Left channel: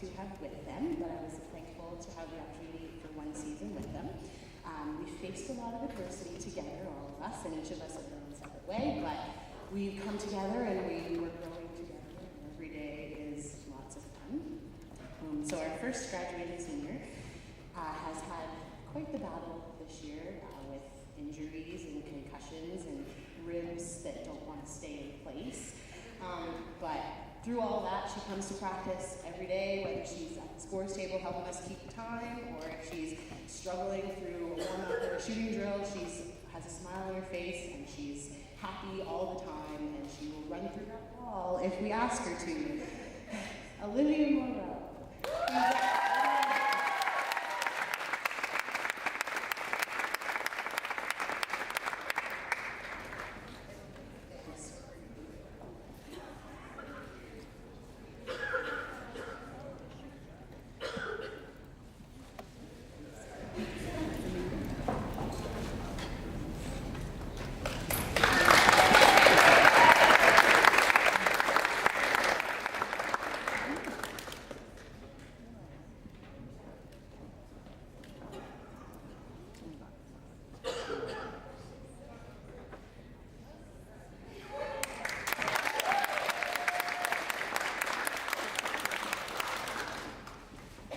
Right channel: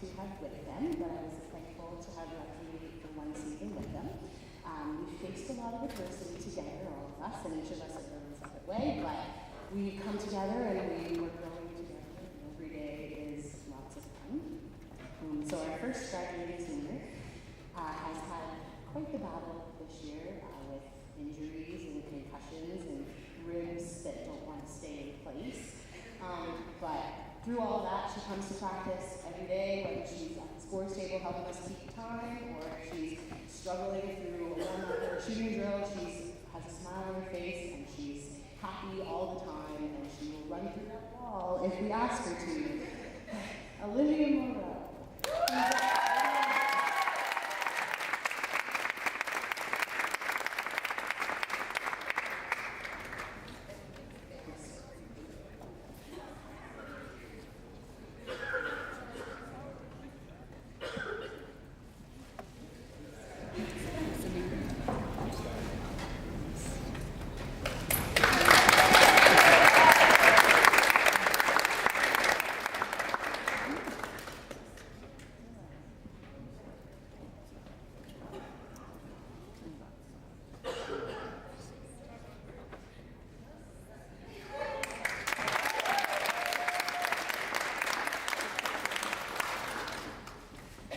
to have with them, but I was thankful to have the opportunity for one season with them. We faced a lot of adversity together, all of us, and each of us in our own separate way, but we come together and we were growing together, and every day is lots of fun. So our first graduating senior has had quite the battle this year with injuries and concussions and ribs that don't want to stay in place. But through all of that, she comes to practice every day, whether she's at the sports table helping us keep time, or if she's struggling through a warm-up or a shooting drill. She has a smile on her face, and she's happy all the time, and she will run through that wall if we ask her to. Olivia Monroe.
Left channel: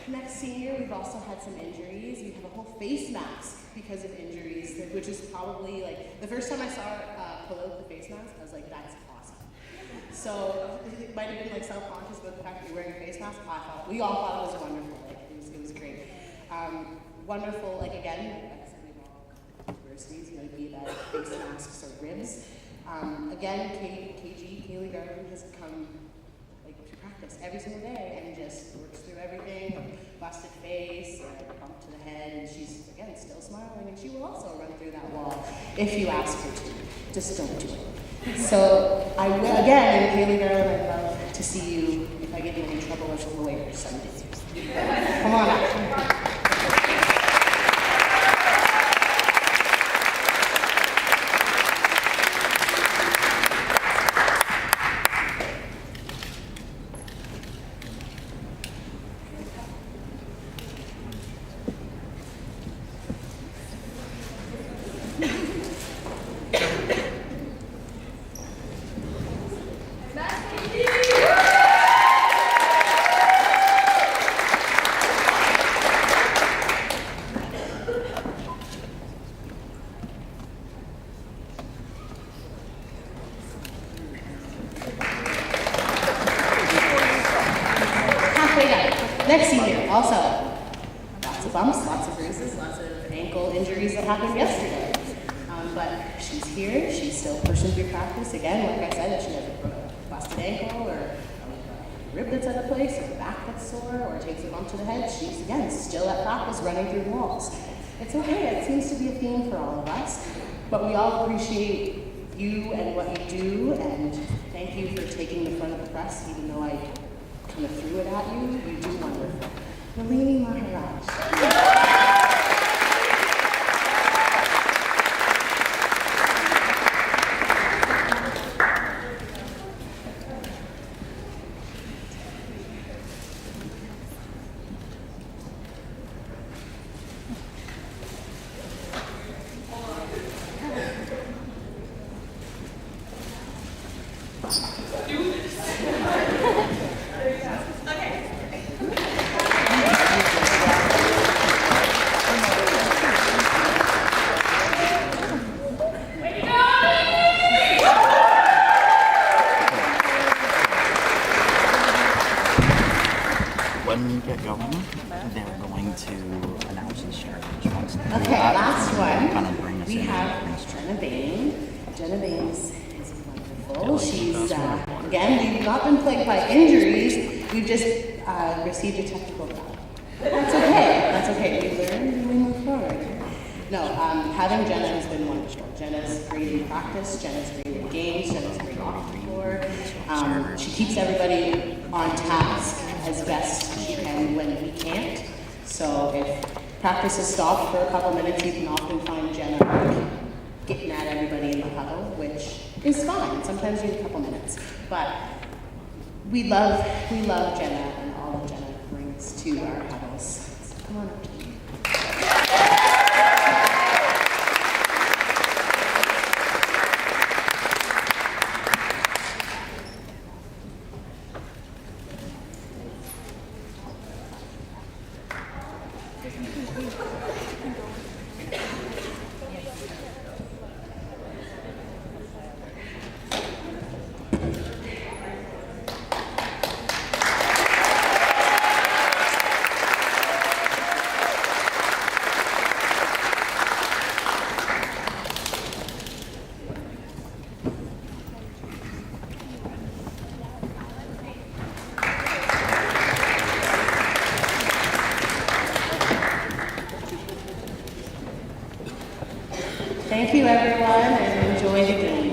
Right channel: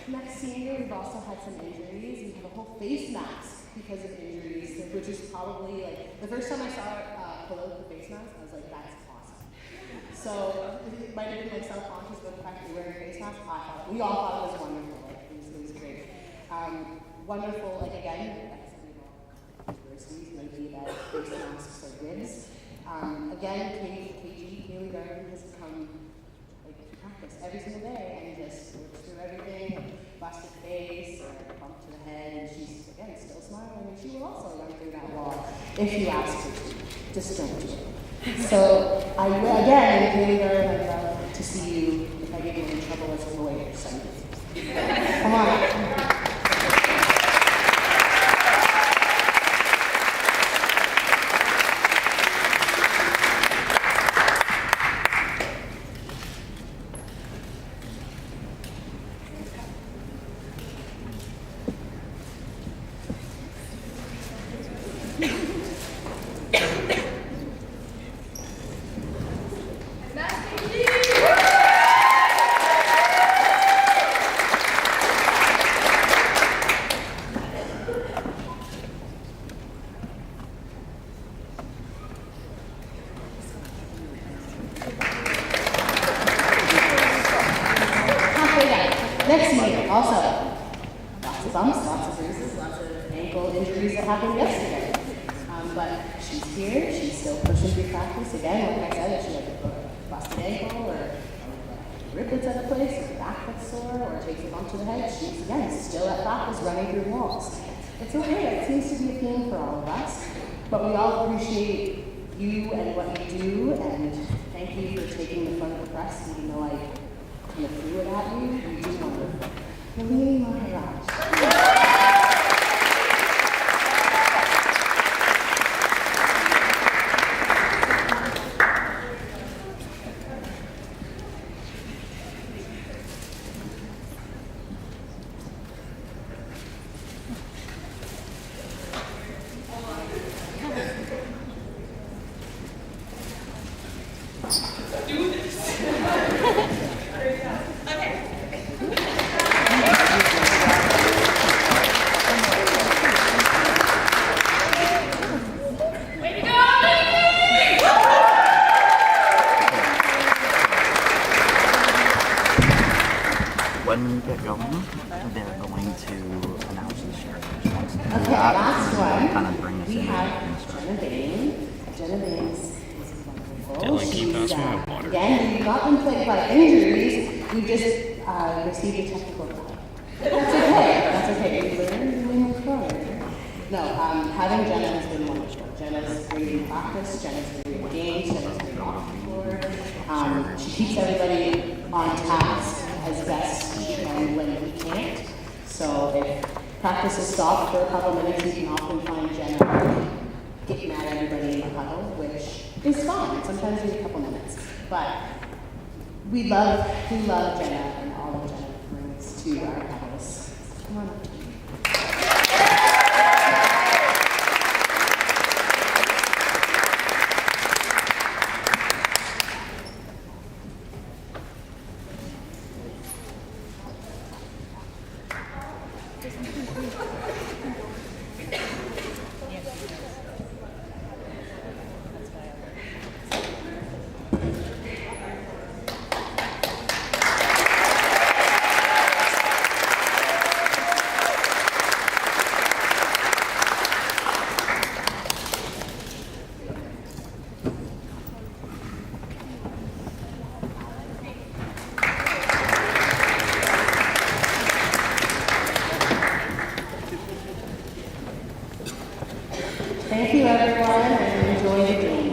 Next senior, we've also had some injuries. We have a whole face mask because of injuries, which is probably like, the first time I saw her pull out the face mask, I was like, that's awesome. So it might have been like self-conscious about the fact that you're wearing a face mask. We all thought it was wonderful. Like, it was great. Wonderful, like again, adversities might be that face masks or ribs. Again, Kaylee Garden has come to practice every single day and just works through everything, busted face or bump to the head, and she's again still smiling, and she will also run through that wall if you ask her to. Just don't do it. So I will again, Kaylee Garden, I'd love to see you if I get you in trouble as a lawyer someday. Come on. Next senior, also, lots of bumps, lots of bruises, lots of ankle injuries that happened yesterday. But she's here, she's still pushing through practice. Again, like I said, if she has a busted ankle or a rib that's out of place or a back that's sore or takes a bump to the head, she's, again, still at practice running through walls. It's okay, it seems to be a theme for all of us, but we all appreciate you and what you do, and thank you for taking the front of the press, even though I kind of threw it at you. You do wonderful. Nalini Maharaj. When we get going, they're going to announce the shares. Okay, last one. Kind of bring us we in. have Jenna Bain. Jenna Bain is wonderful. She's, again, we've not been plagued by injuries. We've just received a technical foul. That's okay. That's okay. We learn and we move forward. No, having Jenna has been wonderful. Jenna's great in practice. Jenna's great in games. Jenna's great off the floor. She keeps everybody on task as best she can when we can't. So if practice is stopped for a couple minutes, you can often find Jenna getting at everybody in the huddle, which is fine. Sometimes you need a couple minutes. But we love Jenna and all of Jenna. to our panelists. Come on up. Thank you, everyone, and enjoy the game.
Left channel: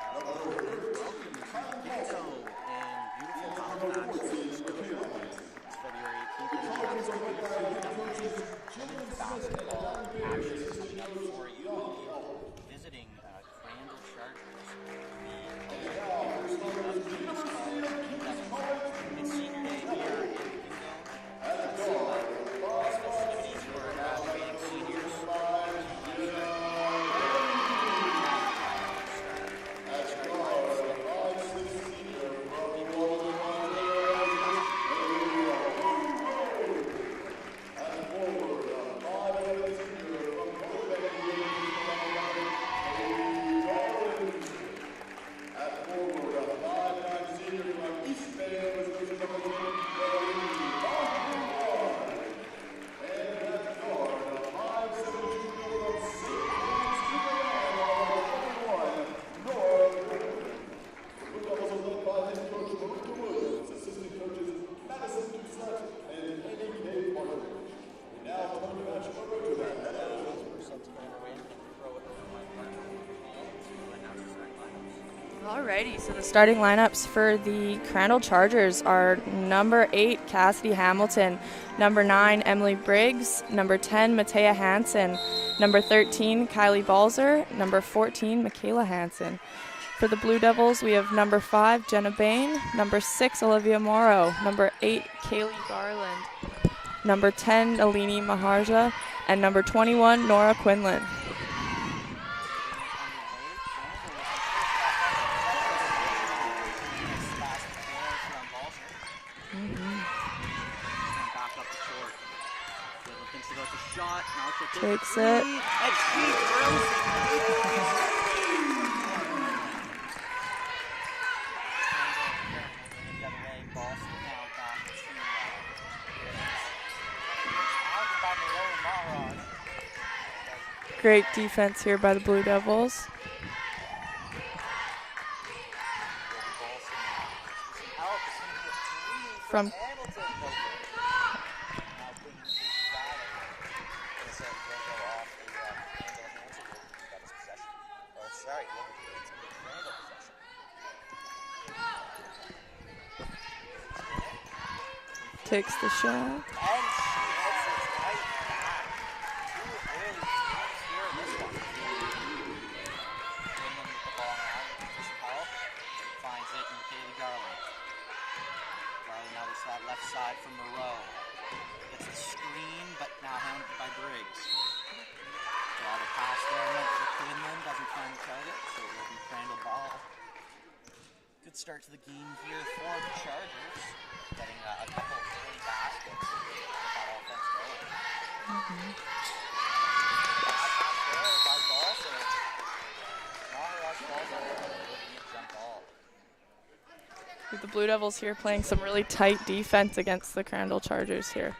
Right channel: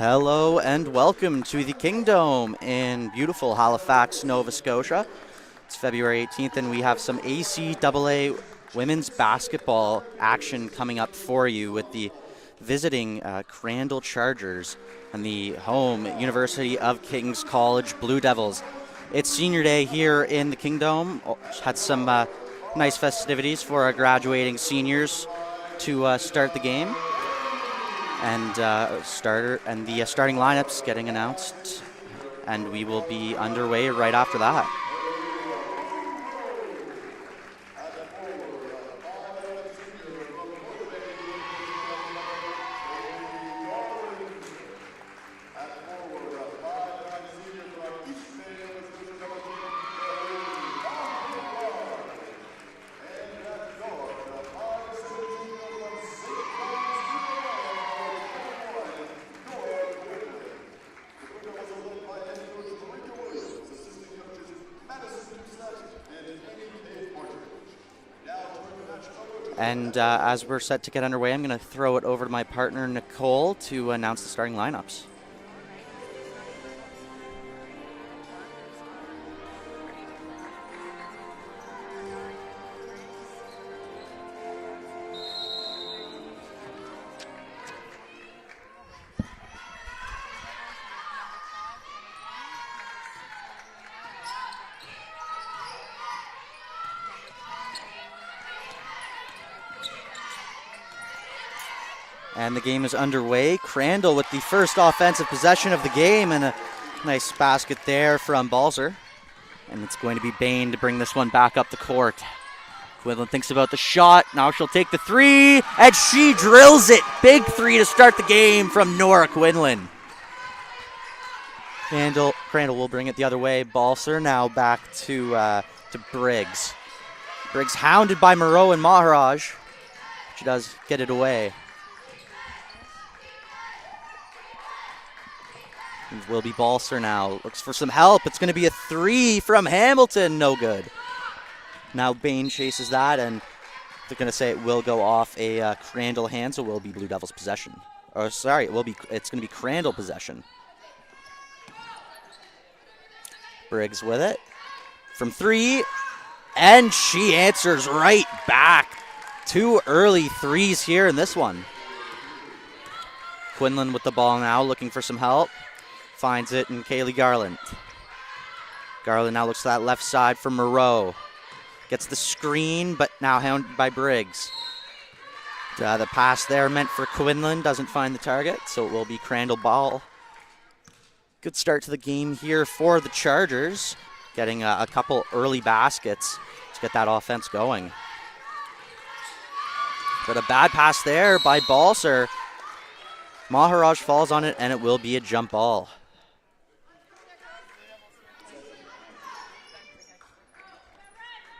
Hello and welcome to the Kingdom in beautiful Halifax, Nova Scotia. It's February 18th and we have some ACAA women's basketball action coming up for you with the visiting Crandall Chargers and the home University of King's College Blue Devils. It's senior day here in the Kingdom. Had some nice festivities for our graduating seniors to start the game. And the starting lineups getting announced, and we will be underway right after that. And as we're set to get underway, I'm going to throw it over to my partner, Nicole, to announce the starting lineups. Alrighty, so the starting lineups for the Crandall Chargers are number 8, Cassidy Hamilton, number 9, Emily Briggs, number 10, Matea Hansen, number 13, Kylie Balzer, number 14, Michaela Hansen. For the Blue Devils, we have number 5, Jenna Bain, number 6, Olivia Morrow, number 8, Kaylee Garland, number 10, Alini Maharja, and number 21, Nora Quinlan. And the game is underway. Crandall with the first offensive possession of the game, and a nice basket there from Balzer. And it's going to be Bain to bring this one back up the court. Quinlan thinks about the shot. Now she'll take the three, and she drills it. Big three to start the game from Nora Quinlan. Crandall will bring it the other way. Balzer now back to Briggs. Briggs hounded by Moreau and Maharaj. She does get it away. Great defense here by the Blue Devils. It will be Balzer now. Looks for some help. It's going to be a three from Hamilton. No good. Now Bain chases that, and they're going to say it will go off a Crandall hand, so it will be Blue Devils possession. Or sorry, it's going to be Crandall possession. Briggs with it. From three, and she answers right back. 2 early threes here in this one. Quinlan with the ball now, looking for some help. Finds it in Kaylee Garland. Garland now looks to that left side for Moreau. Gets the screen, but now hounded by Briggs. The pass there meant for Quinlan, doesn't find the target, so it will be Crandall ball. Good start to the game here for the Chargers. Getting a couple early baskets to get that offense going. But a bad pass there by Balzer. Maharaj falls on it, and it will be a jump ball. The Blue Devils here playing some really tight defense against the Crandall Chargers here.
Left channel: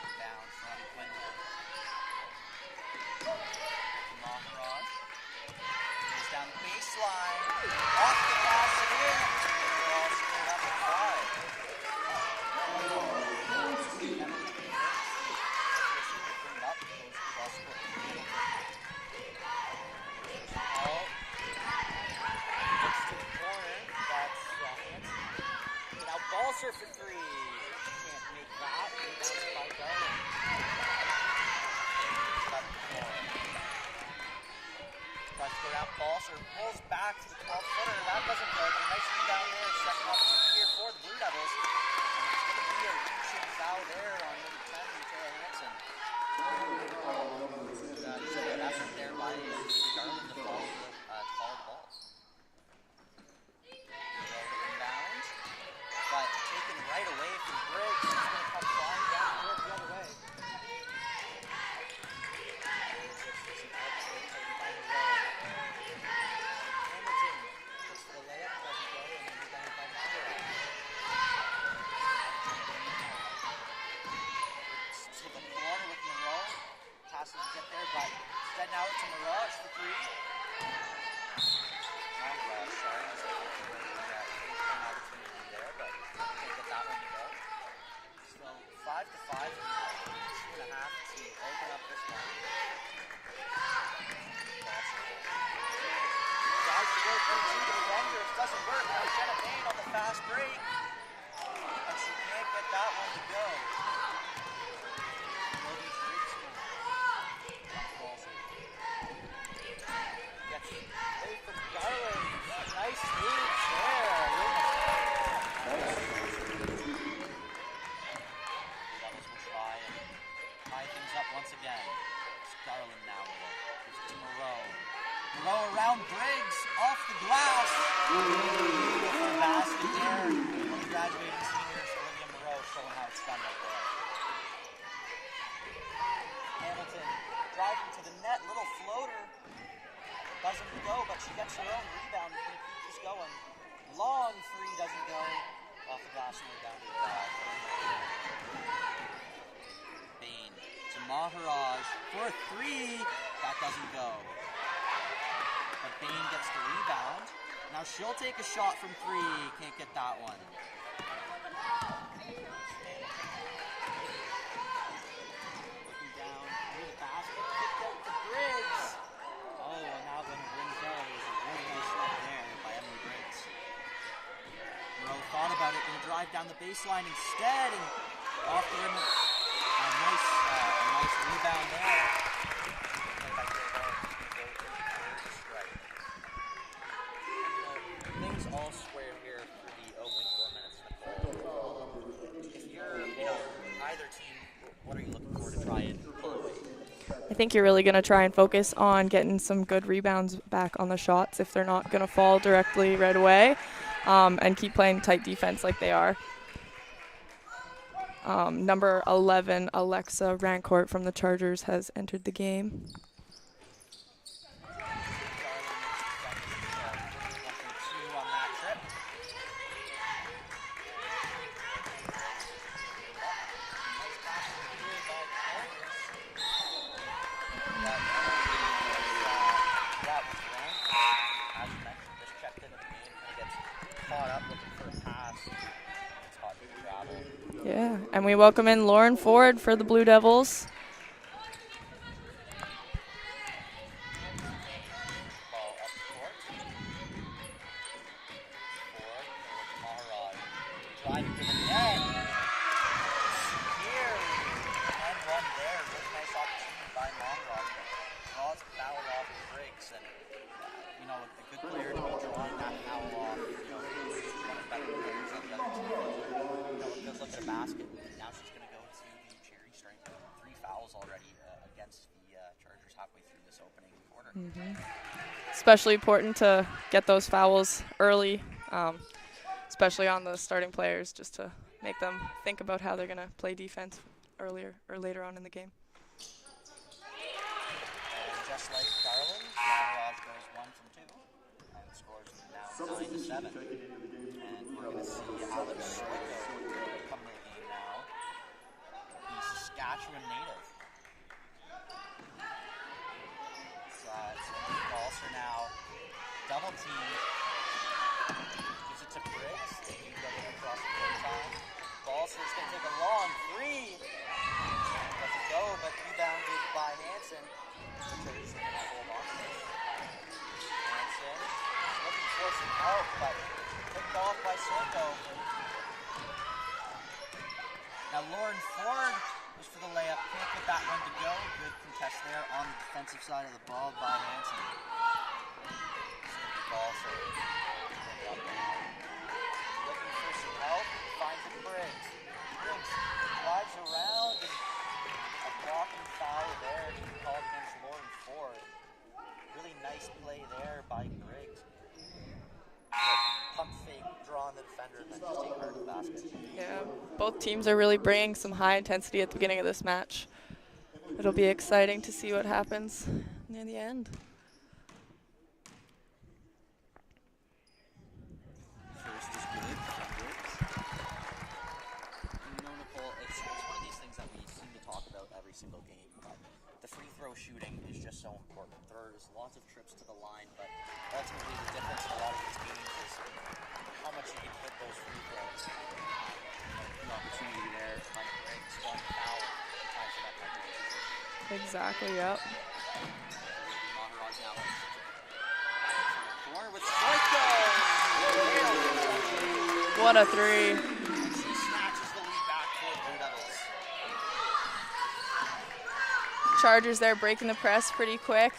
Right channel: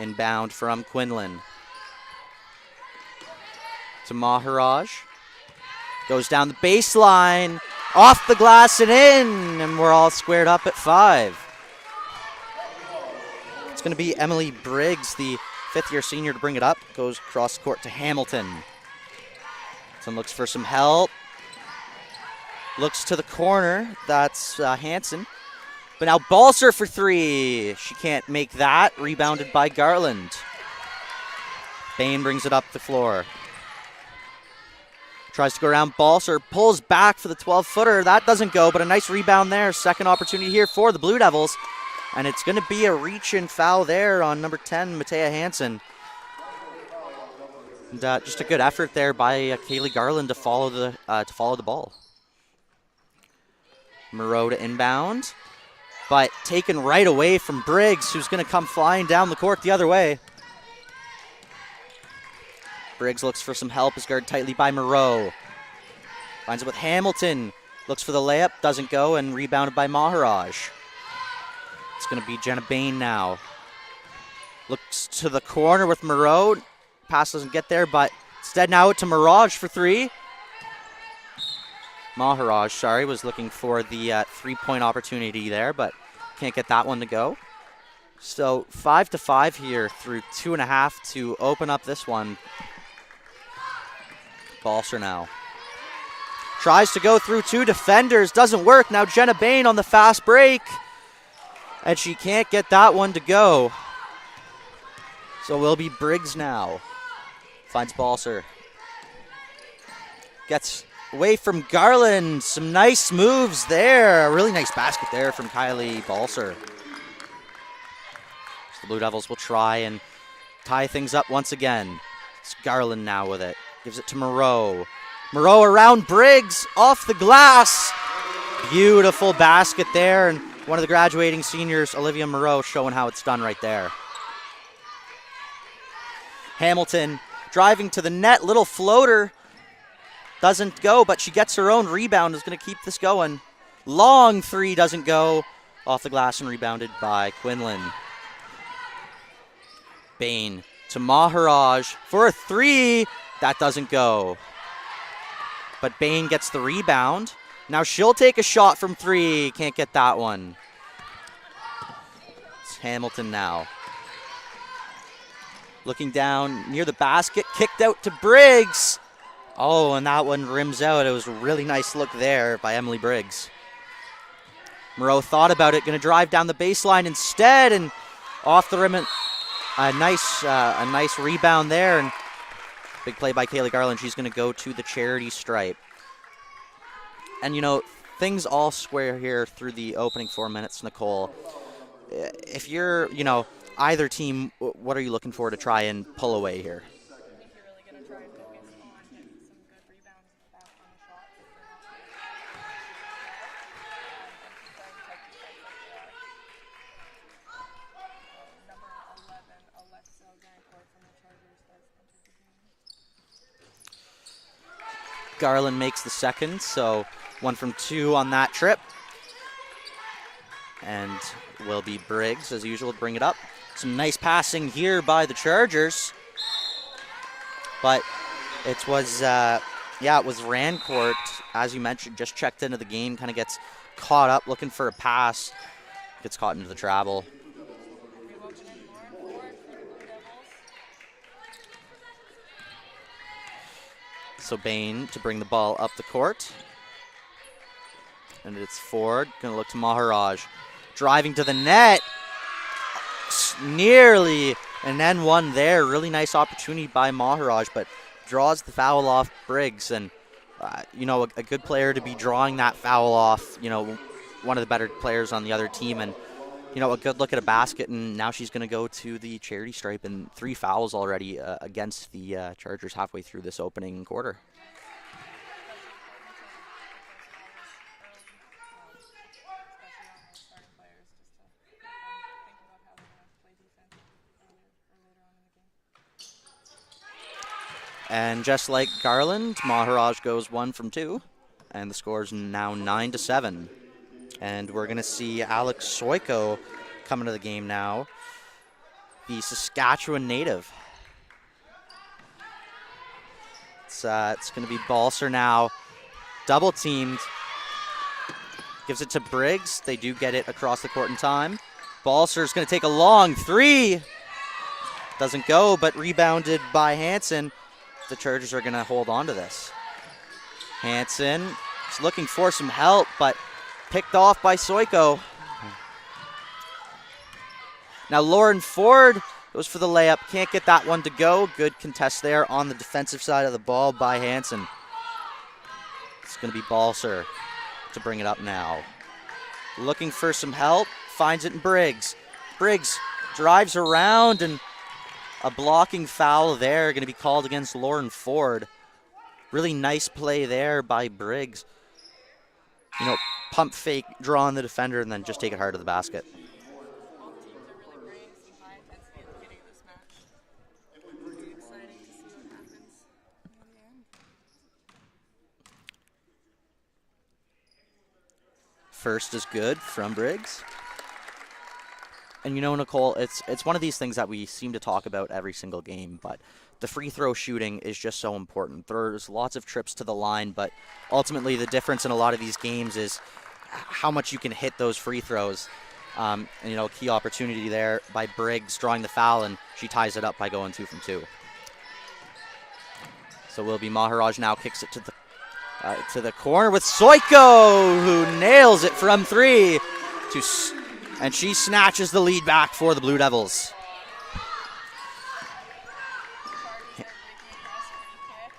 Inbound from Quinlan. To Maharaj. Goes down the baseline, off the glass and in, and we're all squared up at 5. It's going to be Emily Briggs, the 5th-year senior, to bring it up. Goes cross court to Hamilton. Hamilton looks for some help. Looks to the corner. That's Hansen. But now Balzer for 3. She can't make that. Rebounded by Garland. Bain brings it up the floor. Tries to go around Balzer, pulls back for the 12-footer. That doesn't go, but a nice rebound there. Second opportunity here for the Blue Devils. And it's going to be a reach-in foul there on number 10, Matea Hansen. And, just a good effort there by Kaylee Garland to follow the ball. Moreau to inbound, but taken right away from Briggs, who's going to come flying down the court the other way. Briggs looks for some help, is guarded tightly by Moreau. Finds it with Hamilton, looks for the layup, doesn't go, and rebounded by Maharaj. It's going to be Jenna Bain now. Looks to the corner with Moreau. Pass doesn't get there, but instead now to Maharaj for 3. Maharaj, was looking for the 3-point opportunity there, but can't get that one to go. So 5-5 here through 2.5 to open up this one. Balzer now. Tries to go through 2 defenders, doesn't work. Now Jenna Bain on the fast break, and she can't get that one to go. So it will be Briggs now. Finds Balser. Gets away from Garland. Some nice moves there. A really nice basket there from Kylie Balser. The Blue Devils will try and tie things up once again. It's Garland now with it. Gives it to Moreau. Moreau around Briggs, off the glass. Beautiful basket there, and one of the graduating seniors, Olivia Moreau, showing how it's done right there. Hamilton driving to the net, little floater. Doesn't go, but she gets her own rebound, is going to keep this going. Long 3 doesn't go. Off the glass and rebounded by Quinlan. Bain to Maharaj for a 3. That doesn't go. But Bain gets the rebound. Now she'll take a shot from 3. Can't get that one. It's Hamilton now. Looking down near the basket, kicked out to Briggs. Oh, and that one rims out. It was a really nice look there by Emily Briggs. Moreau thought about it, going to drive down the baseline instead, and off the rim. A nice rebound there, and big play by Kaylee Garland. She's going to go to the charity stripe. And, you know, things all square here through the opening 4 minutes, Nicole. If you're, you know, either team, what are you looking for to try and pull away here? I think you're really going to try and focus on getting some good rebounds back on the shots if they're not going to fall directly right away, and keep playing tight defense like they are. Number 11, Alexa Rancourt from the Chargers, has entered the game. Garland makes the second, so 1 from 2 on that trip. And will be Briggs, as usual, to bring it up. Some nice passing here by the Chargers. But it was Rancourt, as you mentioned, just checked into the game, kind of gets caught up looking for a pass, gets caught into the travel. Yeah, and we welcome in Lauren Ford for the Blue Devils. So Bain to bring the ball up the court. And it's Ford, going to look to Maharaj. Driving to the net. Nearly an N1 there. Really nice opportunity by Maharaj, but draws the foul off Briggs. And, you know, a good player to be drawing that foul off, you know, one of the better players on the other team. And, you know, a good look at a basket, and now she's going to go to the charity stripe, and 3 fouls already against the Chargers halfway through this opening quarter. Mm-hmm. Especially important to get those fouls early, especially on the starting players, just to make them think about how they're going to play defense earlier or later on in the game. And just like Garland, Maharaj goes 1 from 2, and the score is now 9-7. And we're going to see Alex Soiko come into the game now, the Saskatchewan native. It's going to be Balser now, double teamed. Gives it to Briggs. They do get it across the court in time. Balser's going to take a long 3. Doesn't go, but rebounded by Hansen. The Chargers are going to hold on to this. Hansen is looking for some help, but picked off by Soiko. Now Lauren Ford goes for the layup. Can't get that one to go. Good contest there on the defensive side of the ball by Hansen. It's going to be Balser to bring it up now. Looking for some help. Finds it in Briggs. Briggs drives around, and a blocking foul there going to be called against Lauren Ford. Really nice play there by Briggs. You know, pump fake, draw on the defender, and then just take it hard to the basket. Yeah, both teams are really bringing some high intensity at the beginning of this match. It'll be exciting to see what happens near the end. First is good from Briggs. And you know, Nicole, it's one of these things that we seem to talk about every single game, but the free throw shooting is just so important. There's lots of trips to the line, but ultimately the difference in a lot of these games is how much you can hit those free throws. And, you know, key opportunity there by Briggs drawing the foul, and she ties it up by going 2 from 2. Exactly, yep. So will be Maharaj now kicks it to the To the corner with Soiko, who nails it from 3. What a three. And she snatches the lead back for the Blue Devils. Chargers there breaking the press pretty quick.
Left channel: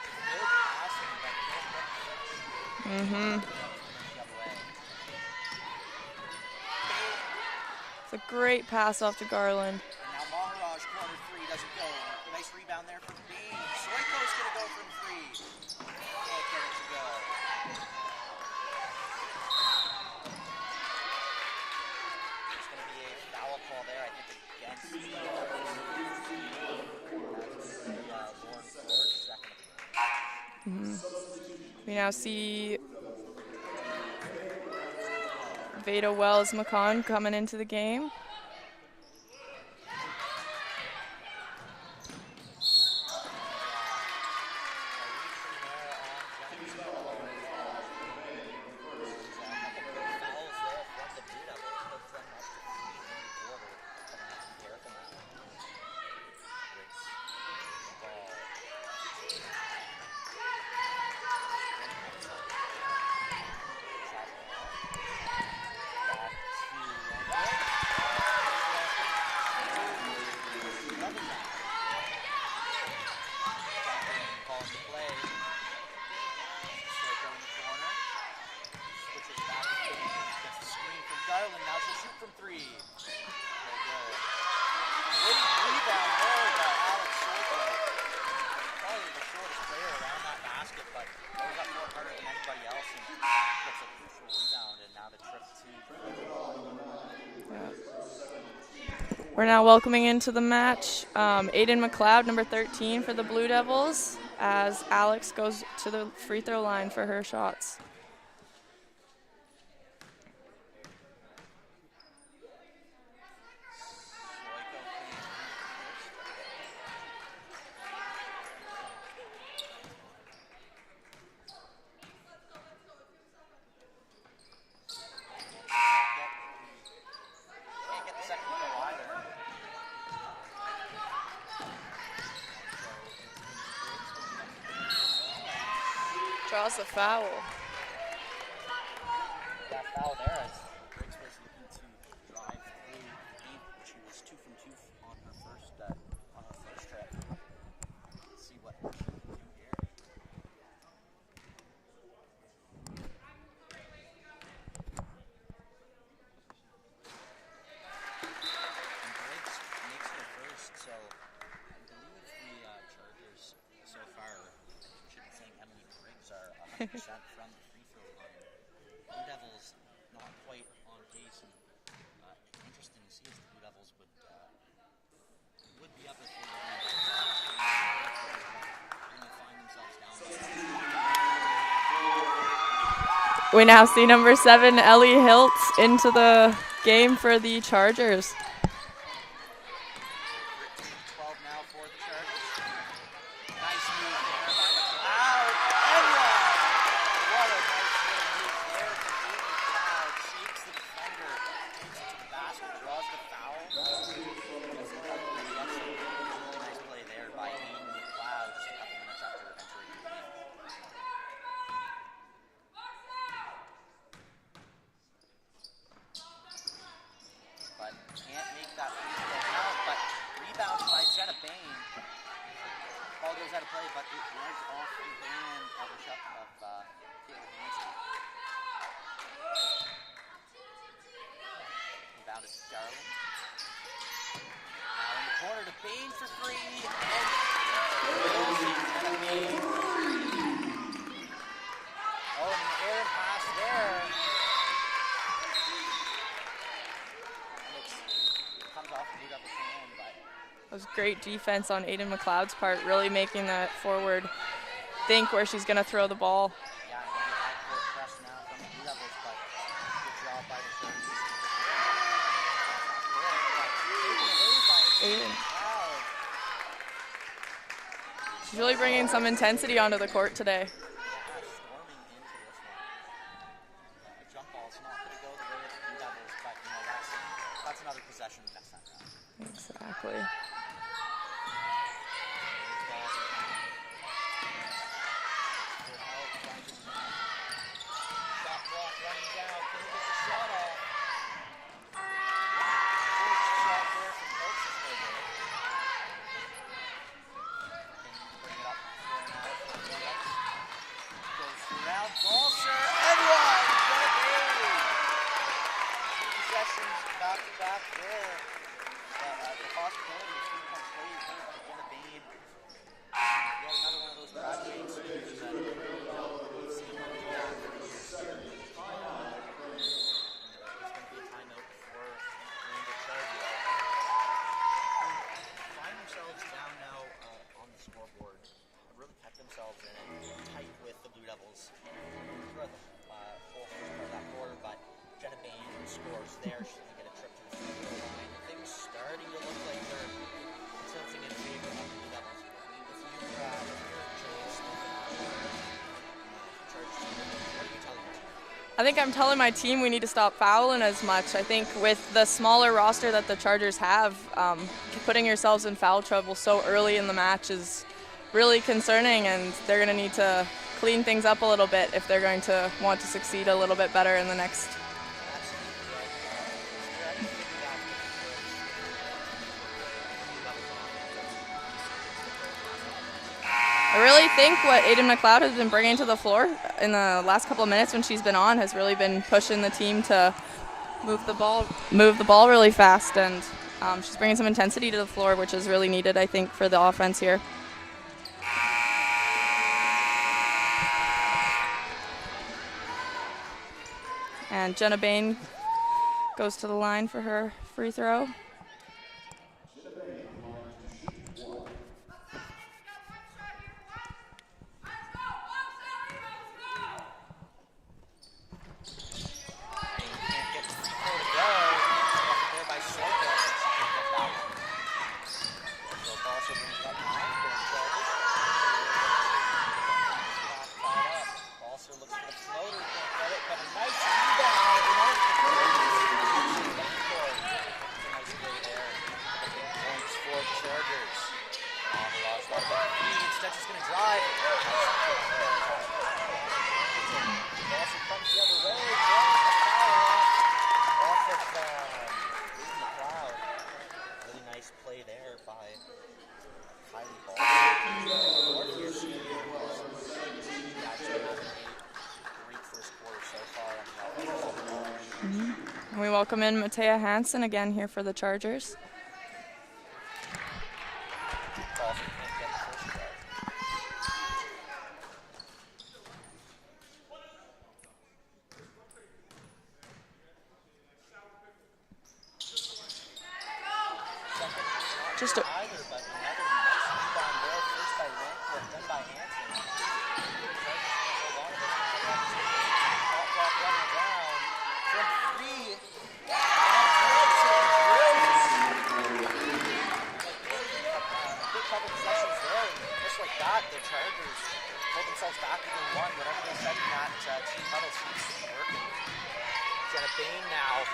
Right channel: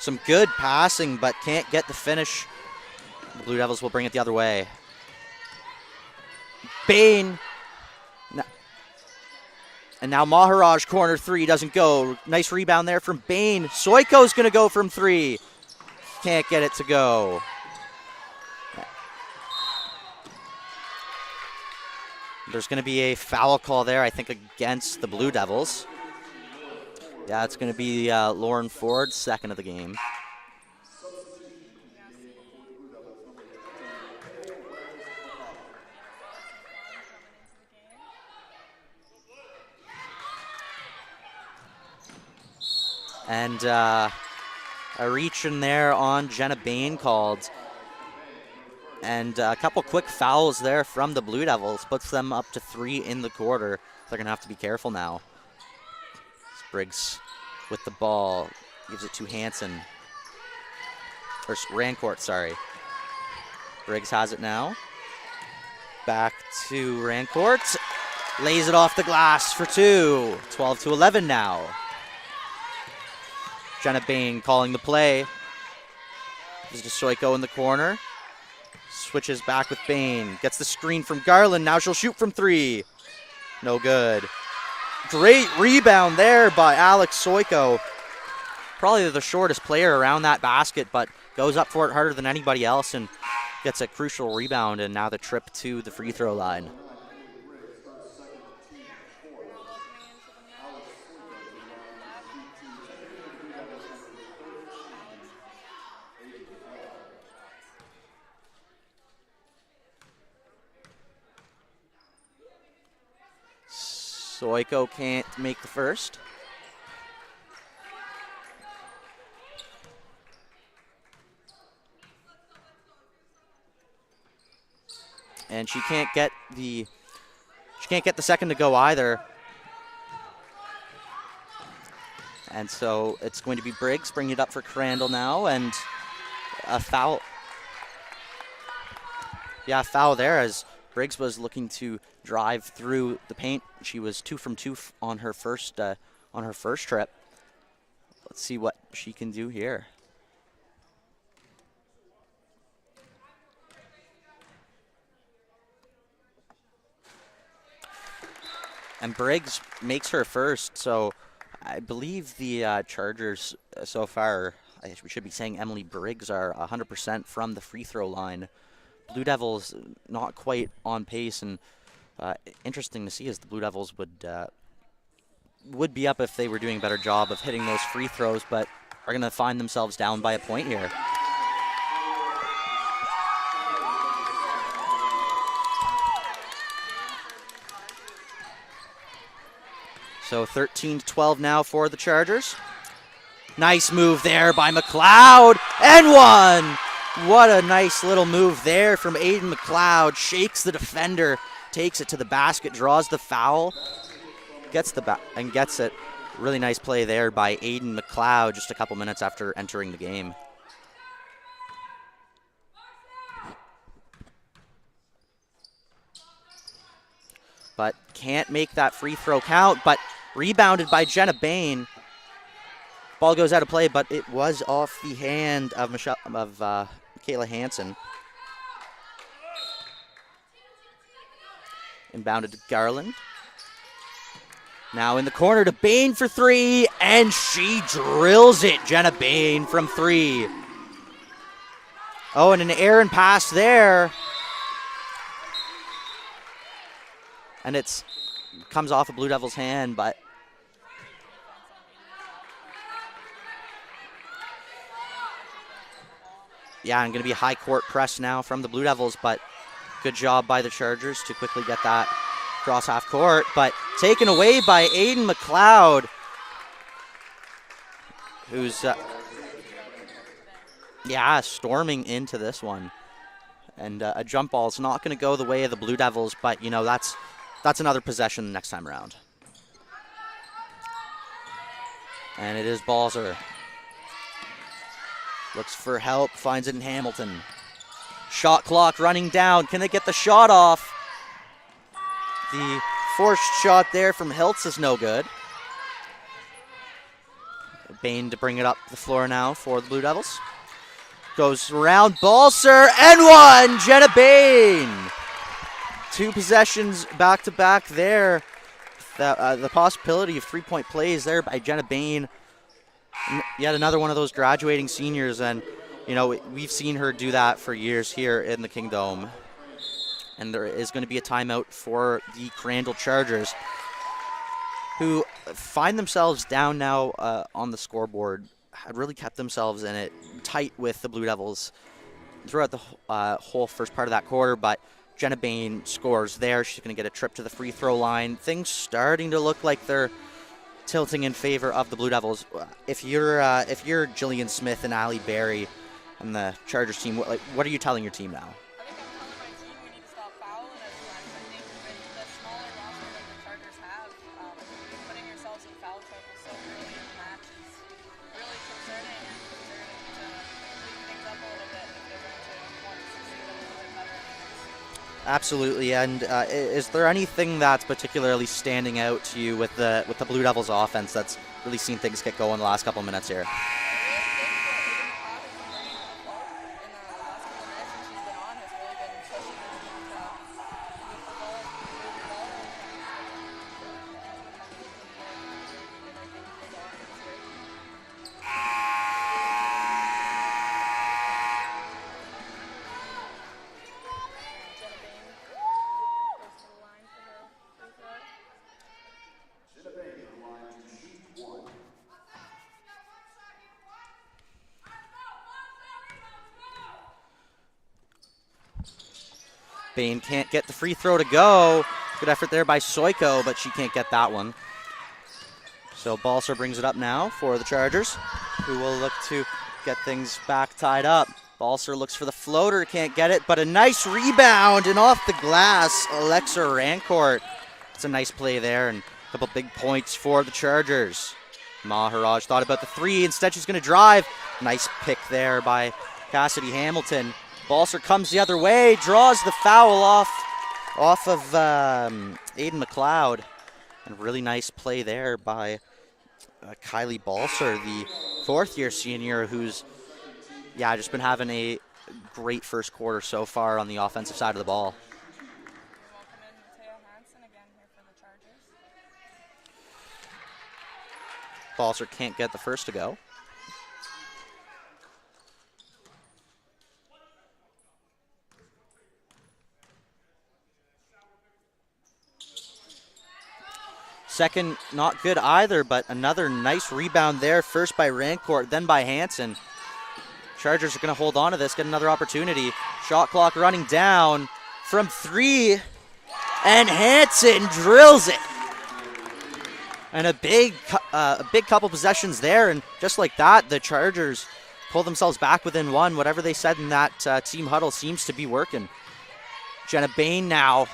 Some good passing, but can't get the finish. Blue Devils will bring it the other way. Bain. It's a great pass off to Garland. And now Maharaj, corner 3, doesn't go. Nice rebound there from Bain. Soiko's going to go from 3. Can't get it to go. There's going to be a foul call there, I think, against the Blue Devils. Yeah, it's going to be Lauren Ford, second of the game. We now see Veda Wells McCon coming into the game. And a reach in there on Jenna Bain called. And a couple quick fouls there from the Blue Devils puts them up to 3 in the quarter. They're going to have to be careful now. Briggs with the ball, gives it to Hansen. Or Rancourt, sorry. Briggs has it now. Back to Rancourt. Lays it off the glass for 2. 12-11 now. Jenna Bain calling the play. This is Soiko in the corner. Switches back with Bain. Gets the screen from Garland. Now she'll shoot from 3. No good. Great rebound there by Alex Soiko. Probably the shortest player around that basket, but goes up for it harder than anybody else and gets a crucial rebound, and now the trip to the free throw line. We're now welcoming into the match Aiden McLeod, number 13 for the Blue Devils, as Alex goes to the free throw line for her shots. Soiko can't make the first. And she can't get the second to go either. And so it's going to be Briggs bringing it up for Crandall now, and Draws a foul. Yeah, a foul there as Briggs was looking to drive through the paint. She was 2 from 2 on her first trip. Let's see what she can do here. And Briggs makes her first, so I believe the Chargers so far, we should be saying Emily Briggs, are 100% from the free throw line. Blue Devils not quite on pace, and interesting to see as the Blue Devils would be up if they were doing a better job of hitting those free throws, but are going to find themselves down by a point here. We now see number 7, Ellie Hiltz, into the game for the Chargers. So 13-12 now for the Chargers. Nice move there by McLeod, and one! What a nice little move there from Aiden McLeod. Shakes the defender, takes it to the basket, draws the foul, gets it. Really nice play there by Aiden McLeod just a couple minutes after entering the game. But can't make that free throw count, but rebounded by Jenna Bain. Ball goes out of play, but it was off the hand of Michaela Hansen. Inbounded to Garland. Now in the corner to Bain for 3, and she drills it. Jenna Bain from 3. Oh, and an errant pass there. And it comes off a Blue Devils hand, but That was great defense on Aiden McLeod's part, really making that forward think where she's going to throw the ball. yeah, and going to be a high court press now from the Blue Devils, but good job by the Chargers to quickly get that cross half court, but taken away by Aiden McLeod. Really bringing some intensity onto the court today. Yeah, storming into this one. And a jump ball is not going to go the way of the Blue Devils, but, you know, that's another possession next time around. Exactly. And it is Balzer. Looks for help, finds it in Hamilton. Shot clock running down. Can they get the shot off? The forced shot there from Hiltz is no good. Bain to bring it up the floor now for the Blue Devils. Goes around Balser and one! Jenna Bain! 2 possessions back-to-back there. The possibility of 3-point plays there by Jenna Bain. Yet another one of those graduating seniors, and you know, we've seen her do that for years here in the Kingdome. And there is going to be a timeout for the Crandall Chargers, who find themselves down now on the scoreboard. Had really kept themselves in it tight with the Blue Devils throughout the whole first part of that quarter, but Jenna Bain scores there. She's going to get a trip to the free throw line. Things starting to look like they're tilting in favor of the Blue Devils. If you're Jillian Smith and Allie Berry and the Chargers team, what are you telling your team now? I think I'm telling my team we need to stop fouling as much. I think with the smaller roster that the Chargers have, putting yourselves in foul trouble so early in the match is really concerning, and they're going to need to clean things up a little bit if they're going to want to succeed a little bit better in the next. Absolutely, and is there anything that's particularly standing out to you with the Blue Devils offense that's really seen things get going the last couple of minutes here? I really think what Aiden McLeod has been bringing to the floor in the last couple of minutes when she's been on has really been pushing the team to move the ball really fast, and she's bringing some intensity to the floor, which is really needed, I think, for the offense here. And Jenna Bain goes to the line for her free throw. Bain can't get the free throw to go. Good effort there by Soiko, but she can't get that one. So Balser brings it up now for the Chargers, who will look to get things back tied up. Balser looks for the floater, can't get it, but a nice rebound and off the glass, Alexa Rancourt. It's a nice play there and a couple big points for the Chargers. Maharaj thought about the three, instead she's going to drive. Nice pick there by Cassidy Hamilton. Balser comes the other way, draws the foul off of Aiden McLeod. And a really nice play there by Kylie Balser, the fourth-year senior, who's just been having a great first quarter so far on the offensive side of the ball. Mm-hmm. And we welcome in Matea Hansen again here for the Chargers. Balser can't get the first to go. Second, not good either, but another nice rebound there. First by Rancourt, then by Hansen. Chargers are going to hold on to this, get another opportunity. Shot clock running down from three, and Hansen drills it. And a big couple possessions there, and just like that, the Chargers pull themselves back within one. Whatever they said in that team huddle seems to be working. Jenna Bain now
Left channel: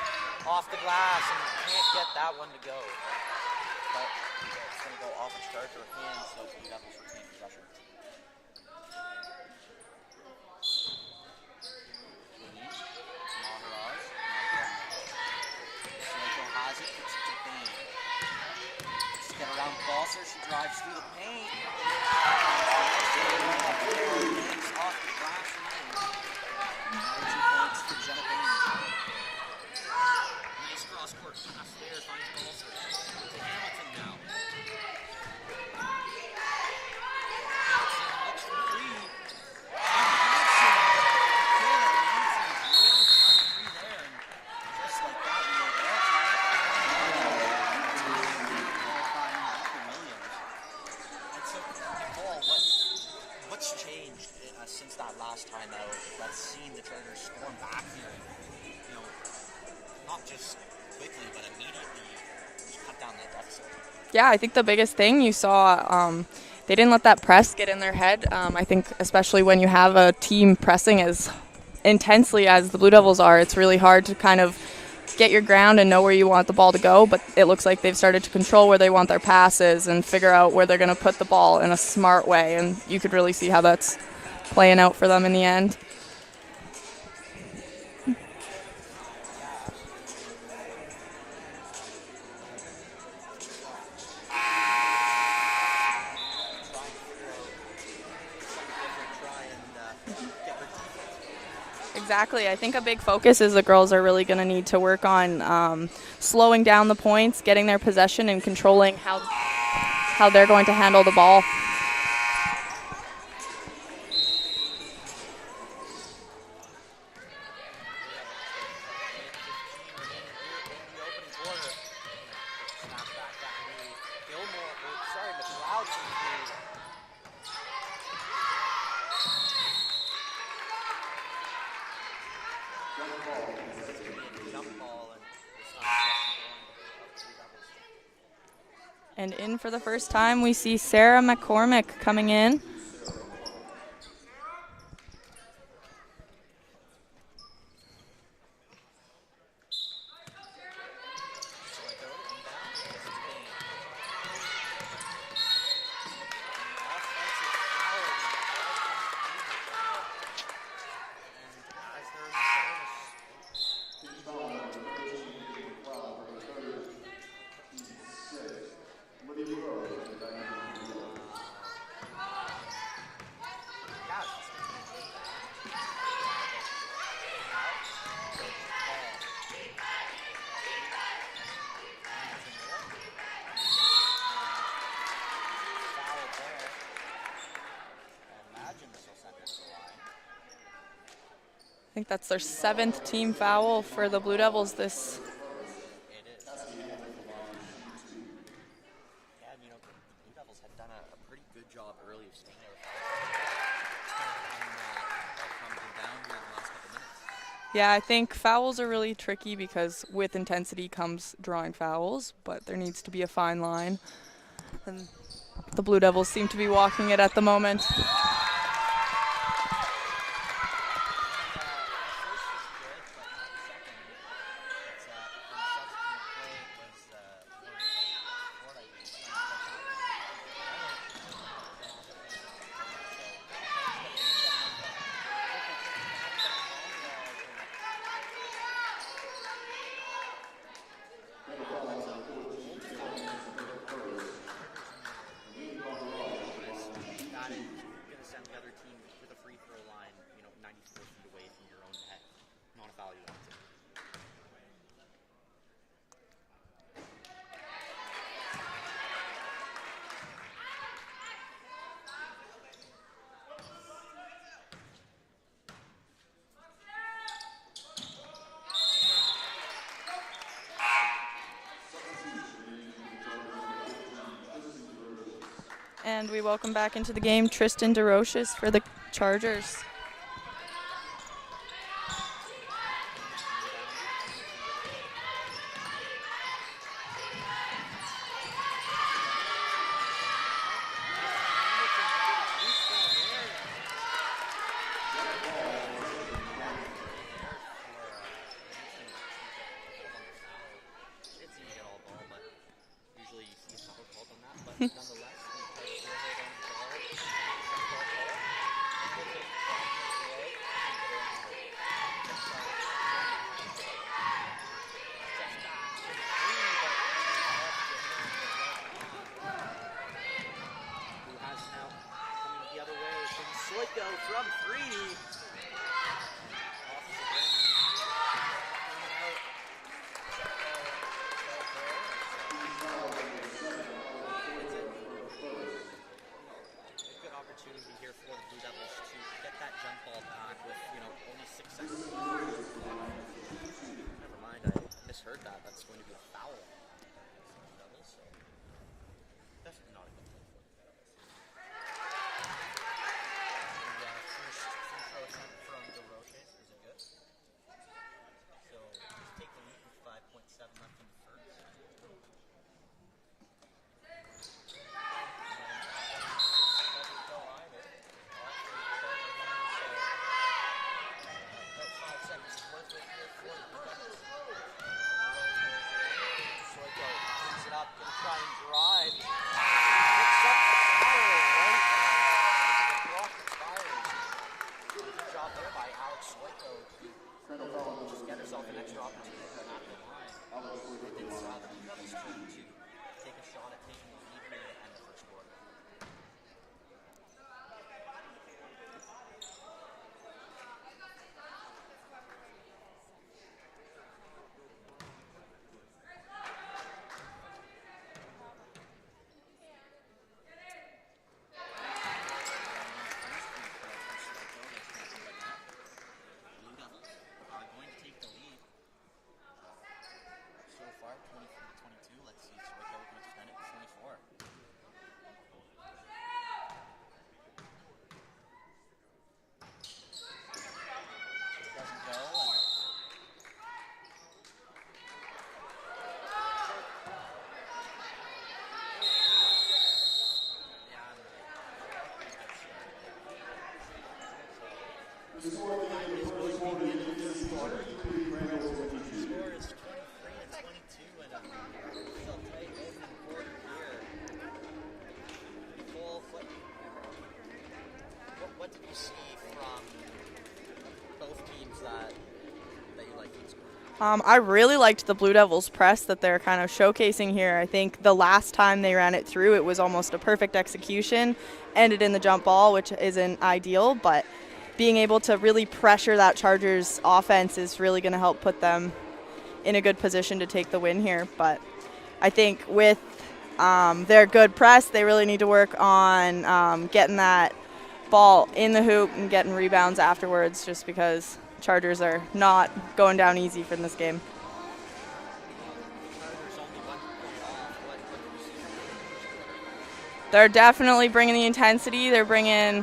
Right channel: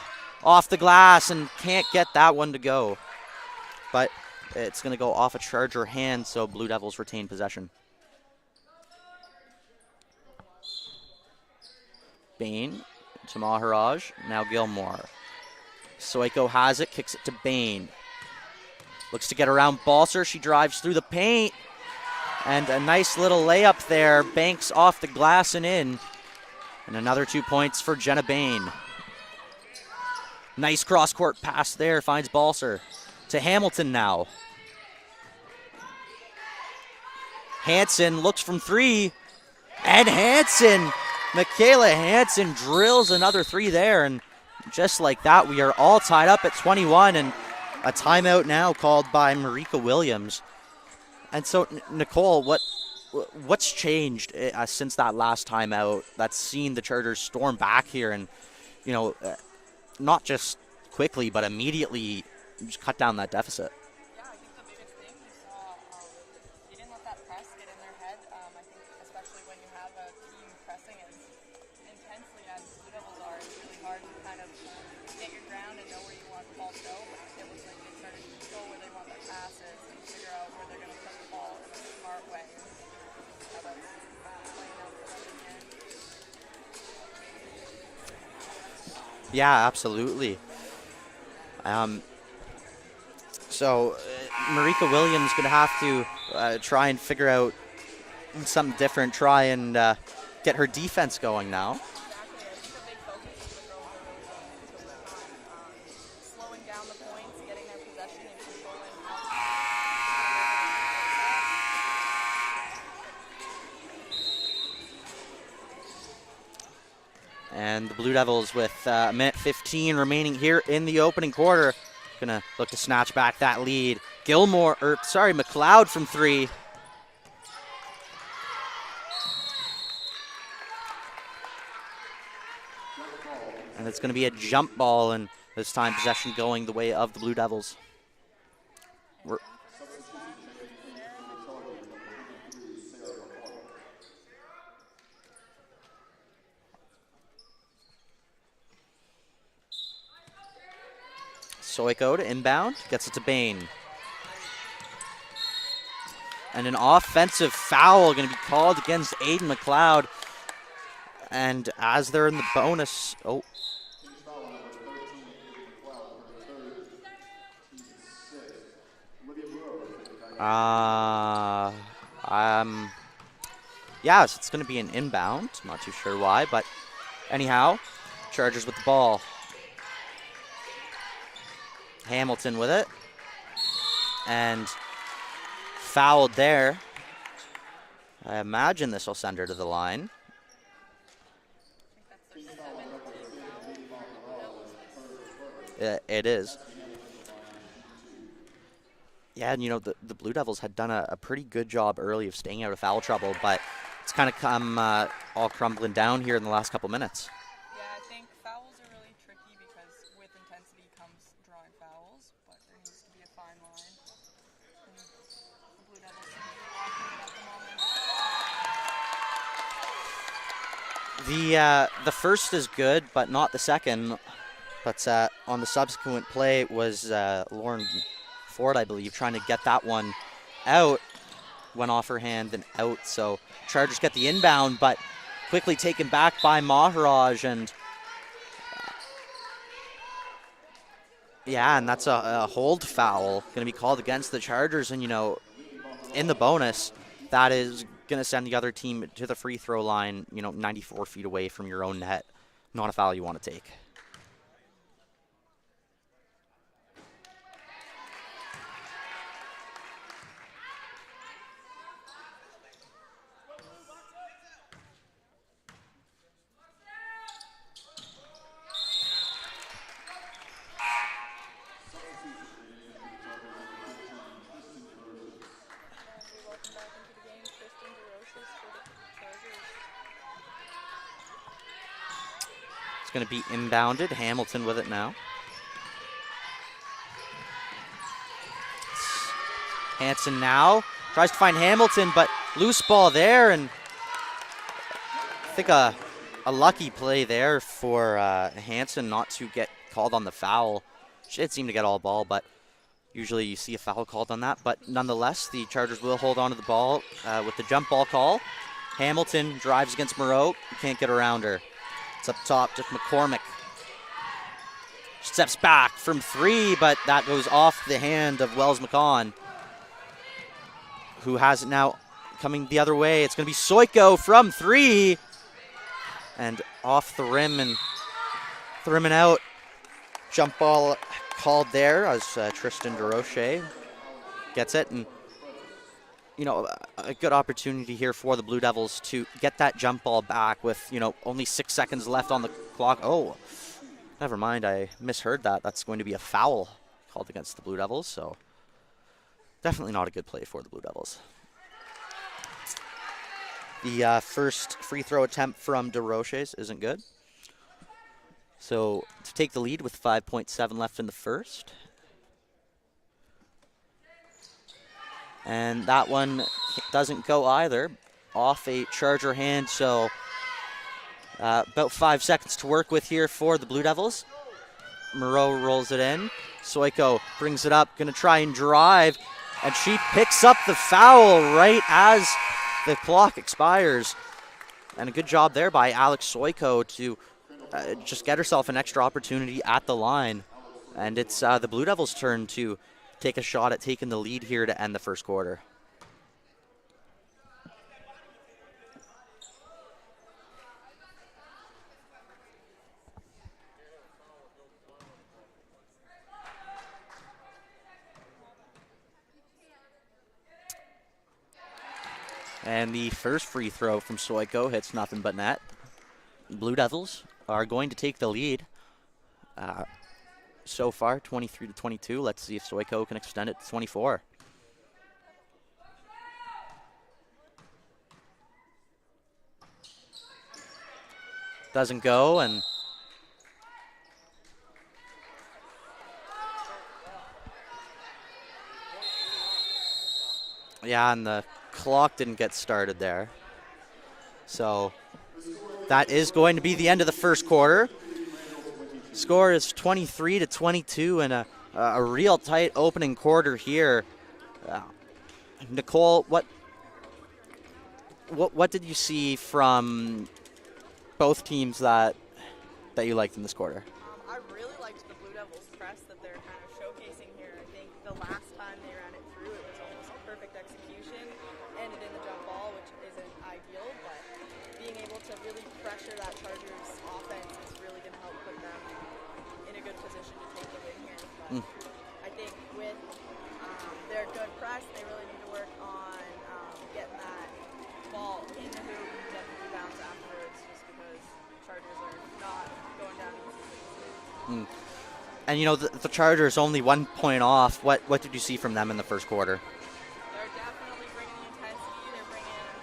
off the glass and can't get that one to go. But it's going to go off a Charger hand, so Blue Devils retain possession. Bain to Maharaj, now Gilmore. Soiko has it, kicks it to Bain. Looks to get around Balser, she drives through the paint. And a nice little layup there, banks off the glass and in. And another 2 points for Jenna Bain. Nice cross-court pass there, finds Balser. To Hamilton now. Hansen looks from three, and Michaela Hansen drills another three there, and just like that, we are all tied up at 21, and a timeout now called by Marika Williams. And so, Nicole, what's changed since that last timeout that's seen the Chargers storm back here and, not just quickly, but immediately just cut down that deficit? Yeah, I think the biggest thing you saw, they didn't let that press get in their head. I think especially when you have a team pressing as intensely as the Blue Devils are, it's really hard to kind of get your ground and know where you want the ball to go, but it looks like they've started to control where they want their passes and figure out where they're going to put the ball in a smart way, and you could really see how that's playing out for them in the end. Yeah, absolutely. So Marika Williams going to have to try and figure out something different, try and get her defense going now. Exactly. I think a big focus is the girls are really going to need to work on slowing down the points, getting their possession, and controlling how they're going to handle the ball. And the Blue Devils with a minute 15 remaining here in the opening quarter. Gonna look to snatch back that lead. McLeod from 3. And it's gonna be a jump ball, and this time possession going the way of the Blue Devils. And in for the first time, we see Sarah McCormick coming in. Soiko to inbound, gets it to Bain. And an offensive foul going to be called against Aiden McLeod. And as they're in the bonus, yeah, so it's going to be an inbound. I'm not too sure why, but anyhow, Chargers with the ball. Hamilton with it. And fouled there. I imagine this will send her to the line. I think that's their 7th team foul for the Blue Devils this. It is. Yeah, and the Blue Devils had done a pretty good job early of staying out of foul trouble, but it's kind of come all crumbling down here in the last couple minutes. Yeah, I think fouls are really tricky because with intensity comes drawing fouls, but there needs to be a fine line. And the Blue Devils seem to be walking it at the moment. The first is good, but not the second. But on the subsequent play was Lauren Ford, I believe, trying to get that one out. Went off her hand and out. So Chargers get the inbound, but quickly taken back by Maharaj, and yeah, and that's a hold foul going to be called against the Chargers. And in the bonus, that is going to send the other team to the free throw line, 94 feet away from your own net. Not a foul you want to take. And we welcome back into the game Tristan DeRoches for the Chargers. It's going to be inbounded. Hamilton with it now. Hanson now tries to find Hamilton, but loose ball there, and I think a lucky play there for Hanson not to get called on the foul. She did seem to get all ball, but usually you see a foul called on that, but nonetheless, the Chargers will hold on to the ball with the jump ball call. Hamilton drives against Moreau, can't get around her. It's up top, just McCormick. Steps back from 3, but that goes off the hand of Wells McCon, who has it now coming the other way. It's going to be Soiko from 3, and off the rim and out. Jump ball called there as Tristan DeRoche gets it, and a good opportunity here for the Blue Devils to get that jump ball back with only 6 seconds left on the clock. Oh, never mind, I misheard that. That's going to be a foul called against the Blue Devils, so definitely not a good play for the Blue Devils. The first free throw attempt from DeRoches isn't good. So to take the lead with 5.7 left in the first. And that one doesn't go either. Off a Charger hand, so about 5 seconds to work with here for the Blue Devils. Moreau rolls it in. Soiko brings it up, gonna try and drive, and she picks up the foul right as the clock expires. And a good job there by Alex Soyko to just get herself an extra opportunity at the line. And it's the Blue Devils' turn to take a shot at taking the lead here to end the first quarter. And the first free throw from Soyko hits nothing but net. Blue Devils are going to take the lead. So far, 23-22. Let's see if Soyko can extend it to 24. Doesn't go, and yeah, and the clock didn't get started there. So that is going to be the end of the first quarter. Score is 23-22 and a real tight opening quarter here. Nicole, what did you see from both teams that you liked in this quarter? I really liked the Blue Devils press that they're kind of showcasing here. I think the last time they ran it through, it was almost a perfect execution, ended in the jump ball, which isn't ideal, but being able to really pressure that Chargers offense is really going to help put them in a good position to take the win here. But I think with their good press, they really need to work on getting that ball in the hoop and getting rebounds afterwards, just because Chargers are not going down easy for this game. And you know, the Chargers only 1 point off. What did you see from them in the first quarter? They're definitely bringing the intensity. They're bringing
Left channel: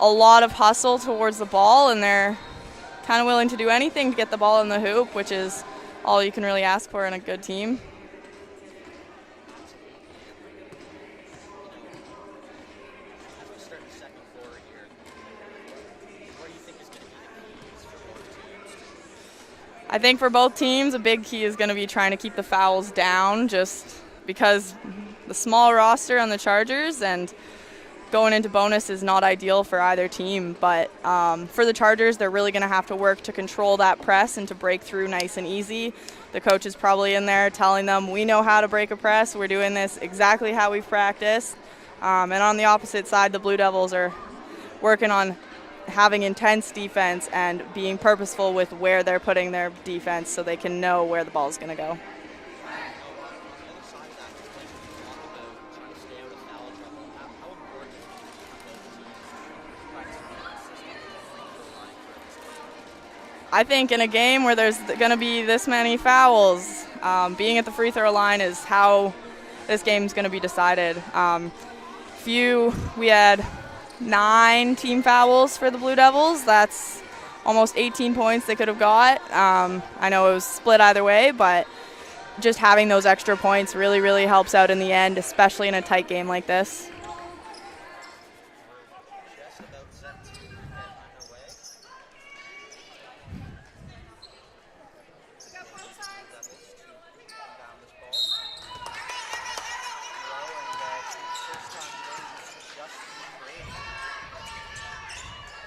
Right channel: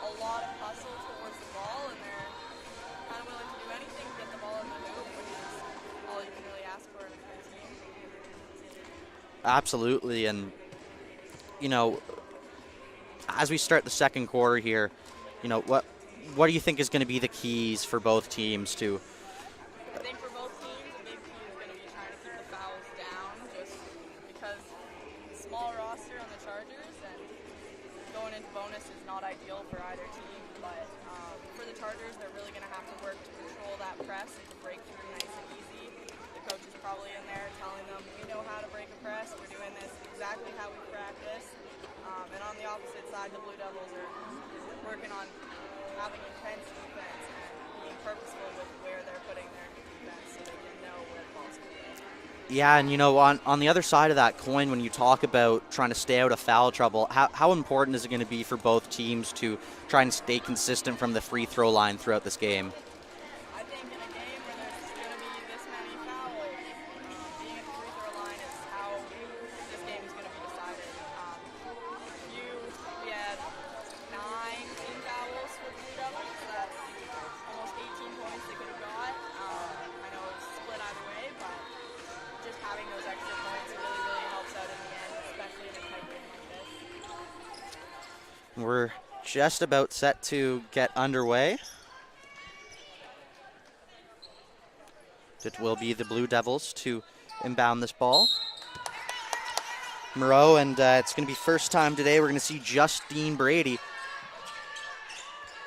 a lot of hustle towards the ball, and they're kind of willing to do anything to get the ball in the hoop, which is all you can really ask for in a good team. Absolutely. And you know, as we start the second quarter here, you know, what do you think is going to be the keys for both teams to? I think for both teams, a big key is going to be trying to keep the fouls down, just because the small roster on the Chargers and going into bonus is not ideal for either team. But for the Chargers, they're really going to have to work to control that press and to break through nice and easy. The coach is probably in there telling them, we know how to break a press. We're doing this exactly how we've practiced. And on the opposite side, the Blue Devils are working on having intense defense and being purposeful with where they're putting their defense so they can know where the ball is going to go. Yeah, and you know, on the other side of that coin, when you talk about trying to stay out of foul trouble, how important is it going to be for both teams to try and stay consistent from the free throw line throughout this game? I think in a game where there's going to be this many fouls, being at the free throw line is how this game's going to be decided. We had 9 team fouls for the Blue Devils. That's almost 18 points they could have got. I know it was split either way, but just having those extra points really, really helps out in the end, especially in a tight game like this. We're just about set to get underway. It will be the Blue Devils to inbound this ball. Moreau, and it's going to be first time today we're going to see Justine Brady.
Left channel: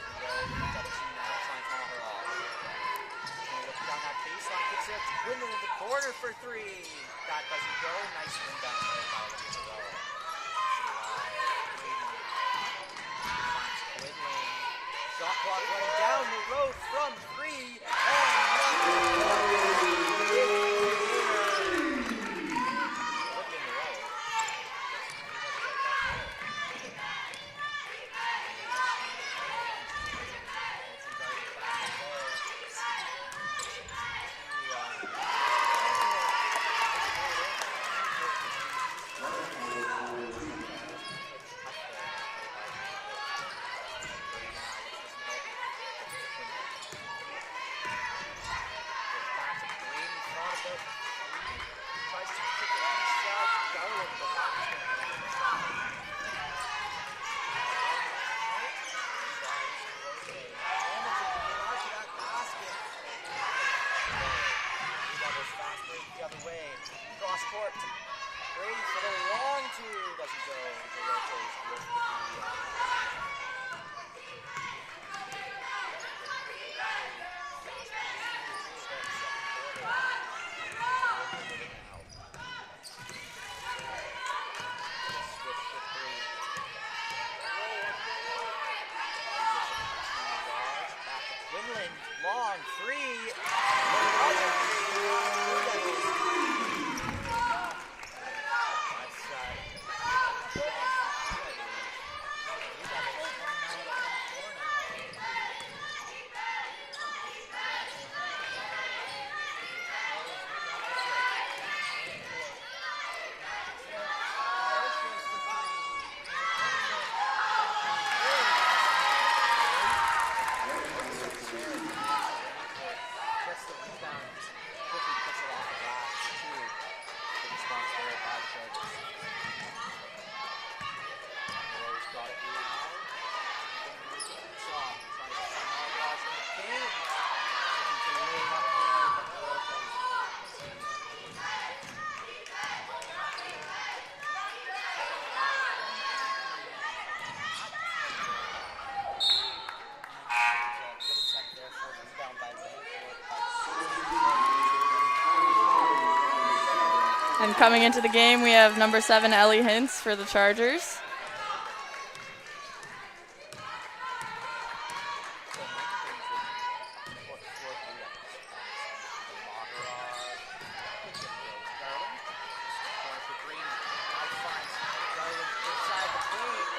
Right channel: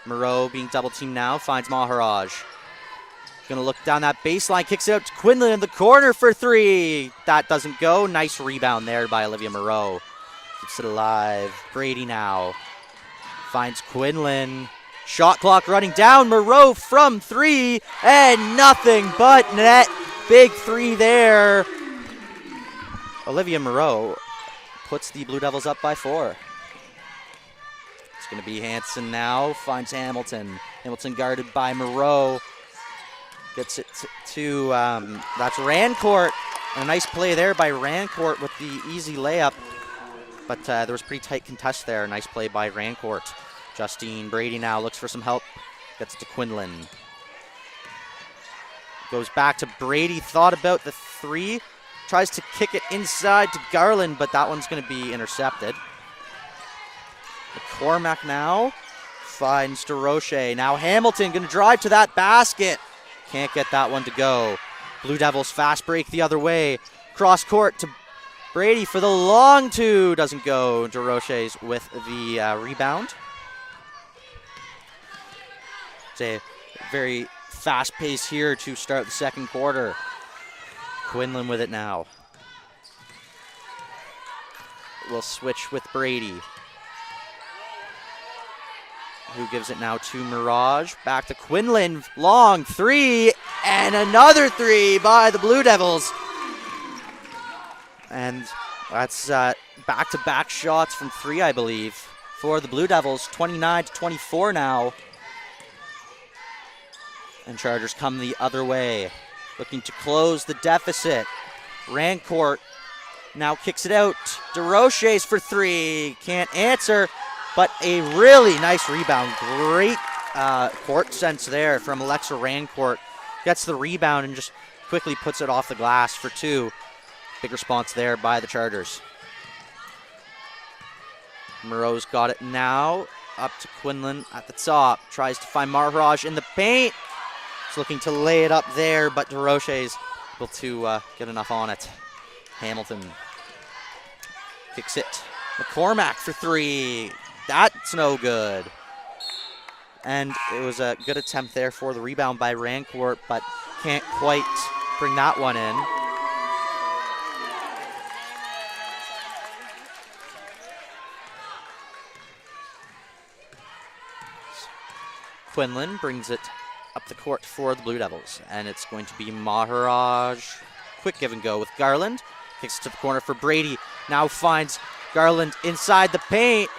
Moreau being double teamed now, finds Maharaj. Going to look down that baseline, kicks it out to Quinlan in the corner for 3. That doesn't go. Nice rebound there by Olivia Moreau. Keeps it alive. Brady now finds Quinlan. Shot clock running down. Moreau from 3, and nothing but net. Big 3 there. Olivia Moreau puts the Blue Devils up by 4. It's going to be Hanson now, finds Hamilton. Hamilton guarded by Moreau. Gets it to that's Rancourt. A nice play there by Rancourt with the easy layup. But there was pretty tight contest there. Nice play by Rancourt. Justine Brady now looks for some help. Gets it to Quinlan. Goes back to Brady. Thought about the 3. Tries to kick it inside to Garland, but that one's going to be intercepted. McCormack now finds DeRoche. Now Hamilton going to drive to that basket. Can't get that one to go. Blue Devils fast break the other way. Cross court to Brady for the long 2. Doesn't go. DeRoche's with the rebound. It's a very fast pace here to start the second quarter. Quinlan with it now. We'll switch with Brady, who gives it now to Mirage. Back to Quinlan, long three, and another three by the Blue Devils. And that's back-to-back shots from three, I believe, for the Blue Devils. 29-24 now. And Chargers come the other way, looking to close the deficit. Rancourt now kicks it out. DeRoches for three, can't answer, but a really nice rebound. Great court sense there from Alexa Rancourt. Gets the rebound and just quickly puts it off the glass for two. Big response there by the Chargers. Moreau's got it now. Up to Quinlan at the top. Tries to find Maharaj in the paint. He's looking to lay it up there, but DeRoche's able to get enough on it. Hamilton kicks it. McCormack for three. That's no good. And it was a good attempt there for the rebound by Rancourt, but can't quite bring that one in. And coming into the game, we have number 7, Ellie Hintz for the Chargers. Quinlan brings it up the court for the Blue Devils, and it's going to be Maharaj. Quick give and go with Garland. Kicks it to the corner for Brady. Now finds Garland inside the paint.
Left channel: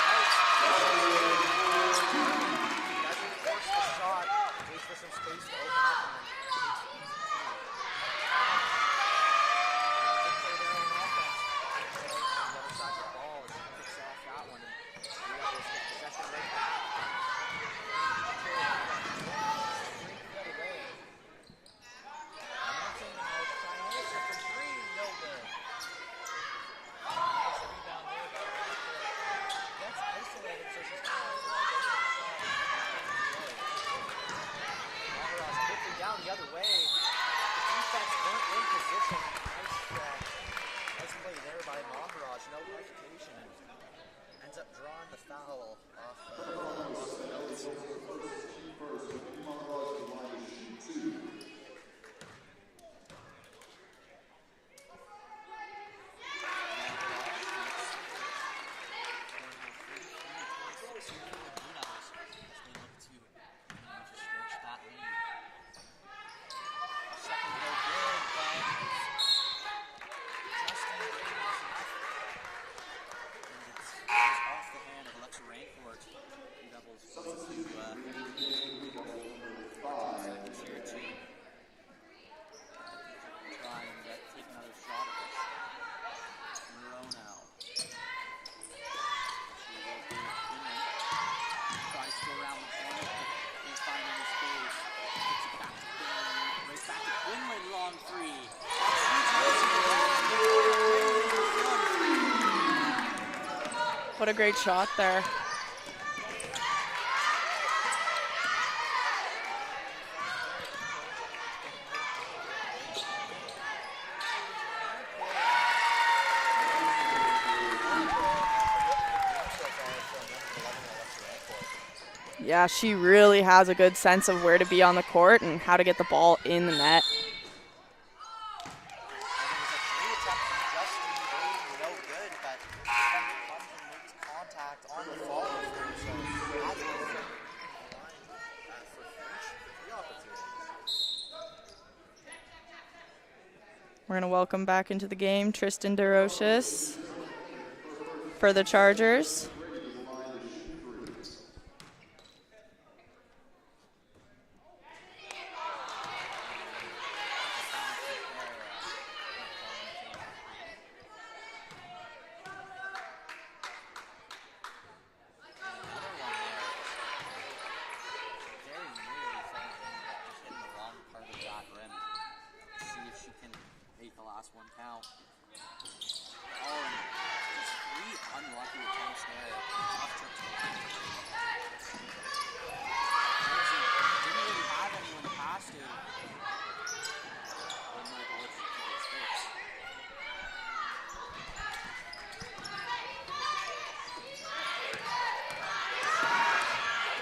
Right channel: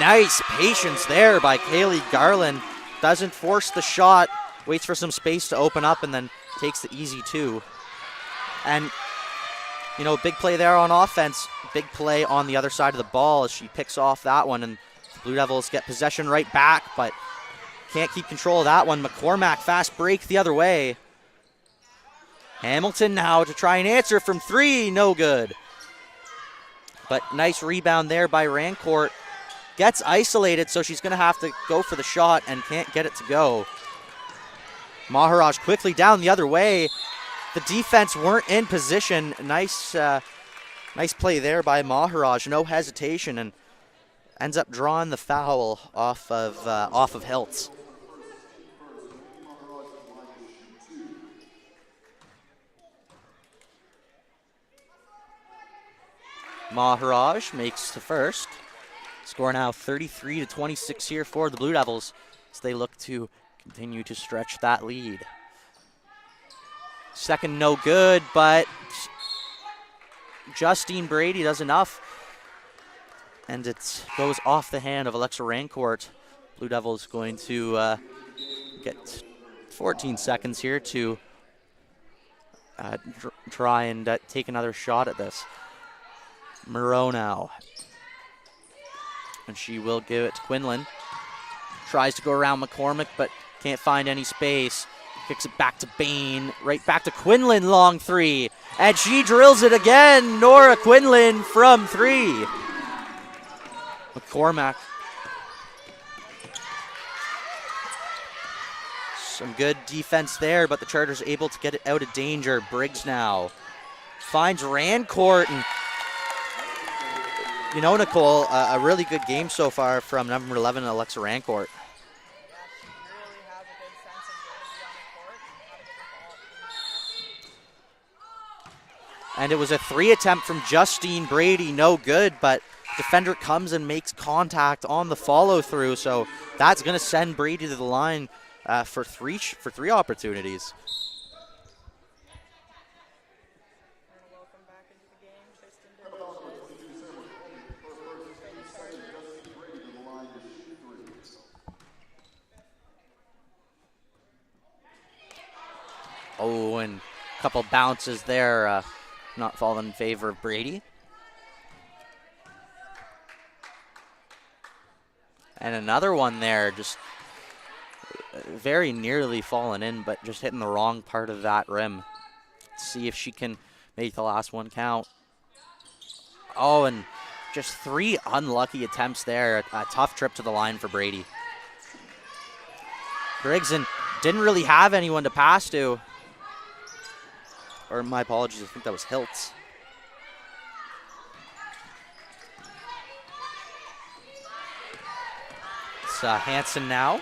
Nice patience there by Kaylee Garland. Doesn't force the shot, waits for some space to open up, and then takes the easy two. And, you know, big play there on offense. Big play on the other side of the ball as she picks off that one, and the Blue Devils get possession right back, but can't keep control of that one. McCormack fast break the other way. Hamilton now to try and answer from three, no good. But nice rebound there by Rancourt. Gets isolated, so she's gonna have to go for the shot and can't get it to go. Maharaj quickly down the other way. The defense weren't in position. Nice play there by Maharaj, no hesitation, and ends up drawing the foul off of Hiltz. Maharaj makes the first. Score now 33-26 here for the Blue Devils as they look to continue to stretch that lead. Second no good, but Justine Brady does enough. And it goes off the hand of Alexa Rancourt. Blue Devils going to get 14 seconds here to try and take another shot at this. Moreau now. And she will give it to Quinlan. Tries to go around McCormick, but can't find any space. Kicks it back to Bain. Right back to Quinlan, long three. And she drills it again. Nora Quinlan from three. What a great shot there. Some good defense there, but the Chargers able to get it out of danger. Briggs now finds Rancourt, and you know, Nicole, a really good game so far from number 11, Alexa Rancourt. Yeah, she really has a good sense of where to be on the court and how to get the ball in the net. And it was a three attempt from Justine Brady, no good, but defender comes and makes contact on the follow through, so that's going to send Brady to the line for three opportunities. We're going to welcome back into the game Tristan DeRoches for the Chargers. Oh, and a couple bounces there, not falling in favor of Brady. And another one there, just very nearly falling in, but just hitting the wrong part of that rim. Let's see if she can make the last one count. Oh, and just three unlucky attempts there. A tough trip to the line for Brady. Briggs didn't really have anyone to pass to. Or my apologies, I think that was Hiltz. It's Hansen now.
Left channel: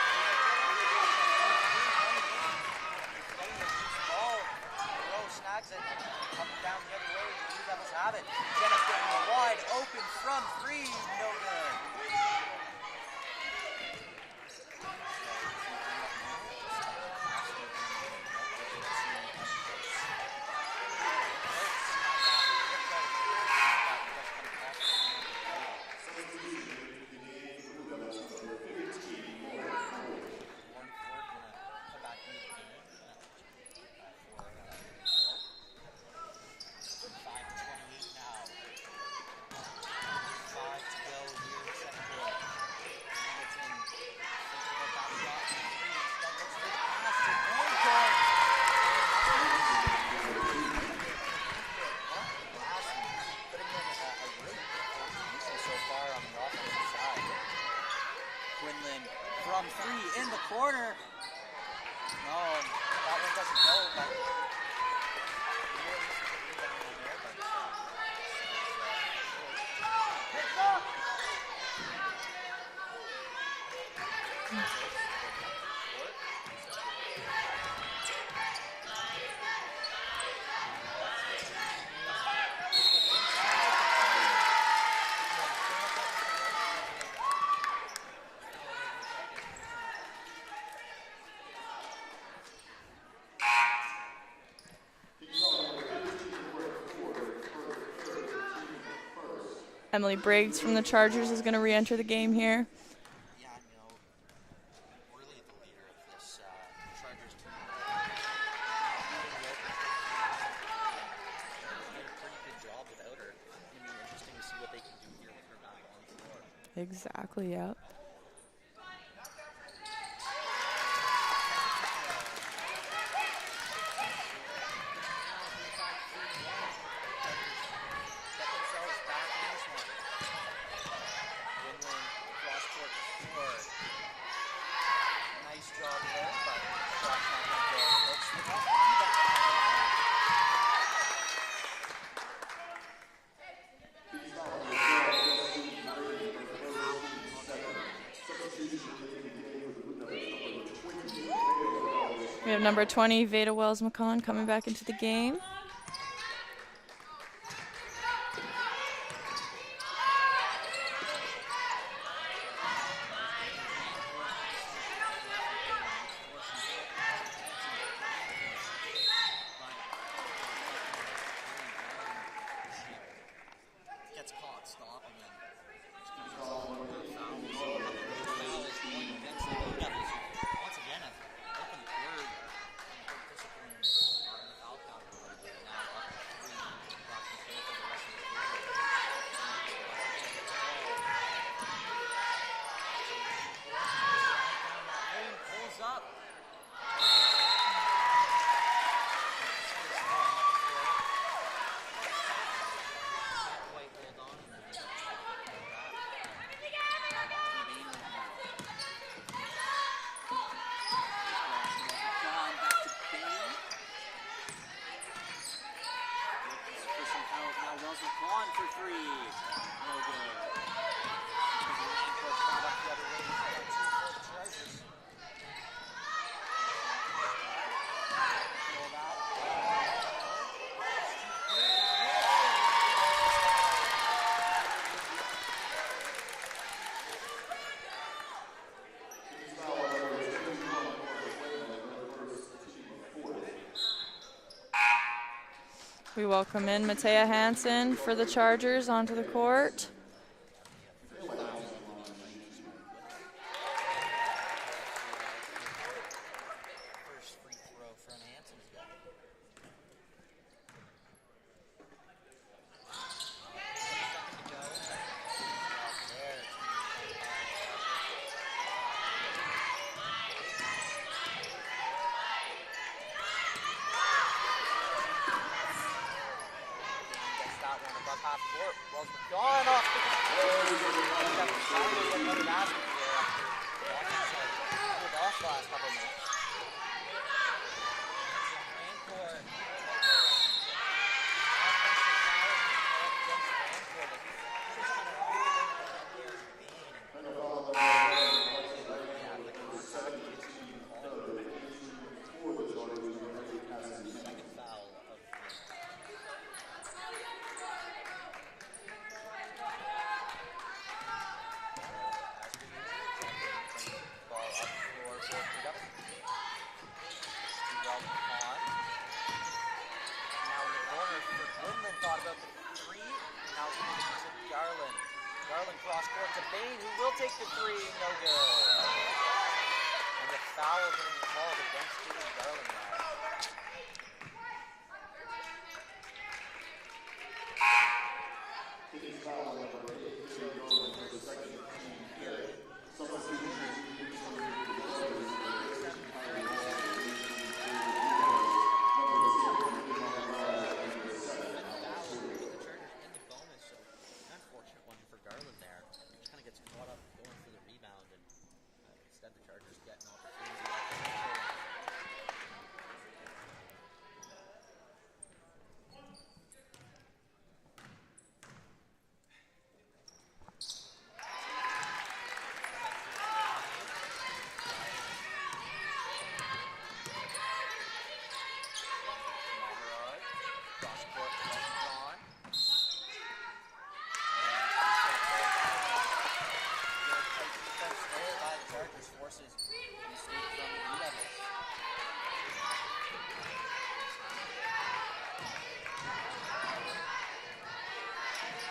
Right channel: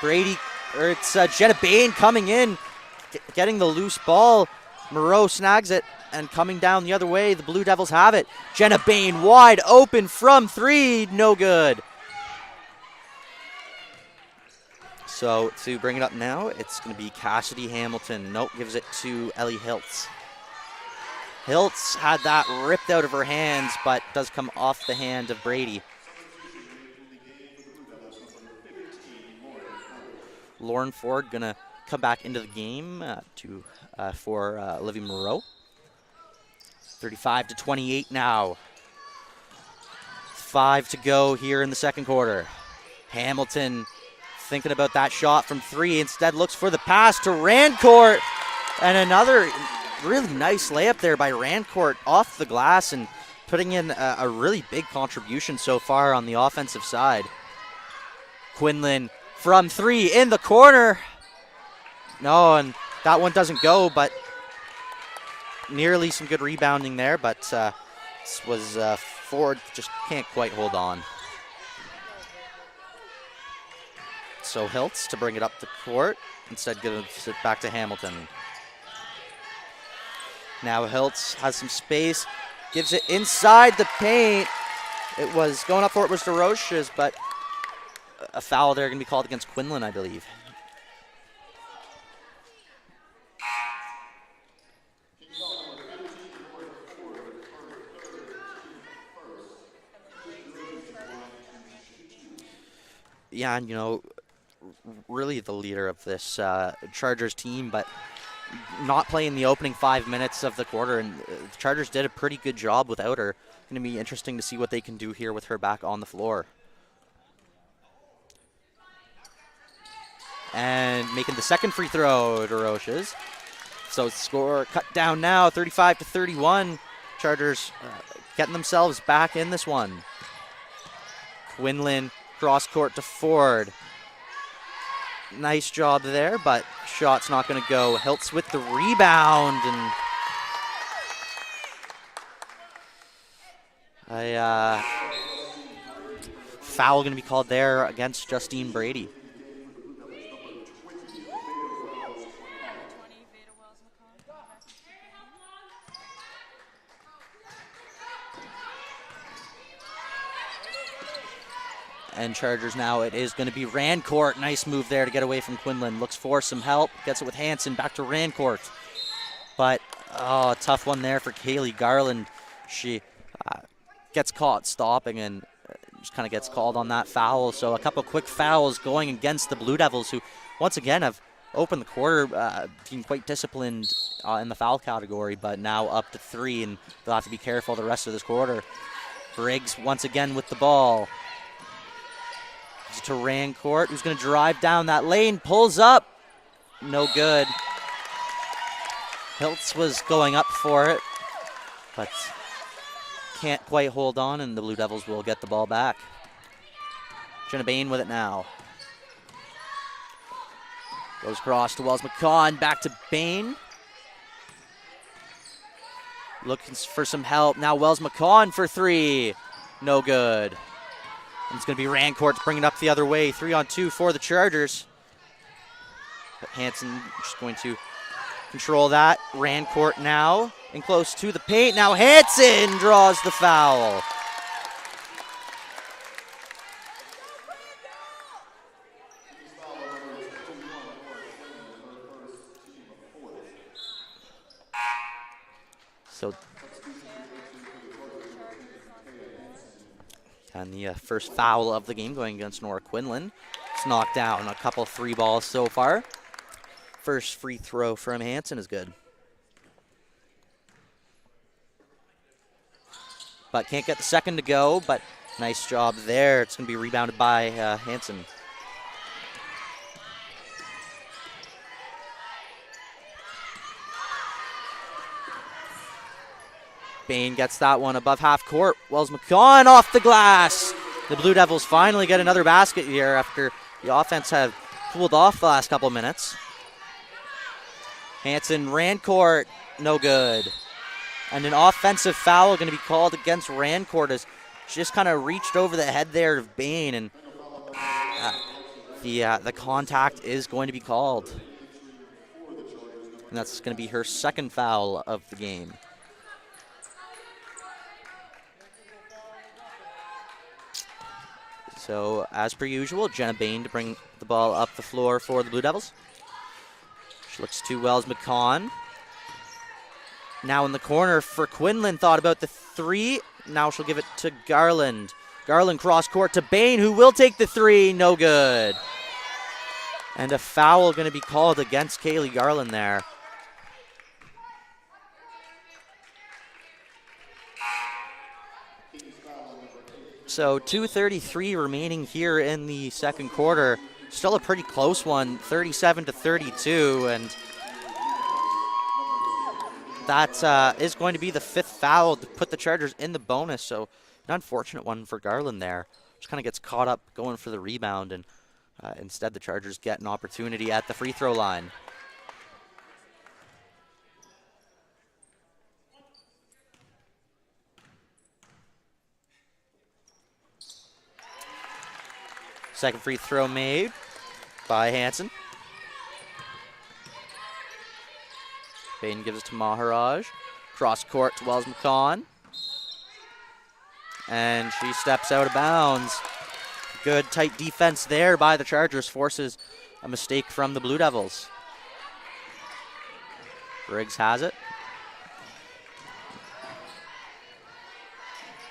Brady, or it's Jenna Bain coming in, getting the loose ball. Moreau snags it and coming down the other way. The Blue Devils have it. Jenna Bain wide open from 3, no good. So to bring it up now, it's going to be Cassidy Hamilton. Nope, gives it to Ellie Hiltz. Hiltz had that ripped out of her hands, but does come off the hand of Brady. Lauren Ford gonna come back into the game for Olivia Moreau. 35-28 now. 5 to go here in the second quarter. Hamilton thinking about that shot from 3, instead looks for the pass to Rancourt, and another really nice layup there by Rancourt off the glass and putting in a really big contribution so far on the offensive side. Quinlan from 3 in the corner. No, and that one doesn't go, but nearly some good rebounding there, but this was Ford just can't quite hold on. So Hiltz to bring it up the court, instead gives it back to Hamilton. Now Hiltz has some space, gives it inside the paint. It was going up for it was DeRoche's, but a foul there going to be called against Quinlan, I believe. Emily Briggs from the Chargers is going to re-enter the game here. Yeah, and you know, really the leader of this Chargers team, but not playing the opening 5 minutes of the quarter, and the Chargers did a pretty good job without her. Going to be interesting to see what they can do here with her back on the floor. Exactly, yep. And making the second free throw, DeRoche's. So score cut down now, 35-31. Chargers getting themselves back in this one. Quinlan cross court to Ford. Nice job there, but shot's not going to go. Hiltz with the rebound, and a foul going to be called there against Justine Brady. We have number 20, Veda Wells-McCon, coming back into the game. And Chargers now, it is going to be Rancourt. Nice move there to get away from Quinlan. Looks for some help. Gets it with Hansen. Back to Rancourt. But, oh, a tough one there for Kaylee Garland. She gets caught stopping and just kind of gets called on that foul. So a couple quick fouls going against the Blue Devils, who once again have opened the quarter, being quite disciplined in the foul category, but now up to 3, and they'll have to be careful the rest of this quarter. Briggs once again with the ball. To Rancourt, who's going to drive down that lane, pulls up, no good. Hiltz was going up for it, but can't quite hold on, and the Blue Devils will get the ball back. Jenna Bain with it now. Goes across to Wells-McCon, back to Bain. Looking for some help. Now Wells-McCon for 3, no good. It's going to be Rancourt to bring it up the other way. 3-on-2 for the Chargers. But Hansen just going to control that. Rancourt now in close to the paint. Now Hansen draws the foul. We welcome in Matea Hansen for the Chargers onto the court. And the first foul of the game going against Nora Quinlan. It's knocked down. A couple 3 balls so far. First free throw from Hansen is good. But can't get the second to go, but nice job there. It's going to be rebounded by Hansen. Bain gets that one above half court. Wells-McCon off the glass. The Blue Devils finally get another basket here after the offense had cooled off the last couple minutes. Hansen, Rancourt, no good. And an offensive foul going to be called against Rancourt as she just kind of reached over the head there of Bain and the contact is going to be called. And that's going to be her second foul of the game. So, as per usual, Jenna Bain to bring the ball up the floor for the Blue Devils. She looks to Wells McCon. Now in the corner for Quinlan, thought about the three. Now she'll give it to Garland. Garland cross court to Bain, who will take the three, no good. And a foul going to be called against Kaylee Garland there. So 2:33 remaining here in the second quarter. Still a pretty close one, 37-32, and that is going to be the fifth foul to put the Chargers in the bonus. So an unfortunate one for Garland there. Just kind of gets caught up going for the rebound, and instead the Chargers get an opportunity at the free throw line. Second free throw made by Hansen. Bain gives it to Maharaj. Cross court to Wells McCon. And she steps out of bounds. Good tight defense there by the Chargers, forces a mistake from the Blue Devils. Briggs has it.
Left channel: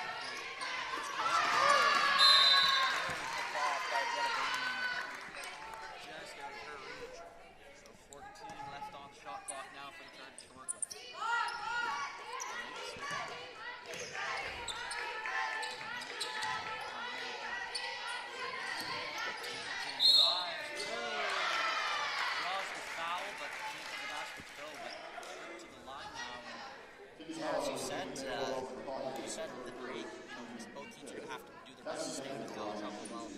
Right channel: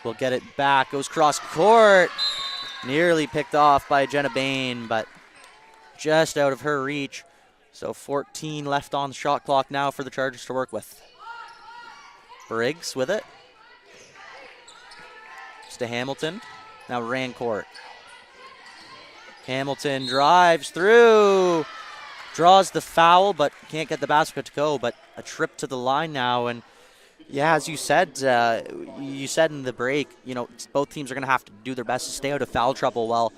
Will get it back, goes cross court. Nearly picked off by Jenna Bain, but just out of her reach. So 14 left on the shot clock now for the Chargers to work with. Briggs with it. It's to Hamilton. Now Rancourt. Hamilton drives through. Draws the foul, but can't get the basket to go. But a trip to the line now. And yeah, as you said in the break, you know, both teams are going to have to do their best to stay out of foul trouble. Well,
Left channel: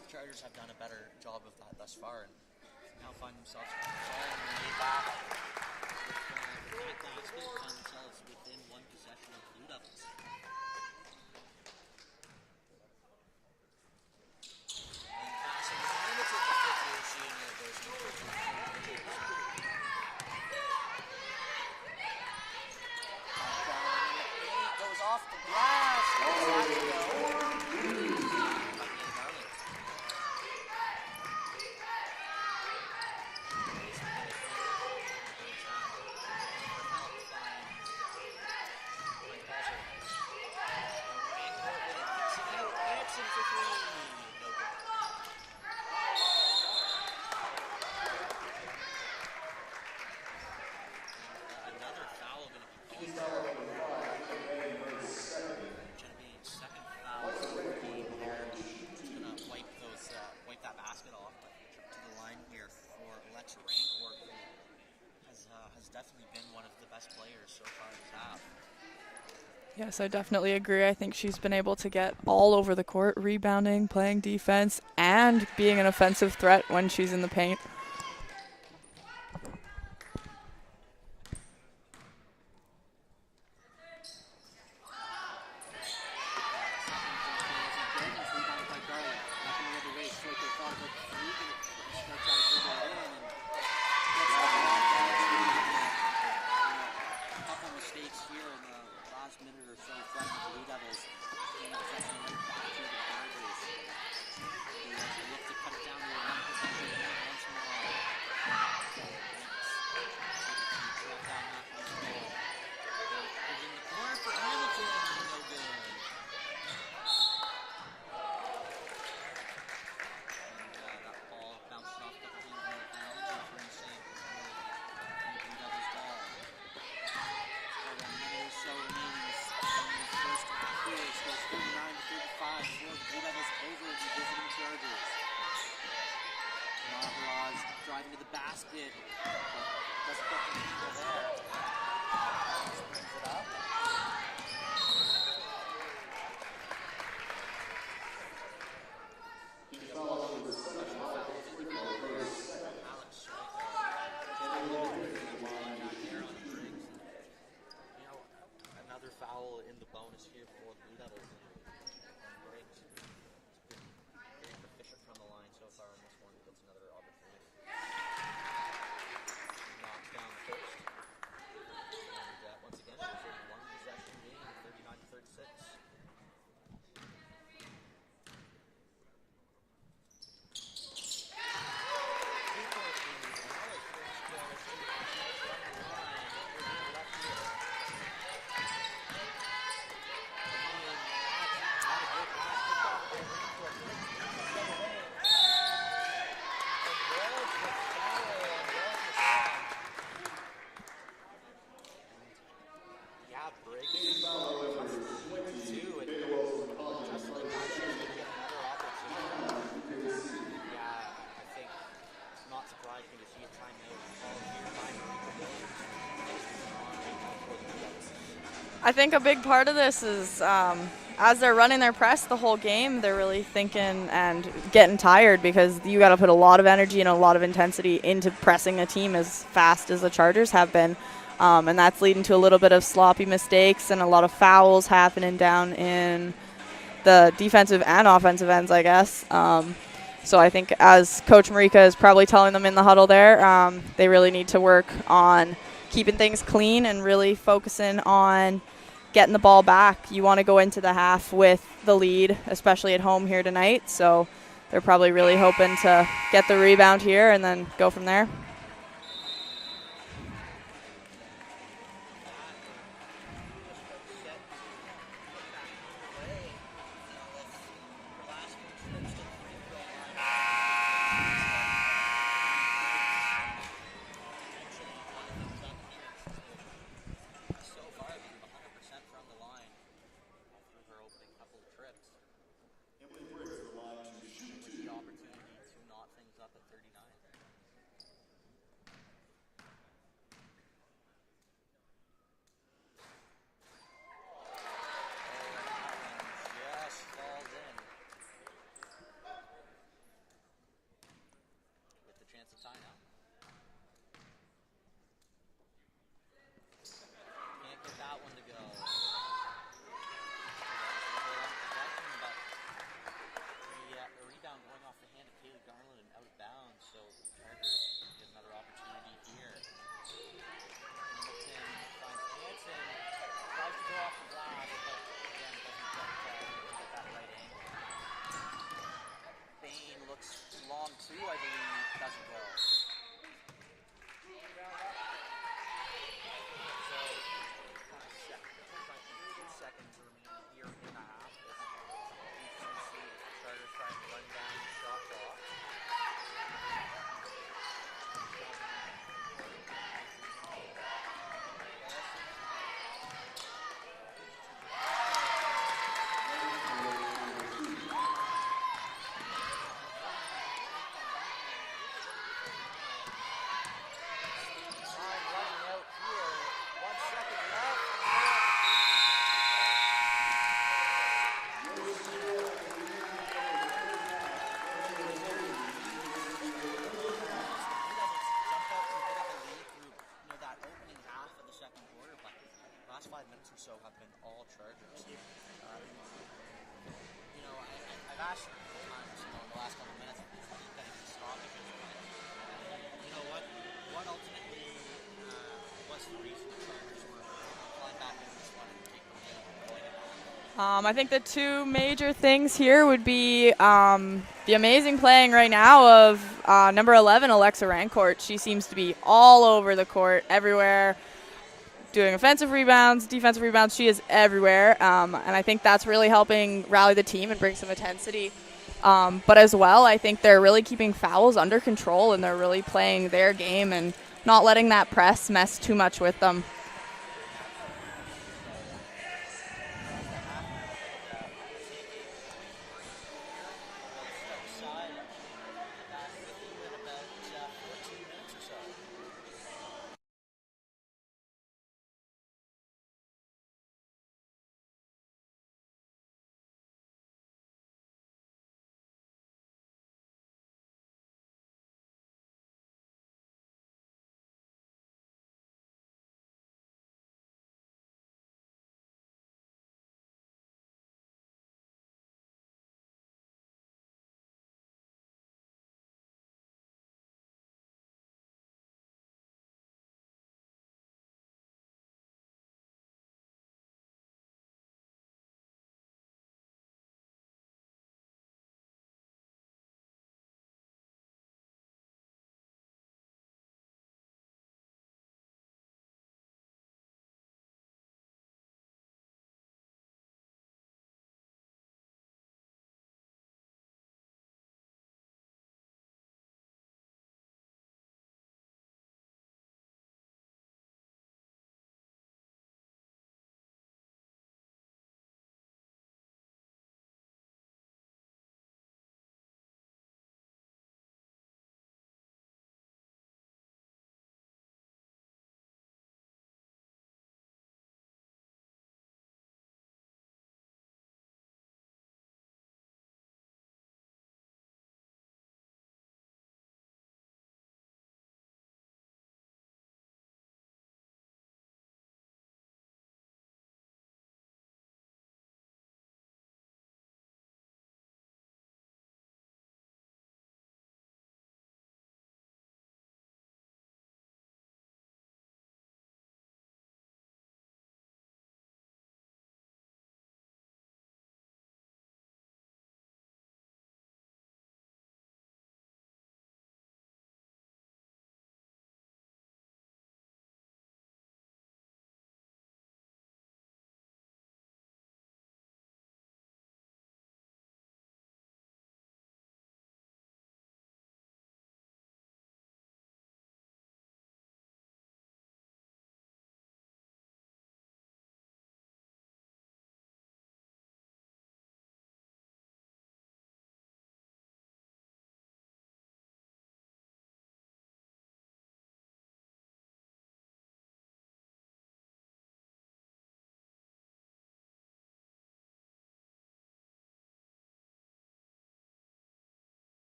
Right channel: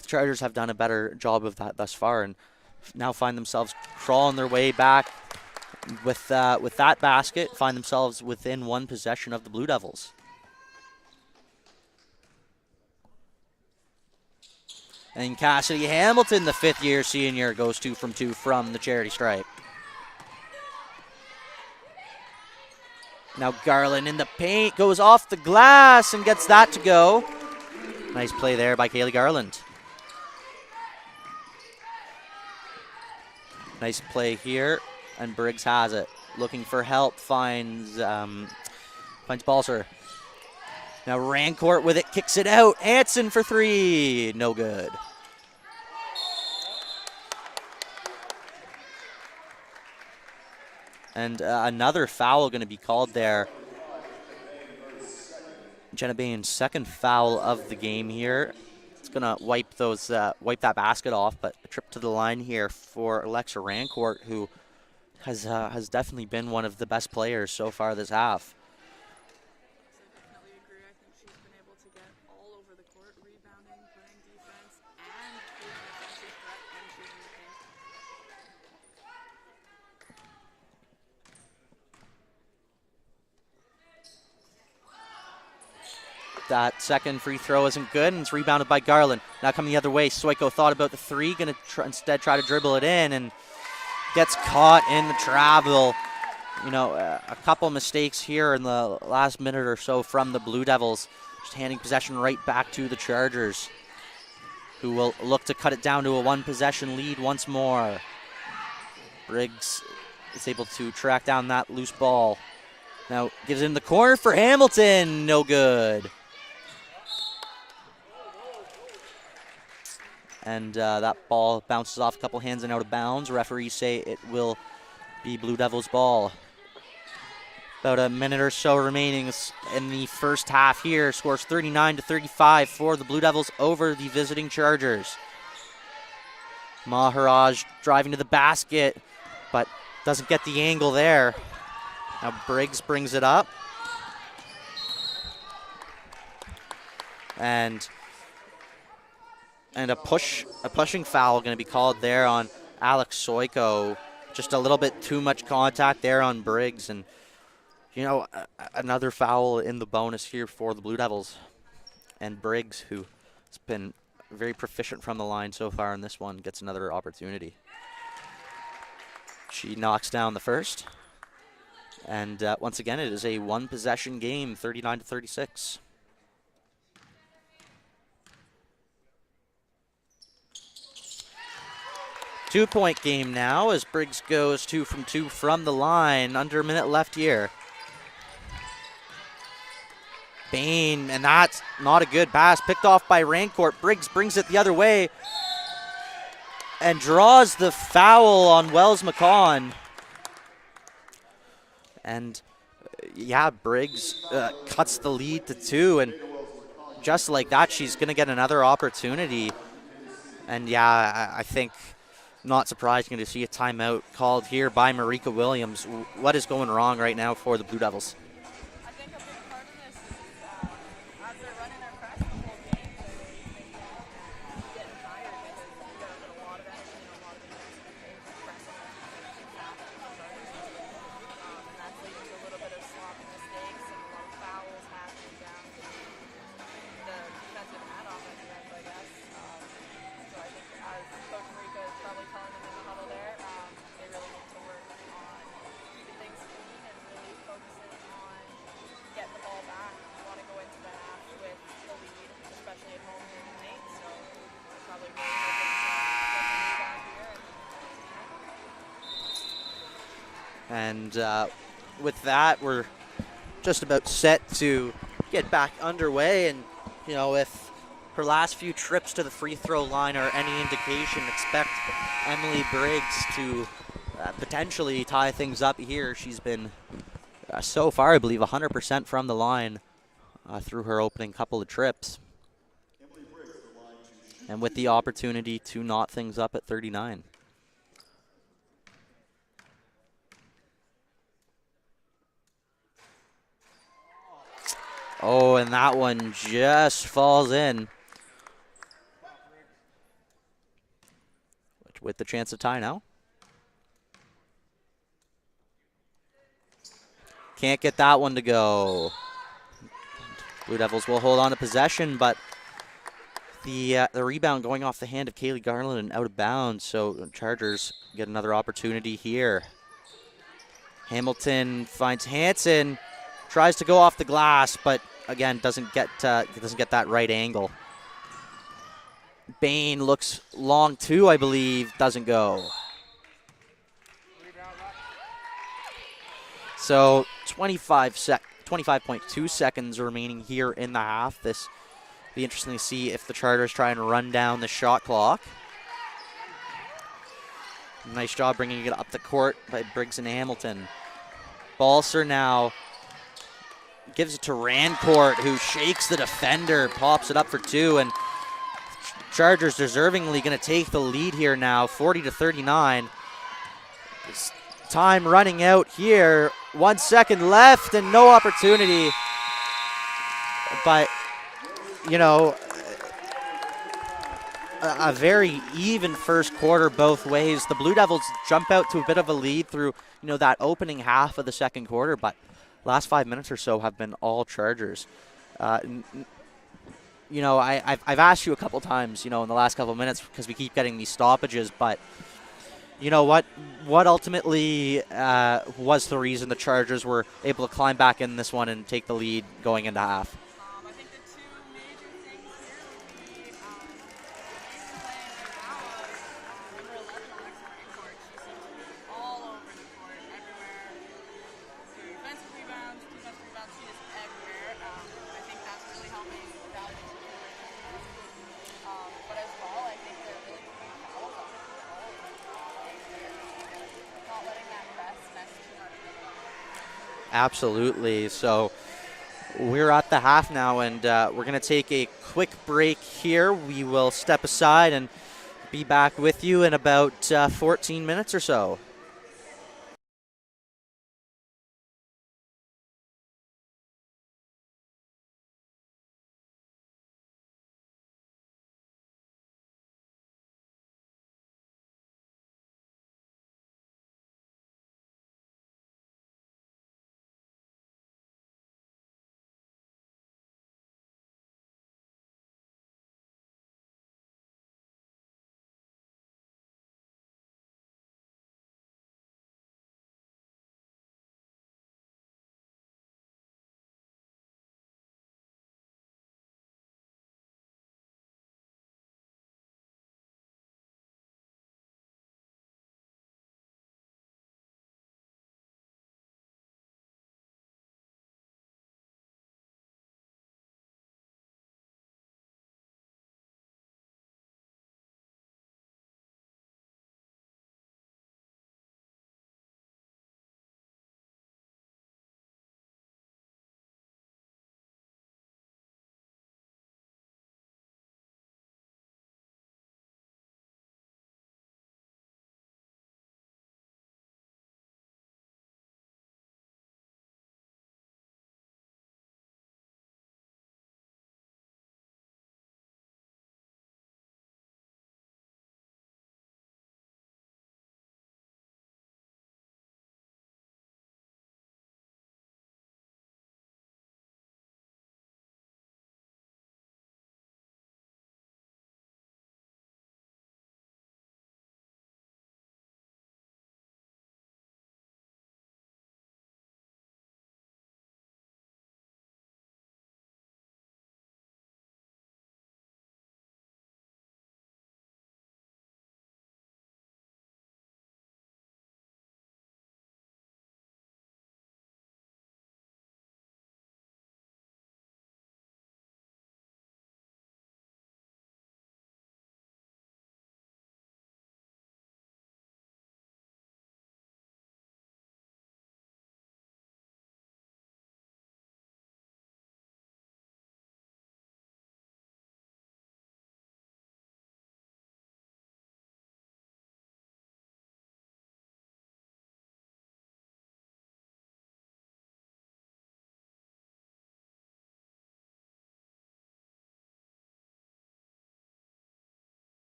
the Chargers have done a better job of that thus far, and now find themselves crawling their way back with that basket, find themselves within one possession of the Blue Devils. And Cassidy Hamilton, the fifth-year senior, goes 2 from 2 from the charity stripe. Now Garland in the paint, goes off the glass and gets that to go. Nice play there by Kaylee Garland. Nice play here, and Briggs has it. Looking for help, finds Balser. Now Rancourt with it, kicks it out. Hansen for three, no good. And another foul going to be called there. Jenna Bain's second foul of the game here. It's going to wipe that basket off, but a trip to the line here for Alexa Rancourt, who has definitely been one of the best players so far this half. Yes, I definitely agree. I think she's been able to get all over the court, rebounding, playing defense, and being an offensive threat when she's in the paint. That second free throw isn't good, and it's rebounded by Garland. Now coming the other way, Stoiko thought about the three, going to instead try to dribble it in, and gets caught in the travel. You know, a couple mistakes here in the last minute or so from the Blue Devils, just handing possession right back to the Chargers, who will look to cut it down to a one-possession lead once more. Briggs is able to track down that loose ball. Now gives it in the corner for Hamilton, no good. And that ball bounces off a couple hands and out of bounds. Referees say it will be Blue Devils' ball. About a minute or so remaining in the first half here. Scores 39-35 for the Blue Devils over the visiting Chargers. Maharaj driving to the basket, but doesn't get the angle there. Now Briggs brings it up. And a pushing foul going to be called there on Alex Stoiko. Just a little bit too much contact there on Briggs, and you know, another foul in the bonus here for the Blue Devils. And Briggs, who has been very proficient from the line so far in this one, gets another opportunity. She knocks down the first. And once again, it is a one-possession game, 39-36. Two-point game now as Briggs goes 2 from 2 from the line. Under a minute left here. Bain, and that's not a good pass. Picked off by Rancourt. Briggs brings it the other way and draws the foul on Wells McCon. And yeah, Briggs cuts the lead to 2, and just like that, she's going to get another opportunity. And yeah, I think not surprising to see a timeout called here by Marika Williams. What is going wrong right now for the Blue Devils? I think a big part of this is as they're running their press the whole game, they're really thinking and getting tired because you got to put a lot of energy and a lot of intensity into pressing a team as fast as the Chargers have been. And that's leading to a little bit of sloppy mistakes and a lot of fouls happening down in the defensive and offensive ends, I guess. So I think as Coach Marika is probably telling them in the huddle there, they really need to work on keeping things clean and really focusing on getting the ball back. You want to go into the half with the lead, especially at home here tonight. So they're probably really hoping to get the rebound here and then go from there. And with that, we're just about set to get back underway. And, you know, if her last few trips to the free throw line are any indication, expect Emily Briggs to potentially tie things up here. She's been, so far, I believe, 100% from the line through her opening couple of trips. And with the opportunity to knot things up at 39. Oh, and that one just falls in. With the chance to tie now. Can't get that one to go. Blue Devils will hold on to possession, but the rebound going off the hand of Kaylee Garland and out of bounds, so Chargers get another opportunity here. Hamilton finds Hansen, tries to go off the glass, but again doesn't get that right angle. Bain looks long too, I believe, doesn't go. So 25.2 seconds remaining here in the half. This will be interesting to see if the Chargers try and run down the shot clock. Nice job bringing it up the court by Briggs and Hamilton. Balser now gives it to Rancourt, who shakes the defender, pops it up for 2, and Chargers deservingly going to take the lead here now, 40-39. Time running out here. 1 second left and no opportunity. But, you know, a very even first quarter both ways. The Blue Devils jump out to a bit of a lead through, you know, that opening half of the second quarter, but last 5 minutes or so have been all Chargers. You know, I've asked you a couple times, you know, in the last couple of minutes because we keep getting these stoppages, but you know what ultimately was the reason the Chargers were able to climb back in this one and take the lead going into half? I think the two major things here would be the amazing playing right now of number 11, Alexa Rancourt. She seems to be all over the court, everywhere, doing offensive rebounds, defensive rebounds. She is everywhere, and I think that's really helping rally the team and bring some intensity. But as well, I think they're really keeping fouls under control, and they're really playing their game and not letting that press mess too much with them. Absolutely. So we're at the half now, and we're going to take a quick break here. We will step aside and be back with you in about 14 minutes or so.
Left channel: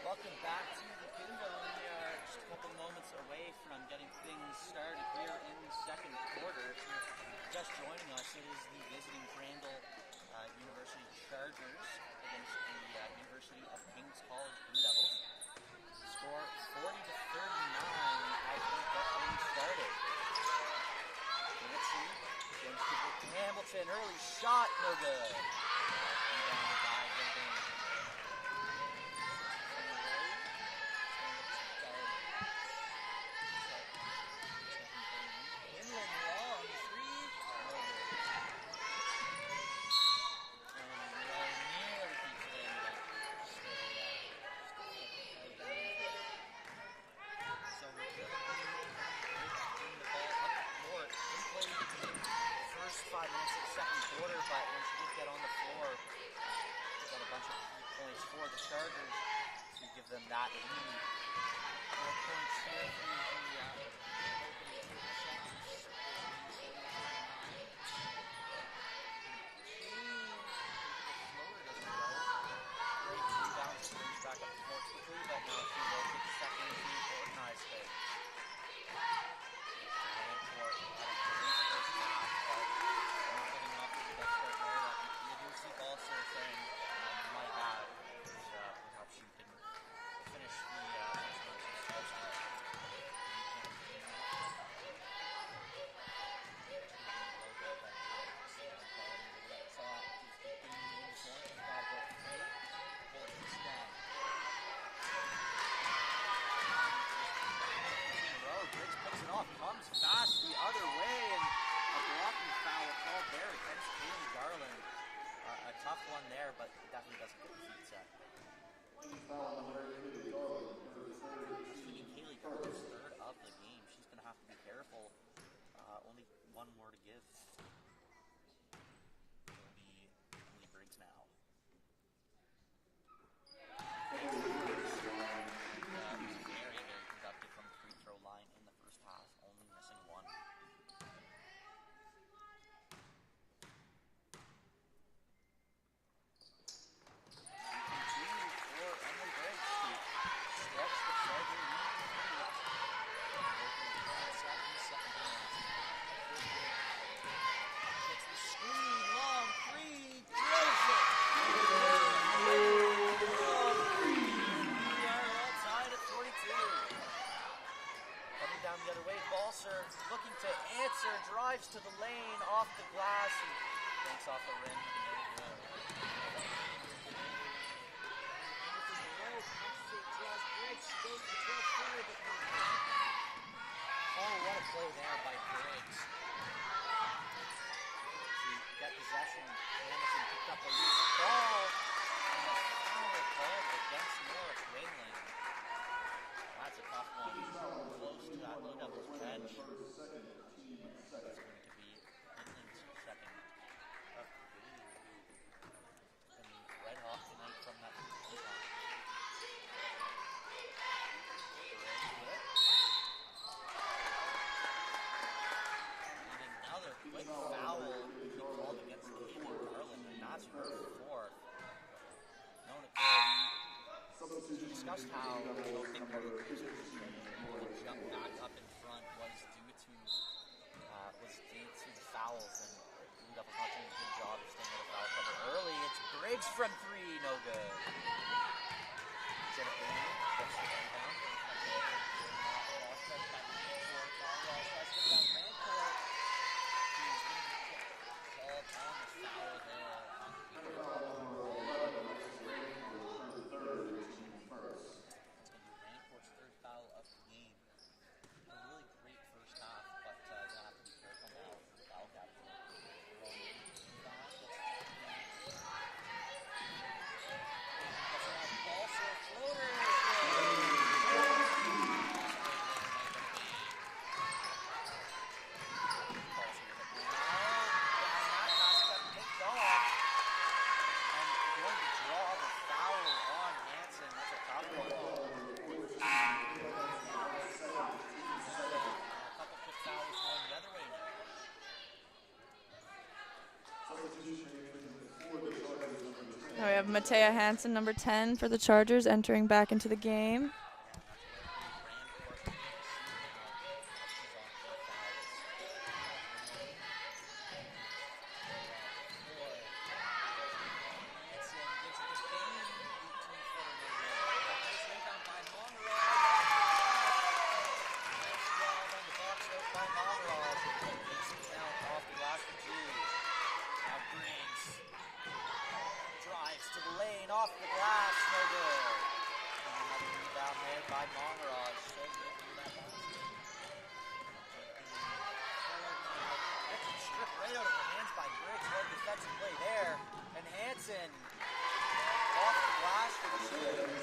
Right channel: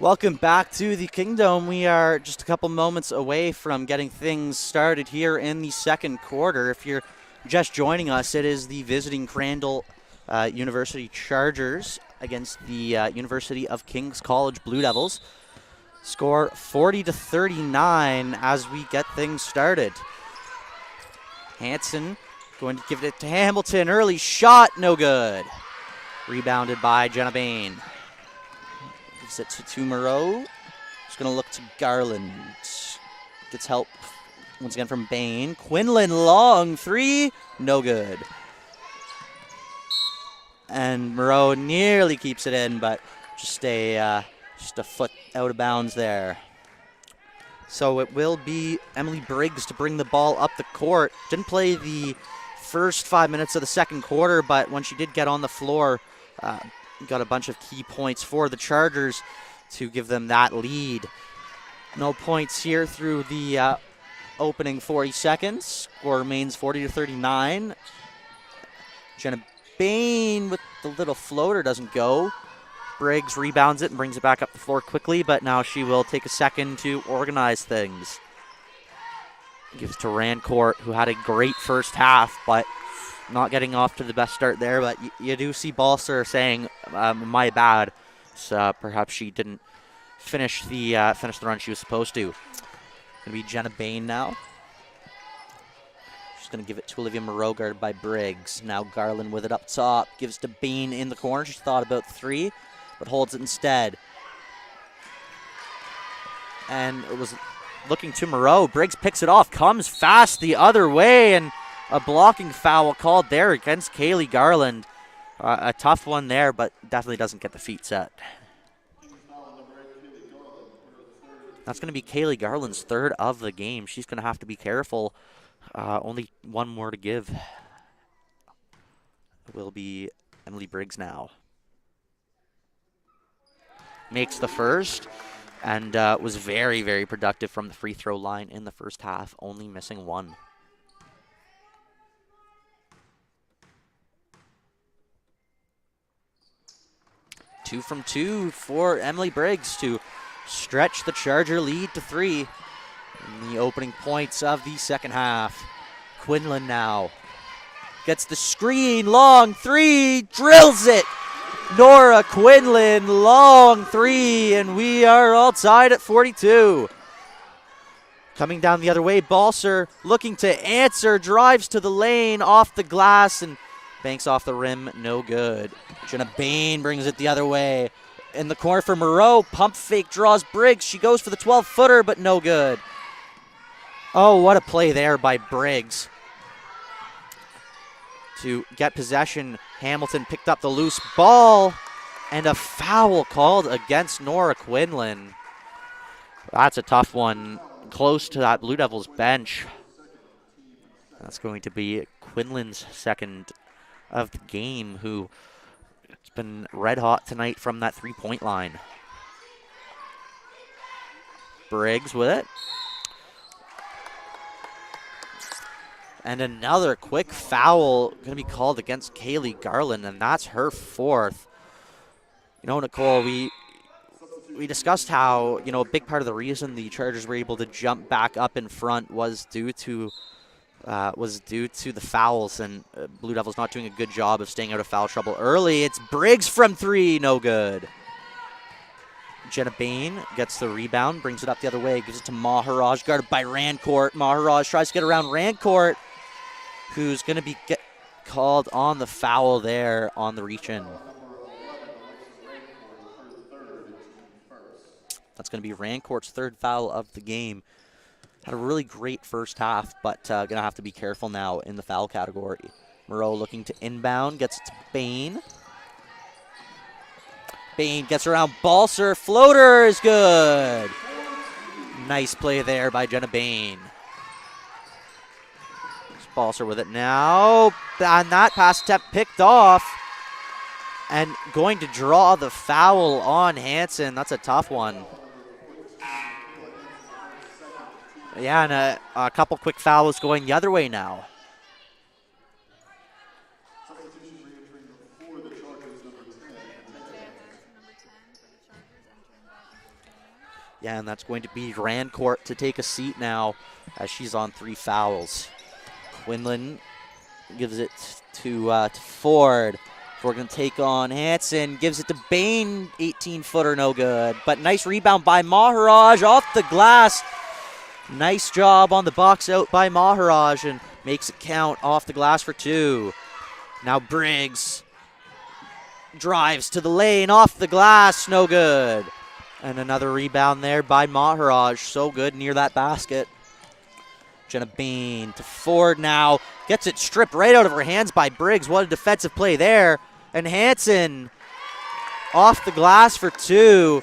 Welcome back to the Kingdom. We are just a couple moments away from getting things started here in the second quarter. If you're just joining us, it is the visiting Crandall University Chargers against the University of King's College Blue Devils. Score 40-39 as we get things started. Hanson going to give it to Hamilton. Early shot, no good. Rebounded by Jenna Bain. Gives it to Moreau. Just going to look to Garland. Gets help once again from Bain. Quinlan long three, no good. And Moreau nearly keeps it in, but just a foot out of bounds there. So it will be Emily Briggs to bring the ball up the court. Didn't play the first 5 minutes of the second quarter, but when she did get on the floor, got a bunch of key points for the Chargers to give them that lead. No points here through the opening 40 seconds. Score remains 40-39. Jenna Bain with the little floater doesn't go. Briggs rebounds it and brings it back up the floor quickly, but now she will take a second to organize things. Gives to Rancourt, who had a great first half, but not getting off to the best start there. But you do see Balser saying, my bad. So perhaps she didn't finish the run she was supposed to. Gonna be Jenna Bain now. She's gonna give it to Olivia Moreau, guarded by Briggs. Now Garland with it up top. Gives to Bain in the corner. She thought about three, but holds it instead. And it was looking to Moreau. Briggs picks it off, comes fast the other way, and a blocking foul called there against Kaylee Garland. A tough one there, but definitely doesn't get the feet set. That's going to be Kaylee Garland's third of the game. She's going to have to be careful. Only one more to give. It will be Emily Briggs now. Makes the first, and was very, very productive from the free throw line in the first half, only missing one. Two from two for Emily Briggs to stretch the Charger lead to three in the opening points of the second half. Quinlan now gets the screen, long three, drills it. Nora Quinlan, long three, and we are all tied at 42. Coming down the other way, Balser looking to answer, drives to the lane, off the glass, and banks off the rim, no good. Jenna Bain brings it the other way. In the corner for Moreau, pump fake, draws Briggs. She goes for the 12-footer, but no good. Oh, what a play there by Briggs. To get possession, Hamilton picked up the loose ball, and a foul called against Nora Quinlan. That's a tough one, close to that Blue Devils bench. That's going to be Quinlan's second of the game, who has been red hot tonight from that three-point line. Briggs with it. And another quick foul going to be called against Kaylee Garland, and that's her fourth. You know, Nicole, we discussed how, you know, a big part of the reason the Chargers were able to jump back up in front was due to the fouls, and Blue Devils not doing a good job of staying out of foul trouble early. It's Briggs from three, no good. Jenna Bain gets the rebound, brings it up the other way, gives it to Maharaj, guarded by Rancourt. Maharaj tries to get around Rancourt, who's going to be called on the foul there on the reach-in. That's going to be Rancourt's third foul of the game. Had a really great first half, but going to have to be careful now in the foul category. Moreau looking to inbound, gets it to Bain. Bain gets around Balser, floater is good. Nice play there by Jenna Bain. Balser with it now, and that pass attempt picked off, and going to draw the foul on Hanson. That's a tough one. Yeah, and a couple quick fouls going the other way now. Oh, yeah. have Matea Hansen, number 10 for the Chargers, entering back into the game. Yeah, and that's going to be Rancourt to take a seat now as she's on 3 fouls. Quinlan gives it to Ford. Ford going to take on Hansen, gives it to Bain, 18-footer, no good. But nice rebound by Maharaj off the glass. Nice job on the box out by Maharaj and makes it count off the glass for 2. Now Briggs drives to the lane, off the glass, no good. And another rebound there by Maharaj, so good near that basket. Jenna Bain to Ford now, gets it stripped right out of her hands by Briggs. What a defensive play there. And Hansen off the glass for 2.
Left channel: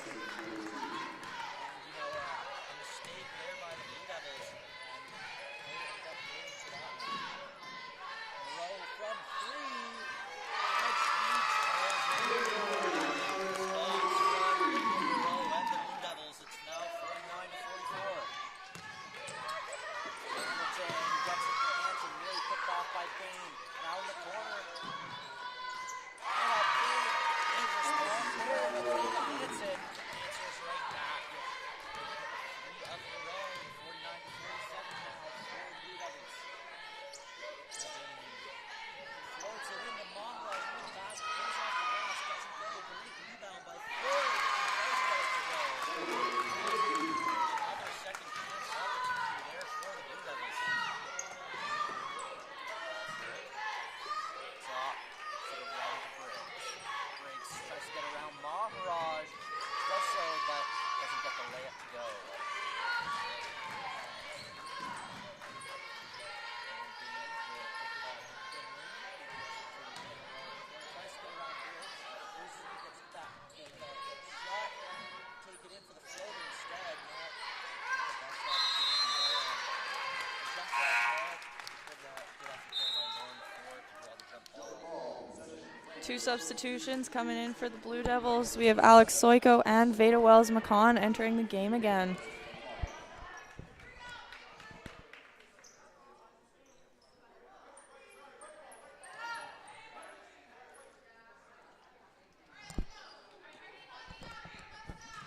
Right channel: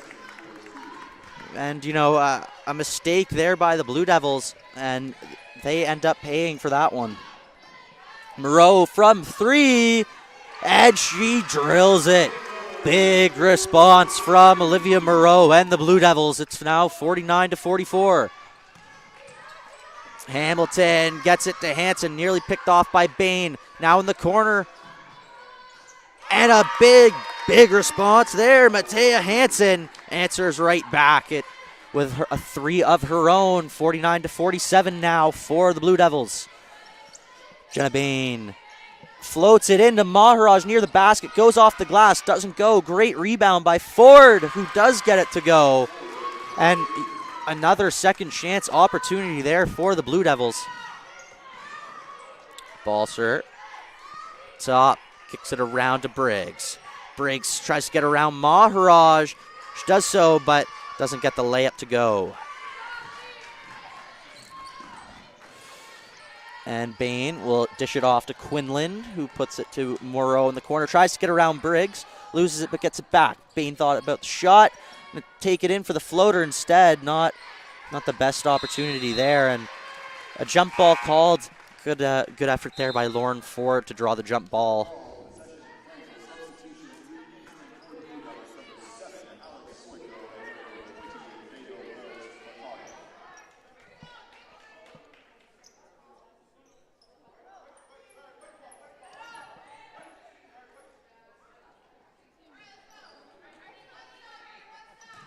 And, you know, a mistake there by the Blue Devils, and they end up paying for that one. Moreau from 3, and she drills it. Big response from Olivia Moreau and the Blue Devils. It's now 49-44. Hamilton gets it to Hansen, nearly picked off by Bain. Now in the corner. And a big response there. Matea Hansen answers right back with a 3 of her own. 49-47 now for the Blue Devils. Jenna Bain floats it into Maharaj near the basket, goes off the glass, doesn't go. Great rebound by Ford, who does get it to go. And another second chance opportunity there for the Blue Devils. Balser, top, kicks it around to Briggs. Briggs tries to get around Maharaj. She does so, but doesn't get the layup to go. And Bain will dish it off to Quinlan, who puts it to Moreau in the corner. Tries to get around Briggs, loses it but gets it back. Bain thought about the shot, take it in for the floater instead. Not the best opportunity there, and a jump ball called. Good effort there by Lauren Ford to draw the jump ball. 2 substitutions coming in for the Blue Devils. We have Alex Soiko and Veda Wells-McCon entering the game again.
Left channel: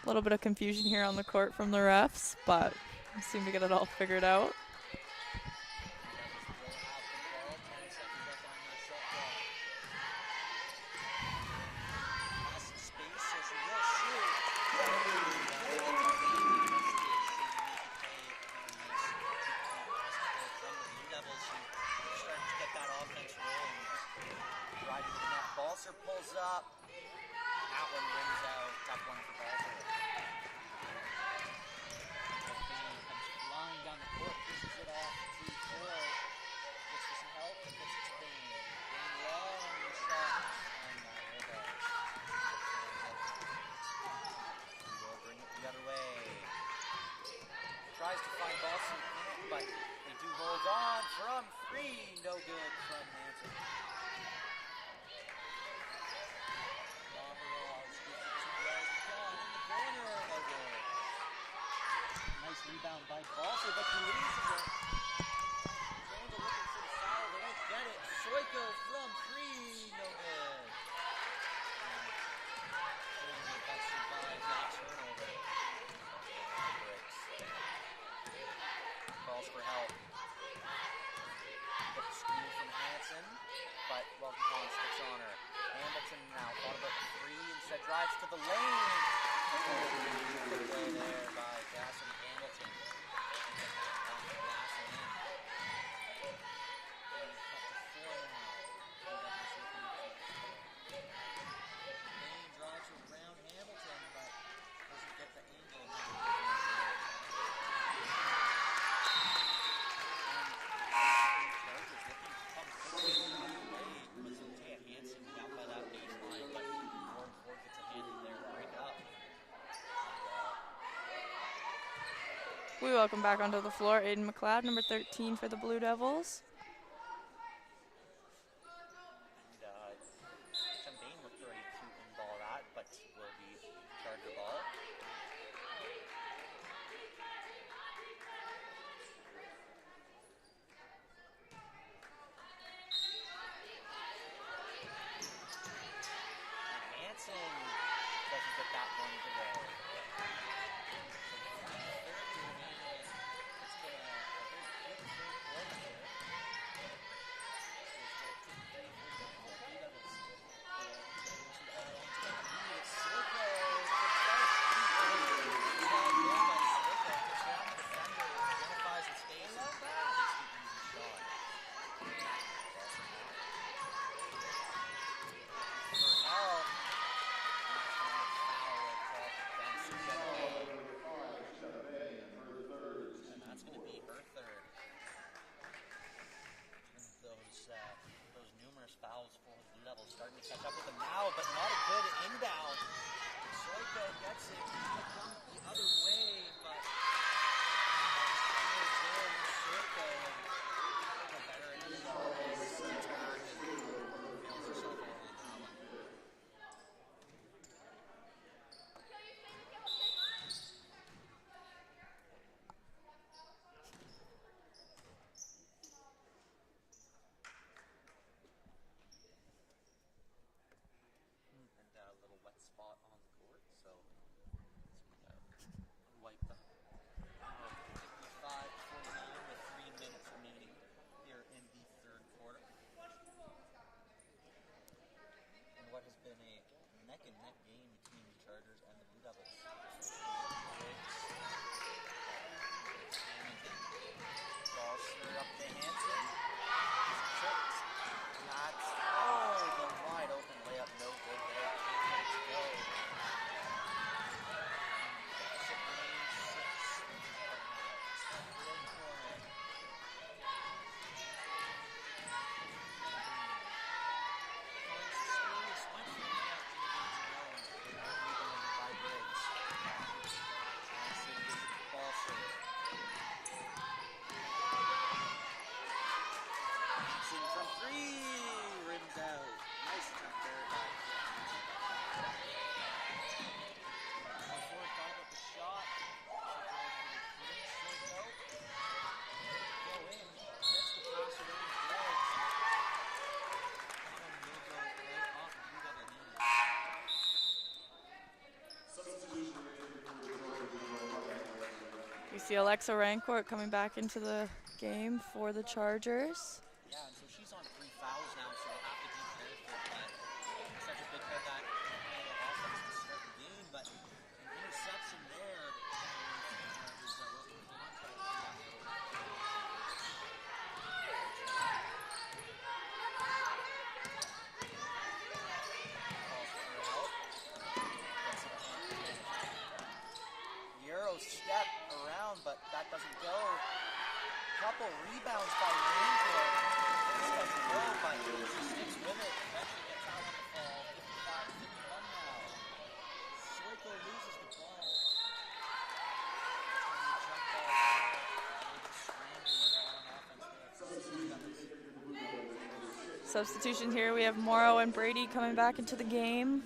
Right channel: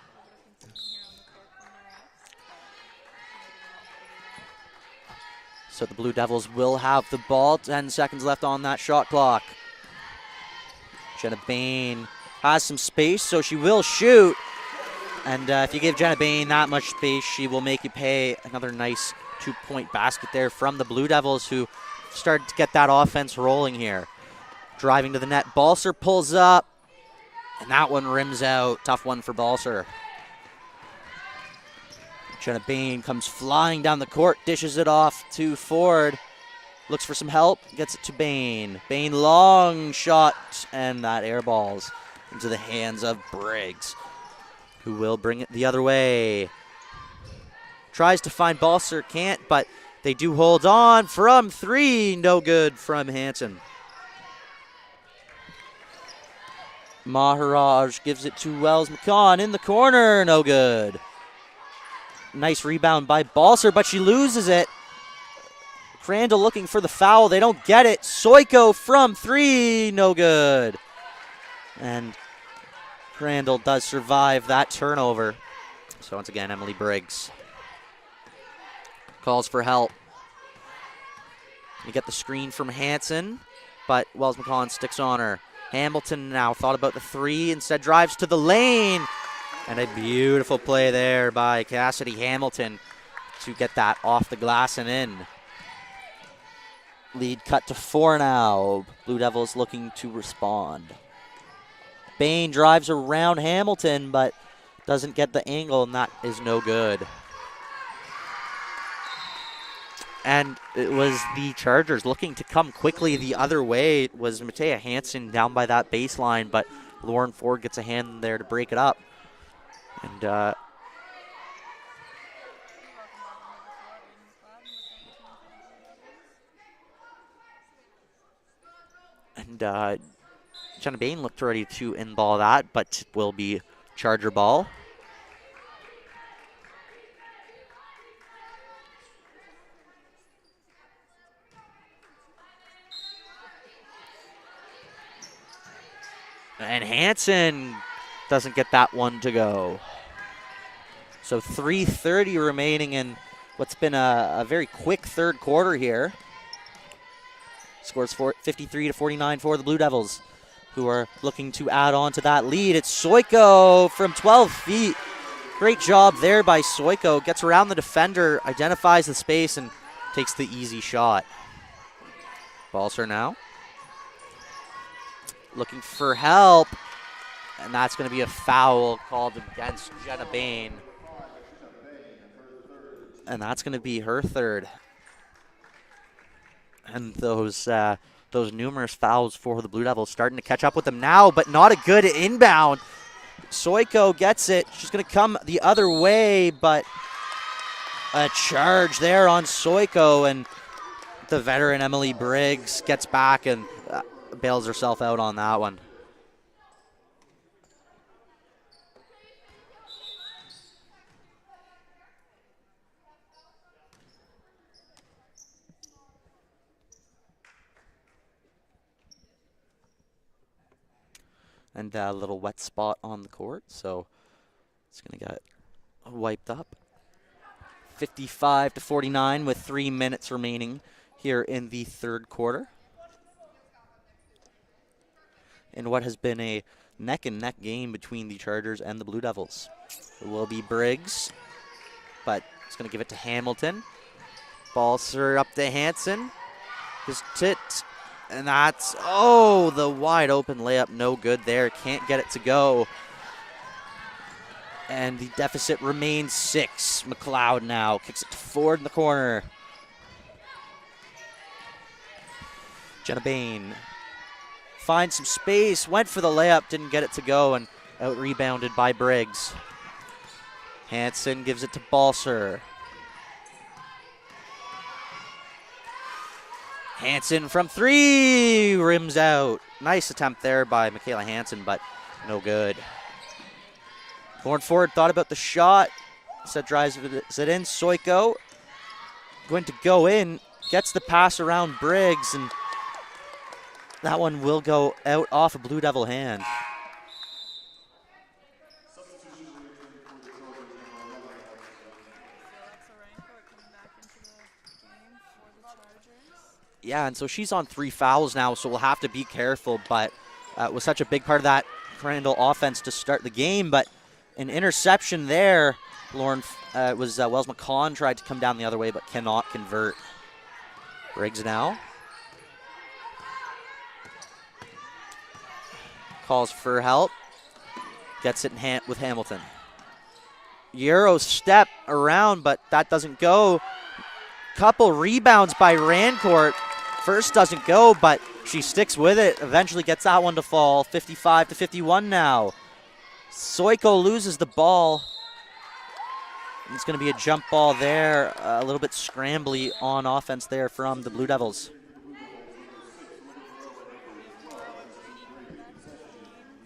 A little bit of confusion here on the court from the refs, but we seem to get it all figured out. So the Blue Devils will have the ball. 10 seconds left on that shot clock. Jenna Bain has some space, so she will shoot. And if you give Jenna Bain that much space, she will make you pay. Another nice 2-point basket there from the Blue Devils, who started to get that offense rolling here. Driving to the net, Balser pulls up, and that one rims out. Tough one for Balser. Jenna Bain comes flying down the court, dishes it off to Ford. Looks for some help, gets it to Bain. Bain, long shot, and that air balls into the hands of Briggs, who will bring it the other way. Tries to find Balser, can't, but they do hold on from 3. No good from Hansen. Maharaj gives it to Wells-McCon in the corner, no good. Nice rebound by Balser, but she loses it. Crandall looking for the foul. They don't get it. Soiko from 3, no good. And Crandall does survive that turnover. So once again, Emily Briggs calls for help. You get the screen from Hansen, but Wells-McCon sticks on her. Hamilton now thought about the 3, instead drives to the lane. And a beautiful play there by Cassidy Hamilton to get that off the glass and in. Lead cut to 4 now. Blue Devils looking to respond. Bain drives around Hamilton, but doesn't get the angle, and that is no good. And it was the Chargers looking to come quickly the other way. It was Matea Hansen down by that baseline, but Lauren Ford gets a hand there to break it up. And we welcome back onto the floor Aiden McLeod, number 13 for the Blue Devils. And Jenna Bain looked ready to in-ball that, but will be Charger ball. And Hansen doesn't get that one to go. So 3:30 remaining in what's been a very quick third quarter here. Scores 53-49 for the Blue Devils, who are looking to add on to that lead. It's Soiko from 12 feet. Great job there by Soiko. Gets around the defender, identifies the space, and takes the easy shot. Balser now. Looking for help. And that's going to be a foul called against Jenna Bain. And that's going to be her third. And those numerous fouls for the Blue Devils starting to catch up with them now, but not a good inbound. Soiko gets it. She's going to come the other way, but a charge there on Soiko, and the veteran Emily Briggs gets back and bails herself out on that one. And a little wet spot on the court, so it's going to get wiped up. 55-49 with 3 minutes remaining here in the third quarter. In what has been a neck-and-neck game between the Chargers and the Blue Devils. It will be Briggs, but it's going to give it to Hamilton. Balser up to Hansen. His tit. And that's, oh, the wide open layup, no good there. Can't get it to go. And the deficit remains 6. McLeod now kicks it to Ford in the corner. Jenna Bain finds some space, went for the layup, didn't get it to go, and out rebounded by Briggs. Hansen gives it to Balser. Hansen from 3, rims out. Nice attempt there by Michaela Hansen, but no good. Going forward, thought about the shot. Instead drives it in. Soiko going to go in, gets the pass around Briggs, and that one will go out off a Blue Devil hand. We see Alexa Rancourt coming back into the game for the Chargers. Yeah, and so she's on 3 fouls now, so we'll have to be careful, but was such a big part of that Crandall offense to start the game, but an interception there. Lauren, was Wells McCon tried to come down the other way, but cannot convert. Briggs now. Calls for help. Gets it in hand with Hamilton. Euro step around, but that doesn't go. Couple rebounds by Rancourt. First doesn't go, but she sticks with it. Eventually gets that one to fall. 55-51 now. Soiko loses the ball. It's going to be a jump ball there. A little bit scrambly on offense there from the Blue Devils. Substitution here. We have Morrow and Brady coming back into the game.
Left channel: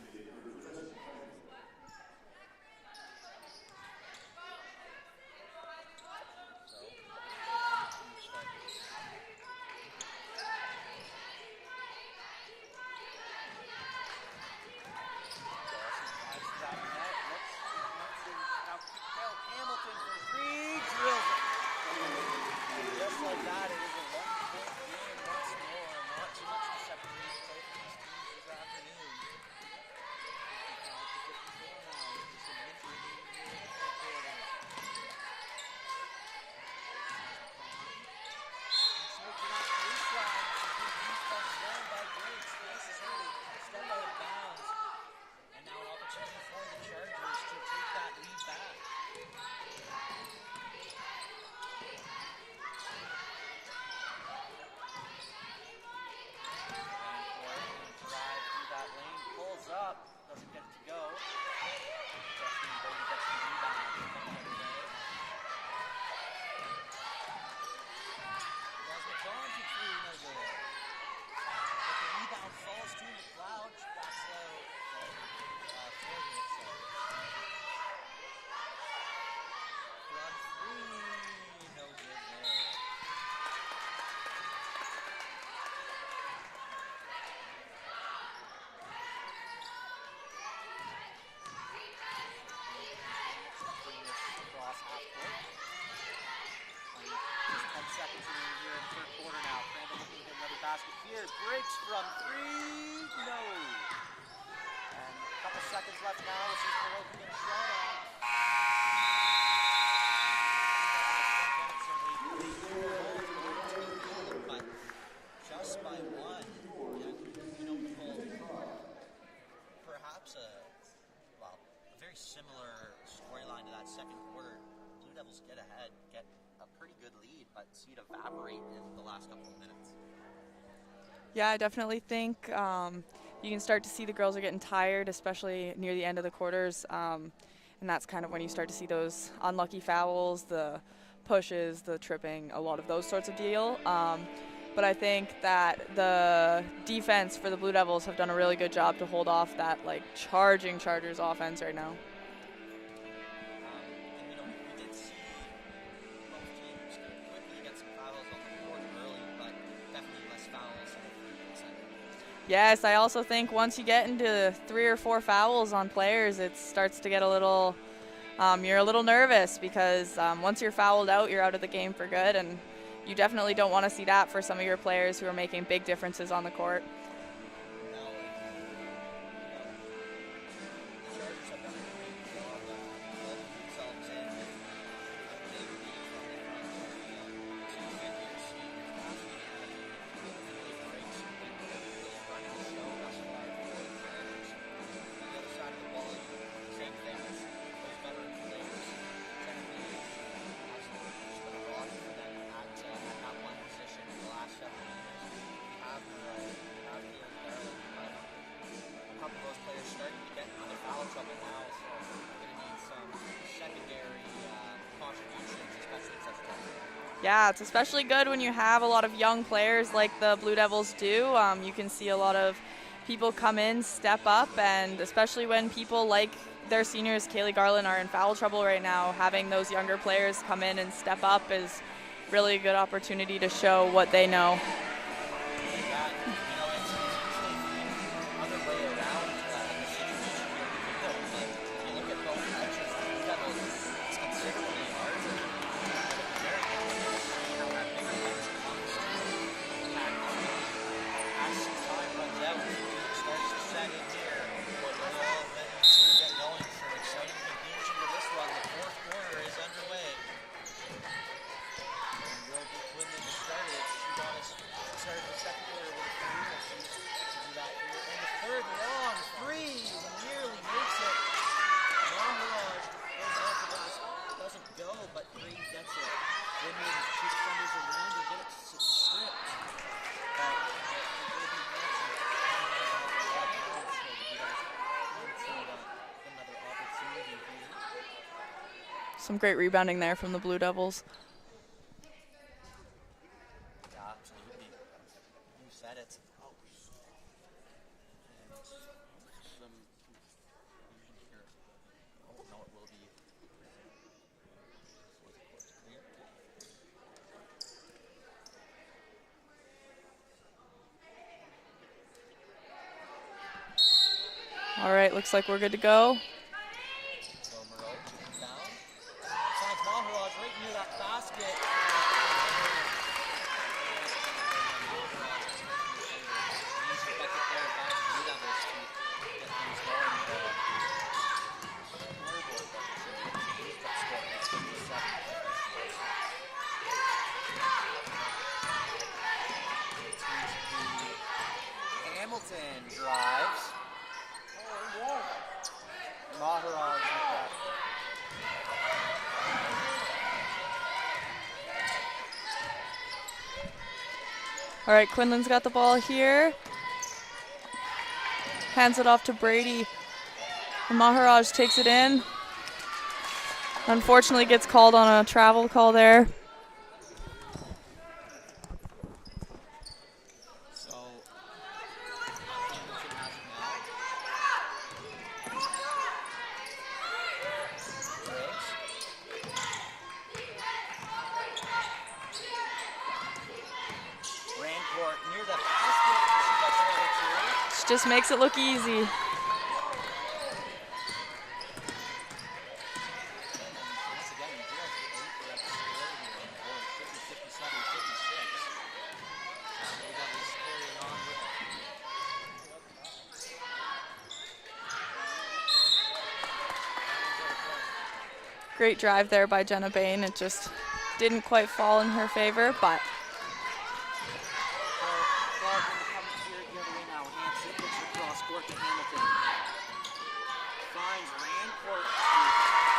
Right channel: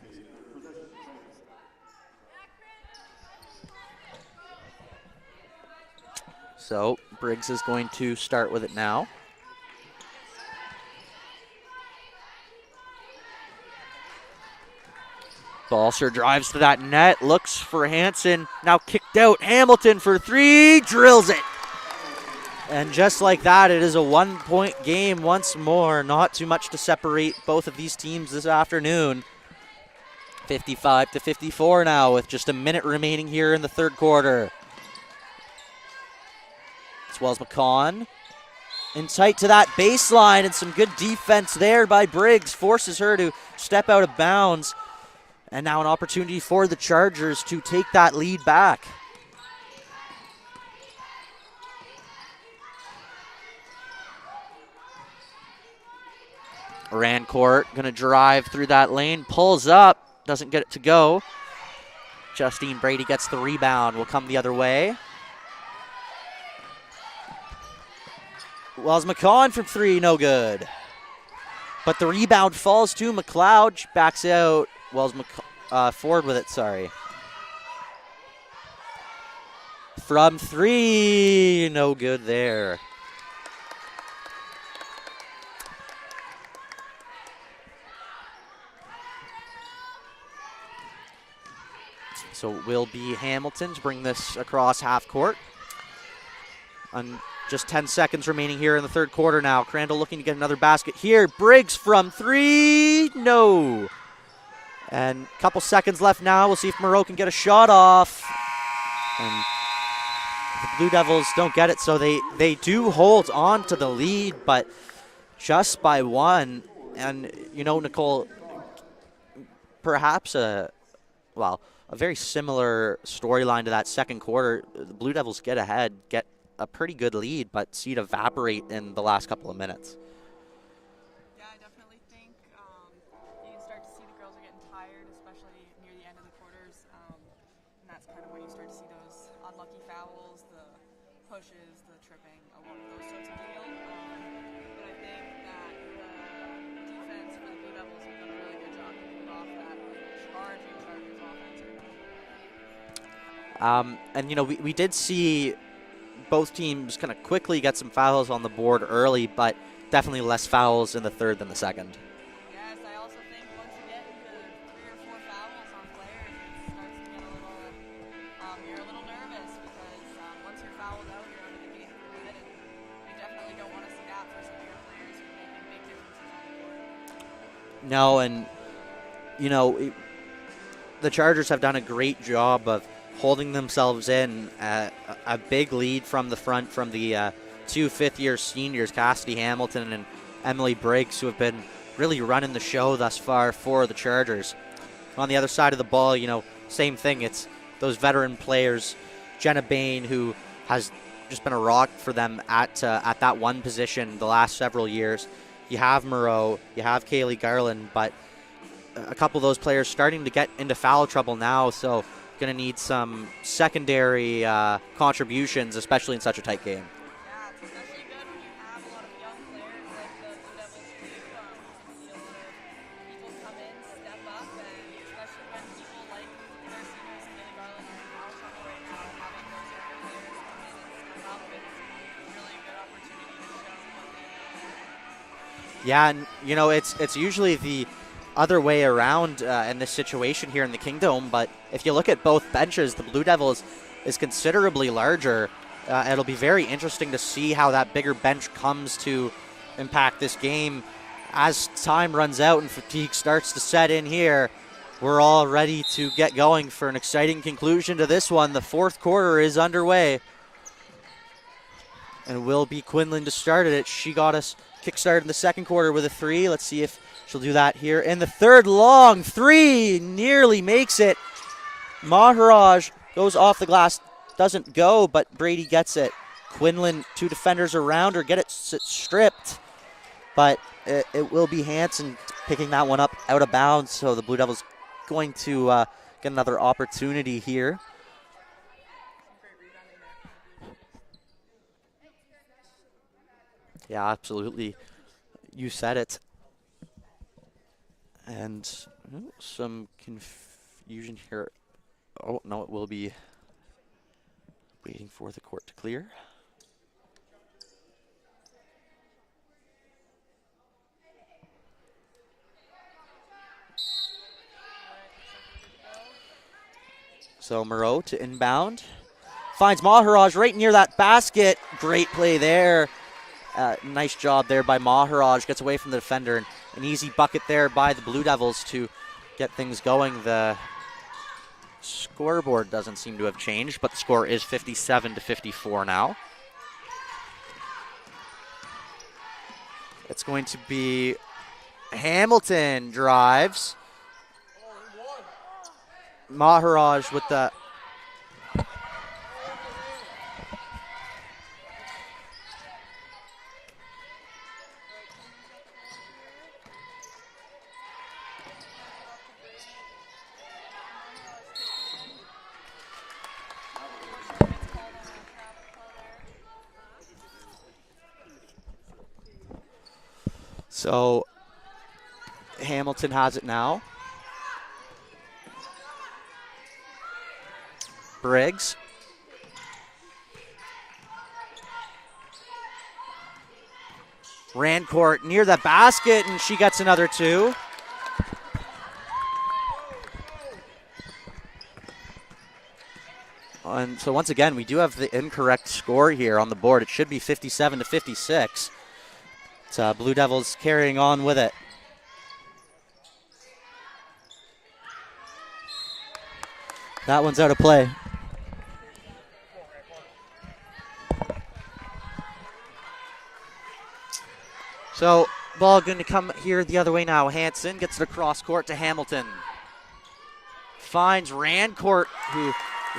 So Briggs is going to start with it now. Balser drives to that net, looks for Hansen, now kicked out. Hamilton for 3, drills it. And just like that, it is a 1-point game once more. Not too much to separate both of these teams this afternoon. 55-54 now with just a minute remaining here in the third quarter. It's Wells McCon in tight to that baseline, and some good defense there by Briggs. Forces her to step out of bounds. And now an opportunity for the Chargers to take that lead back. Rancourt gonna drive through that lane, pulls up, doesn't get it to go. Justine Brady gets the rebound, will come the other way. Wells McCon from 3, no good. But the rebound falls to McLeod, backs out. Wells Ford with it, sorry. From 3, no good there. So it will be Hamilton to bring this across half court. Just 10 seconds remaining here in the third quarter now. Crandall looking to get another basket here. Briggs from three, no. And a couple seconds left now. We'll see if Moreau can get a shot off. And the Blue Devils don't get it, so they do hold on to the lead, but just by one. And, you know, Nicole, perhaps a very similar storyline to that second quarter. The Blue Devils get ahead, get a pretty good lead, but see it evaporate in the last couple of minutes. Yeah, I definitely think you can start to see the girls are getting tired, especially near the end of the quarters. And that's kind of when you start to see those unlucky fouls, the pushes, the tripping, a lot of those sorts of deal. But I think that the defense for the Blue Devils have done a really good job to hold off that charging Chargers offense right now. And, you know, we did see both teams kind of quickly get some fouls on the board early, but definitely less fouls in the third than the second. Yes, I also think once you get into 3 or 4 fouls on players, it starts to get a little, you're a little nervous because once you're fouled out, you're out of the game for good, and you definitely don't want to see that for some of your players who are making big differences on the court. No, and, you know, the Chargers have done a great job of holding themselves in a big lead from the front from the 2 fifth-year seniors, Cassidy Hamilton and Emily Briggs, who have been really running the show thus far for the Chargers. On the other side of the ball, you know, same thing. It's those veteran players, Jenna Bain, who has just been a rock for them at that one position the last several years. You have Moreau, you have Kaylee Garland, but a couple of those players starting to get into foul trouble now, so going to need some secondary contributions, especially in such a tight game. Yeah, it's especially good when you have a lot of young players like the Blue Devils do. You can see a lot of people come in, step up, and especially when people like their seniors, Kaylee Garland, are in foul trouble right now, having those younger players come in and step up is really a good opportunity to show what they know. Yeah, and you know, it's usually the other way around in this situation here in the Kingdom, but if you look at both benches, the Blue Devils is considerably larger. It'll be very interesting to see how that bigger bench comes to impact this game. As time runs out and fatigue starts to set in here, we're all ready to get going for an exciting conclusion to this one. The fourth quarter is underway. And it will be Quinlan to start it. She got us kick-started in the second quarter with a 3. Let's see if she'll do that here in the third. Long 3, nearly makes it. Maharaj goes off the glass, doesn't go, but Brady gets it. Quinlan, 2 defenders around her, get it stripped, but it will be Hanson picking that one up out of bounds, so the Blue Devils going to get another opportunity here. Some great rebounding there from the Blue Devils. Yeah, absolutely. You said it. And some confusion here. Oh, no, it will be waiting for the court to clear. All right, looks like we're good to go. So Moreau to inbound. Finds Maharaj right near that basket. Great play there. Nice job there by Maharaj. Gets away from the defender. And an easy bucket there by the Blue Devils to get things going. The scoreboard doesn't seem to have changed, but the score is 57-54 now. It's going to be Hamilton drives. Maharaj with the All right, Quinlan's got the ball here. Hands it off to Brady. And Maharaj takes it in. Unfortunately gets called on a travel call there. So Hamilton has it now. Briggs. Ran court near the basket, and she gets another 2. Just makes it look easy. And so once again, we do have the incorrect score here on the board. It should be 57 to 56. It's Blue Devils carrying on with it. That one's out of play. Great drive there by Jenna Bain. It just didn't quite fall in her favor, but. So ball going to come here the other way now. Hansen gets the cross court to Hamilton. Finds Rancourt, who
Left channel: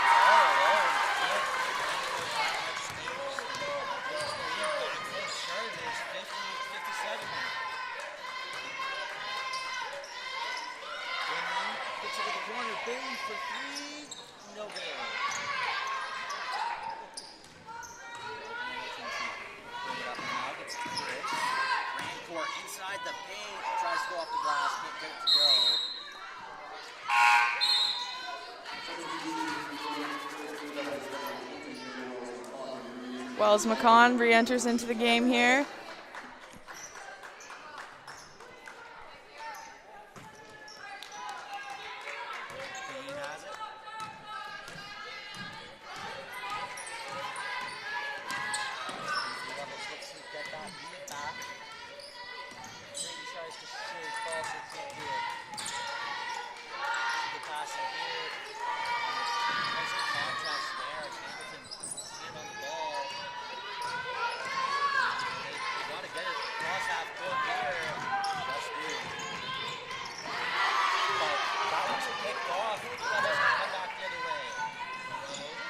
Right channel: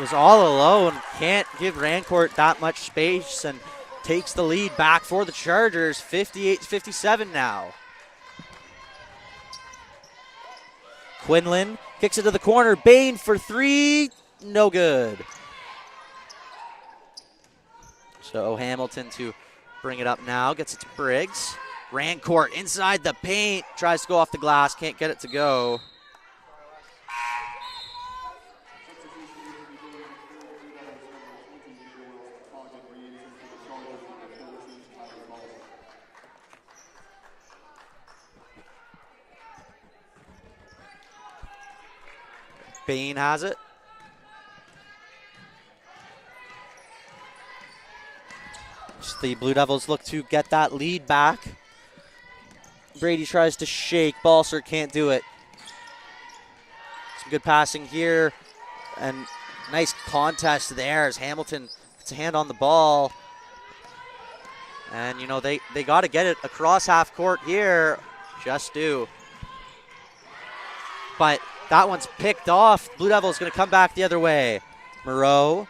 is all alone. Can't give Rancourt that much space and takes the lead back for the Chargers. 58-57 now. Quinlan kicks it to the corner. Bain for three. No good. So Hamilton to bring it up now. Gets it to Briggs. Rancourt inside the paint. Tries to go off the glass. Can't get it to go. Wells McCon re-enters into the game here. Bain has it. The Blue Devils look to get that lead back. Brady tries to shake. Balser can't do it. Some good passing here. And nice contest there as Hamilton gets a hand on the ball. And, you know, they got to get it across half court here. Just do. But that one's picked off. Blue Devils going to come back the other way. Moreau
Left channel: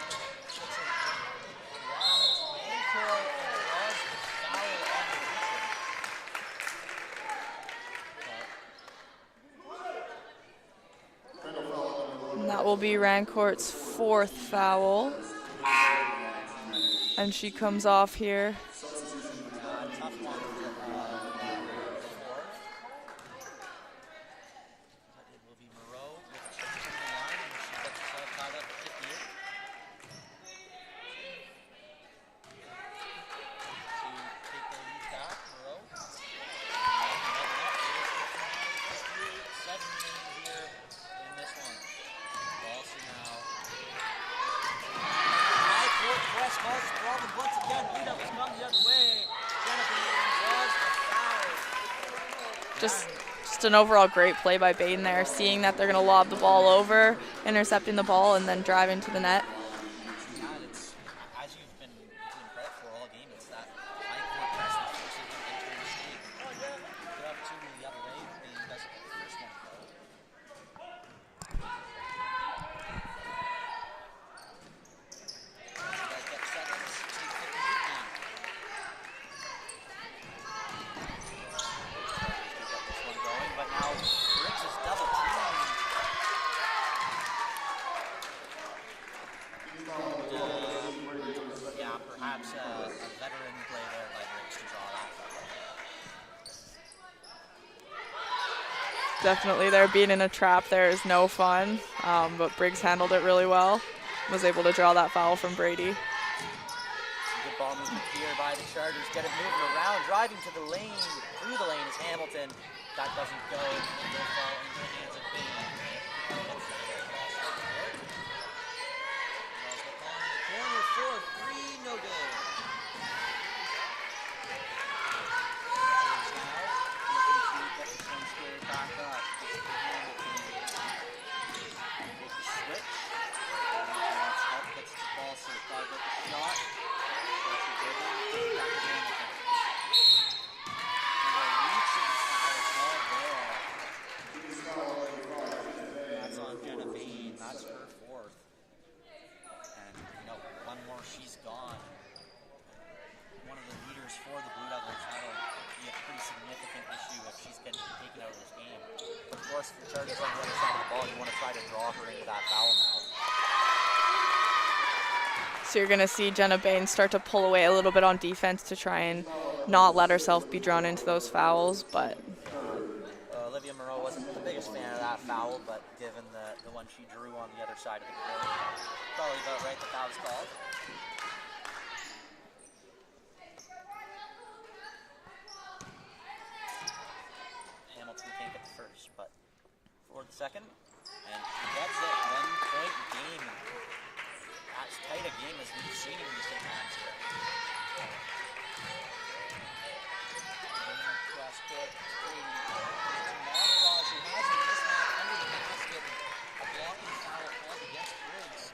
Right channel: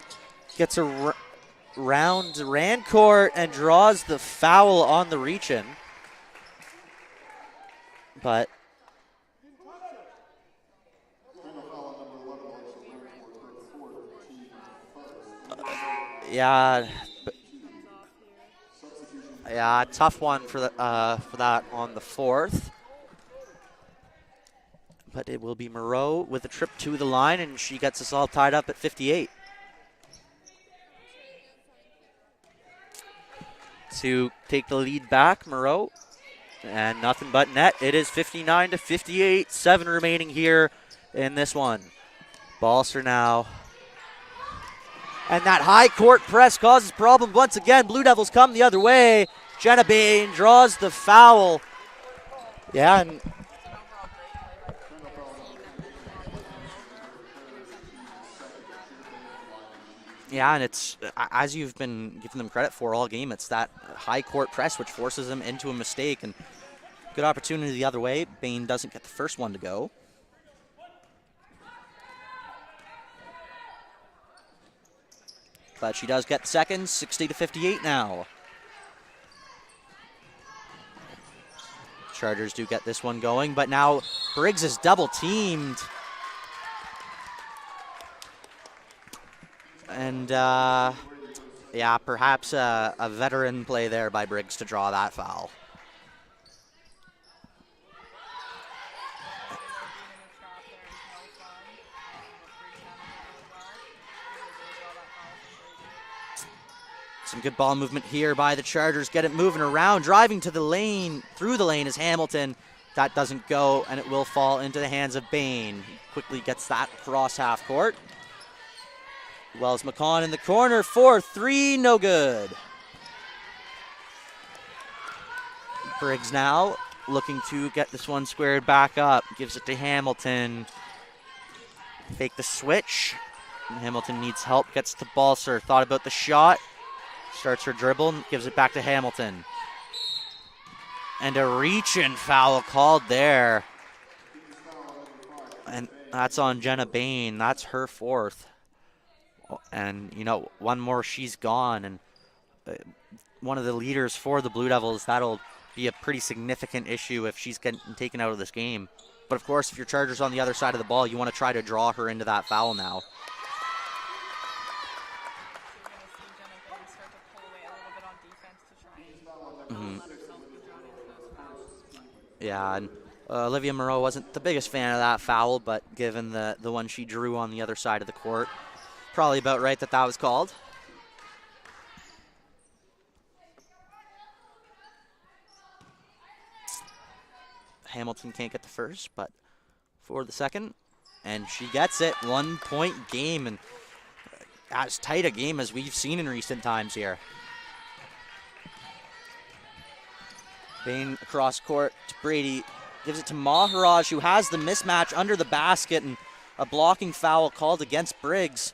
gets around Rancourt and draws the foul on the reach-in. But and that will be Rancourt's fourth foul. yeah, And she comes off here. yeah, tough one for that on the fourth. But it will be Moreau with a trip to the line, and she gets us all tied up at 58. To take the lead back, Moreau, and nothing but net. It is 59 to 58, 7 remaining here in this one. Balser now. And that high court press causes problems once again. Blue Devils come the other way. Jenna Bain draws the foul. Yeah. Just an overall great play by Bain there, seeing that they're going to lob the ball over, intercepting the ball, and then driving to the net. Yeah, and it's, as you've been giving them credit for all game, it's that high court press which forces them into a mistake. And good opportunity the other way. Bain doesn't get the first one to go. But she does get the second, 60 to 58 now. Chargers do get this one going, but now Briggs is double teamed. And yeah, perhaps a veteran play there by Briggs to draw that foul. Definitely there, being in a trap there is no fun, but Briggs handled it really well. Was able to draw that foul from Brady. Some good ball movement here by the Chargers. Get it moving around, driving to the lane, through the lane is Hamilton. That doesn't go, and it will fall into the hands of Bain. Quickly gets that cross half court. Wells McCon in the corner for three, no good. Briggs now looking to get this one squared back up. Gives it to Hamilton. Fake the switch. Hamilton needs help, gets to Balser. Thought about the shot. Starts her dribble, gives it back to Hamilton. And a reach-in foul called there. And that's on Jenna Bain. That's her fourth. And, you know, one more, she's gone. And one of the leaders for the Blue Devils, that'll be a pretty significant issue if she's getting taken out of this game. But, of course, if your Chargers on the other side of the ball, you want to try to draw her into that foul now. So you're going to see Jenna Bain start to pull away a little bit on defense to try and not let herself be drawn into those fouls. But yeah, and Olivia Moreau wasn't the biggest fan of that foul, but given the one she drew on the other side of the court, probably about right that was called. Hamilton can't get the first, but for the second, and she gets it. 1 point game, and as tight a game as we've seen in recent times here. Bain across court to Brady. Gives it to Maharaj, who has the mismatch under the basket, and a blocking foul called against Briggs.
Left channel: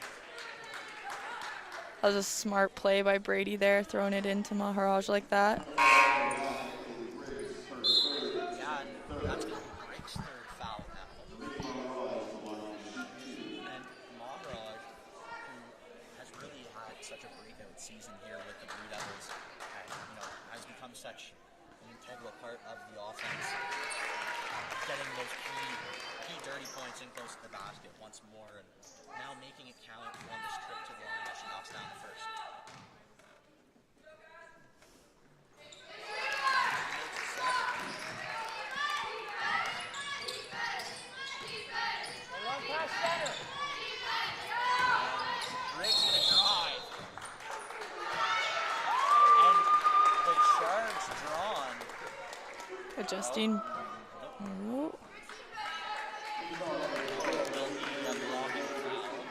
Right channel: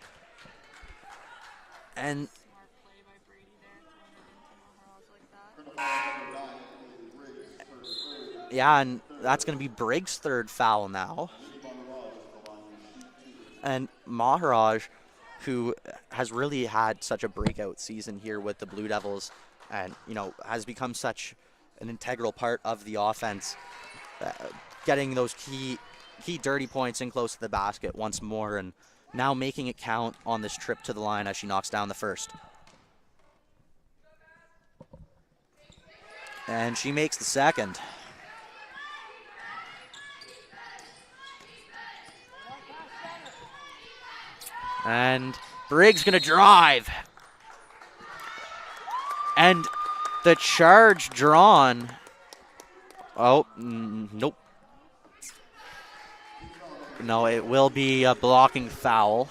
That was a smart play by Brady there, throwing it into Maharaj like that. Yeah, and that's going to be Briggs' third foul now. And Maharaj, who has really had such a breakout season here with the Blue Devils, and has become such an integral part of the offense, getting those key dirty points in close to the basket once more, and now making it count on this trip to the line as she knocks down the first. And she makes the second. And Briggs gonna drive. And the charge drawn. Nope. No, it will be a blocking foul.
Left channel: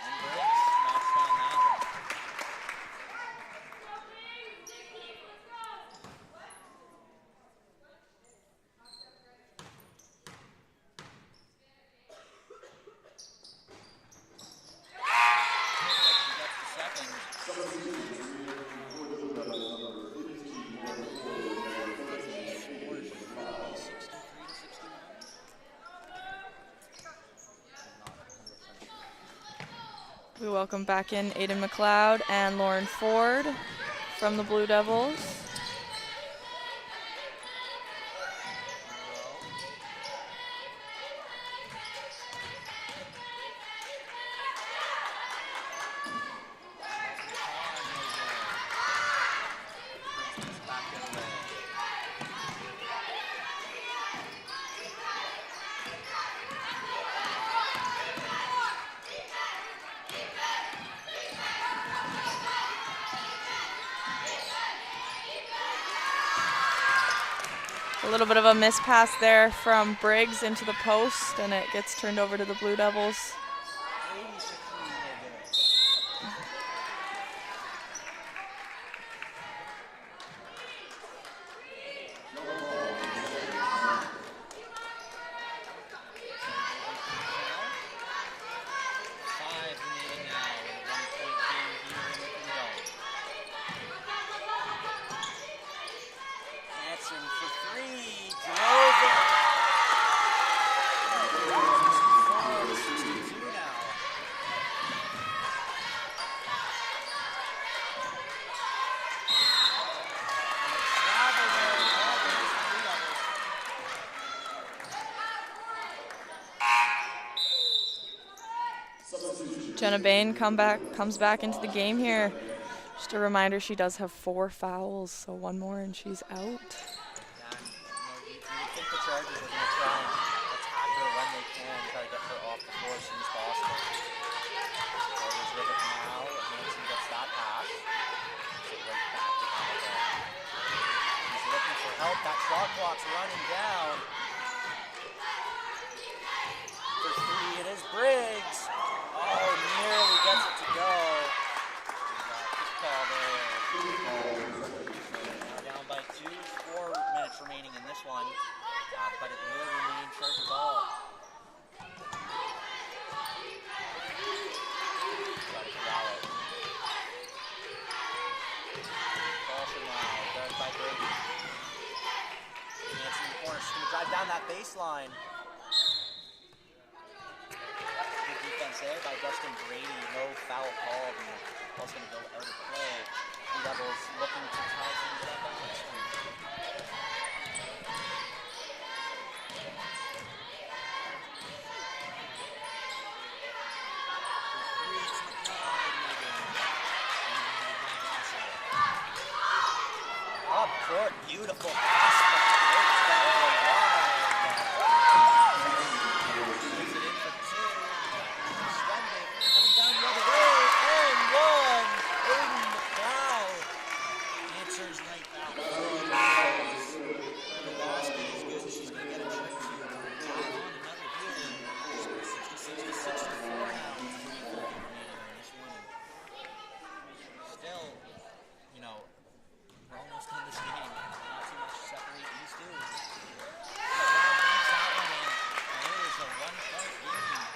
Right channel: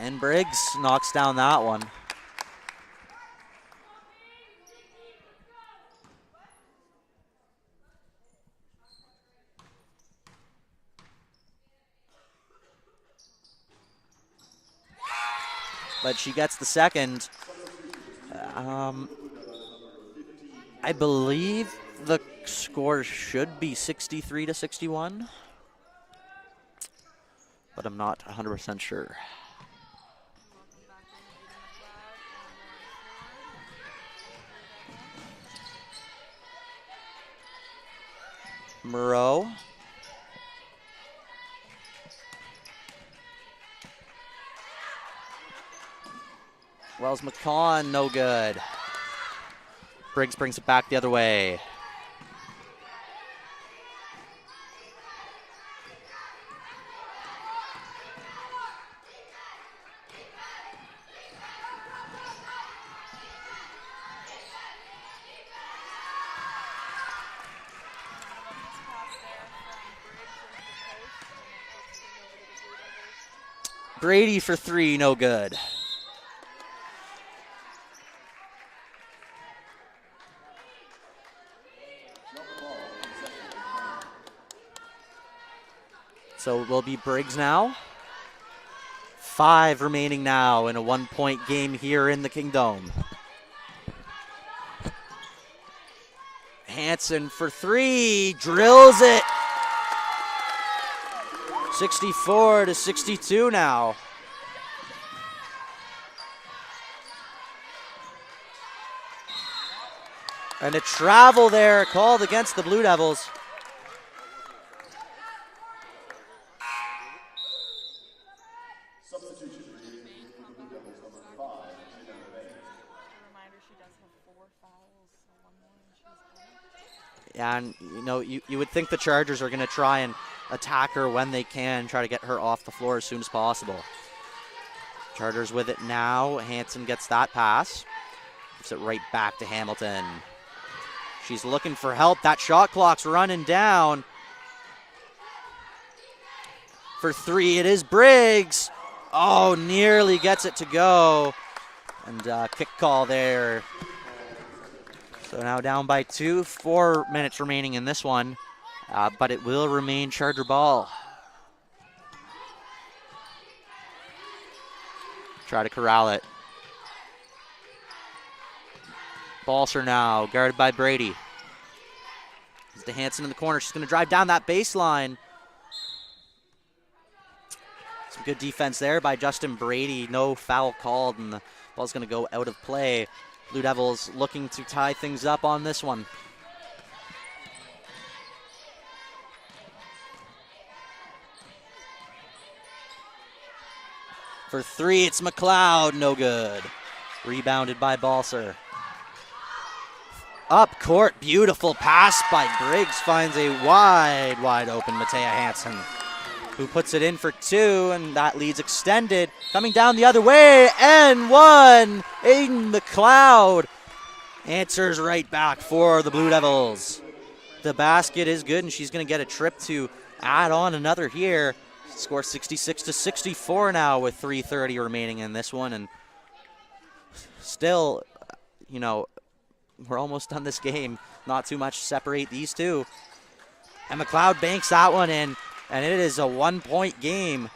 And Briggs knocks down that one. But she gets the second. I believe the score should be 63-61, but I'm not 100% sure. We welcome back in Aiden McLeod and Lauren Ford from the Blue Devils. Moreau. Wells McCawn, no good. Briggs brings it back the other way. A little bit of a miss pass there from Briggs into the post, and it gets turned over to the Blue Devils. Brady for three, no good. So it will be Briggs now. 5 remaining now in a 1-point game here in the Kingdom. Hansen for 3, drills it. 64-62 now. And a travel there called against the Blue Devils. Jenna Bain comes back into the game here. Just a reminder, she does have 4 fouls, so one more and she's out. Yeah, and you would think the Chargers are going to try and attack her when they can, try to get her off the floor as soon as possible. Chargers with it now. Hansen gets that pass. Gives it right back to Hamilton. She's looking for help. That shot clock's running down. For 3, it is Briggs. Oh, nearly gets it to go. And kick call there. So now down by 2, 4 minutes remaining in this one. But it will remain Charger ball. Try to corral it. Balser now, guarded by Brady. To Hansen in the corner. She's going to drive down that baseline. Some good defense there by Justin Brady. No foul called, and the ball's going to go out of play. Blue Devils looking to tie things up on this one. For 3, it's McLeod, no good. Rebounded by Balser. Up court, beautiful pass by Briggs, finds a wide open Matea Hansen, who puts it in for 2, and that leads extended. Coming down the other way, and 1, Aiden McLeod answers right back for the Blue Devils. The basket is good, and she's going to get a trip to add on another here. Score 66-64 now with 3:30 remaining in this one, and still, you know, we're almost done this game. Not too much to separate these two. And McLeod banks that one in, and it is a 1-point game.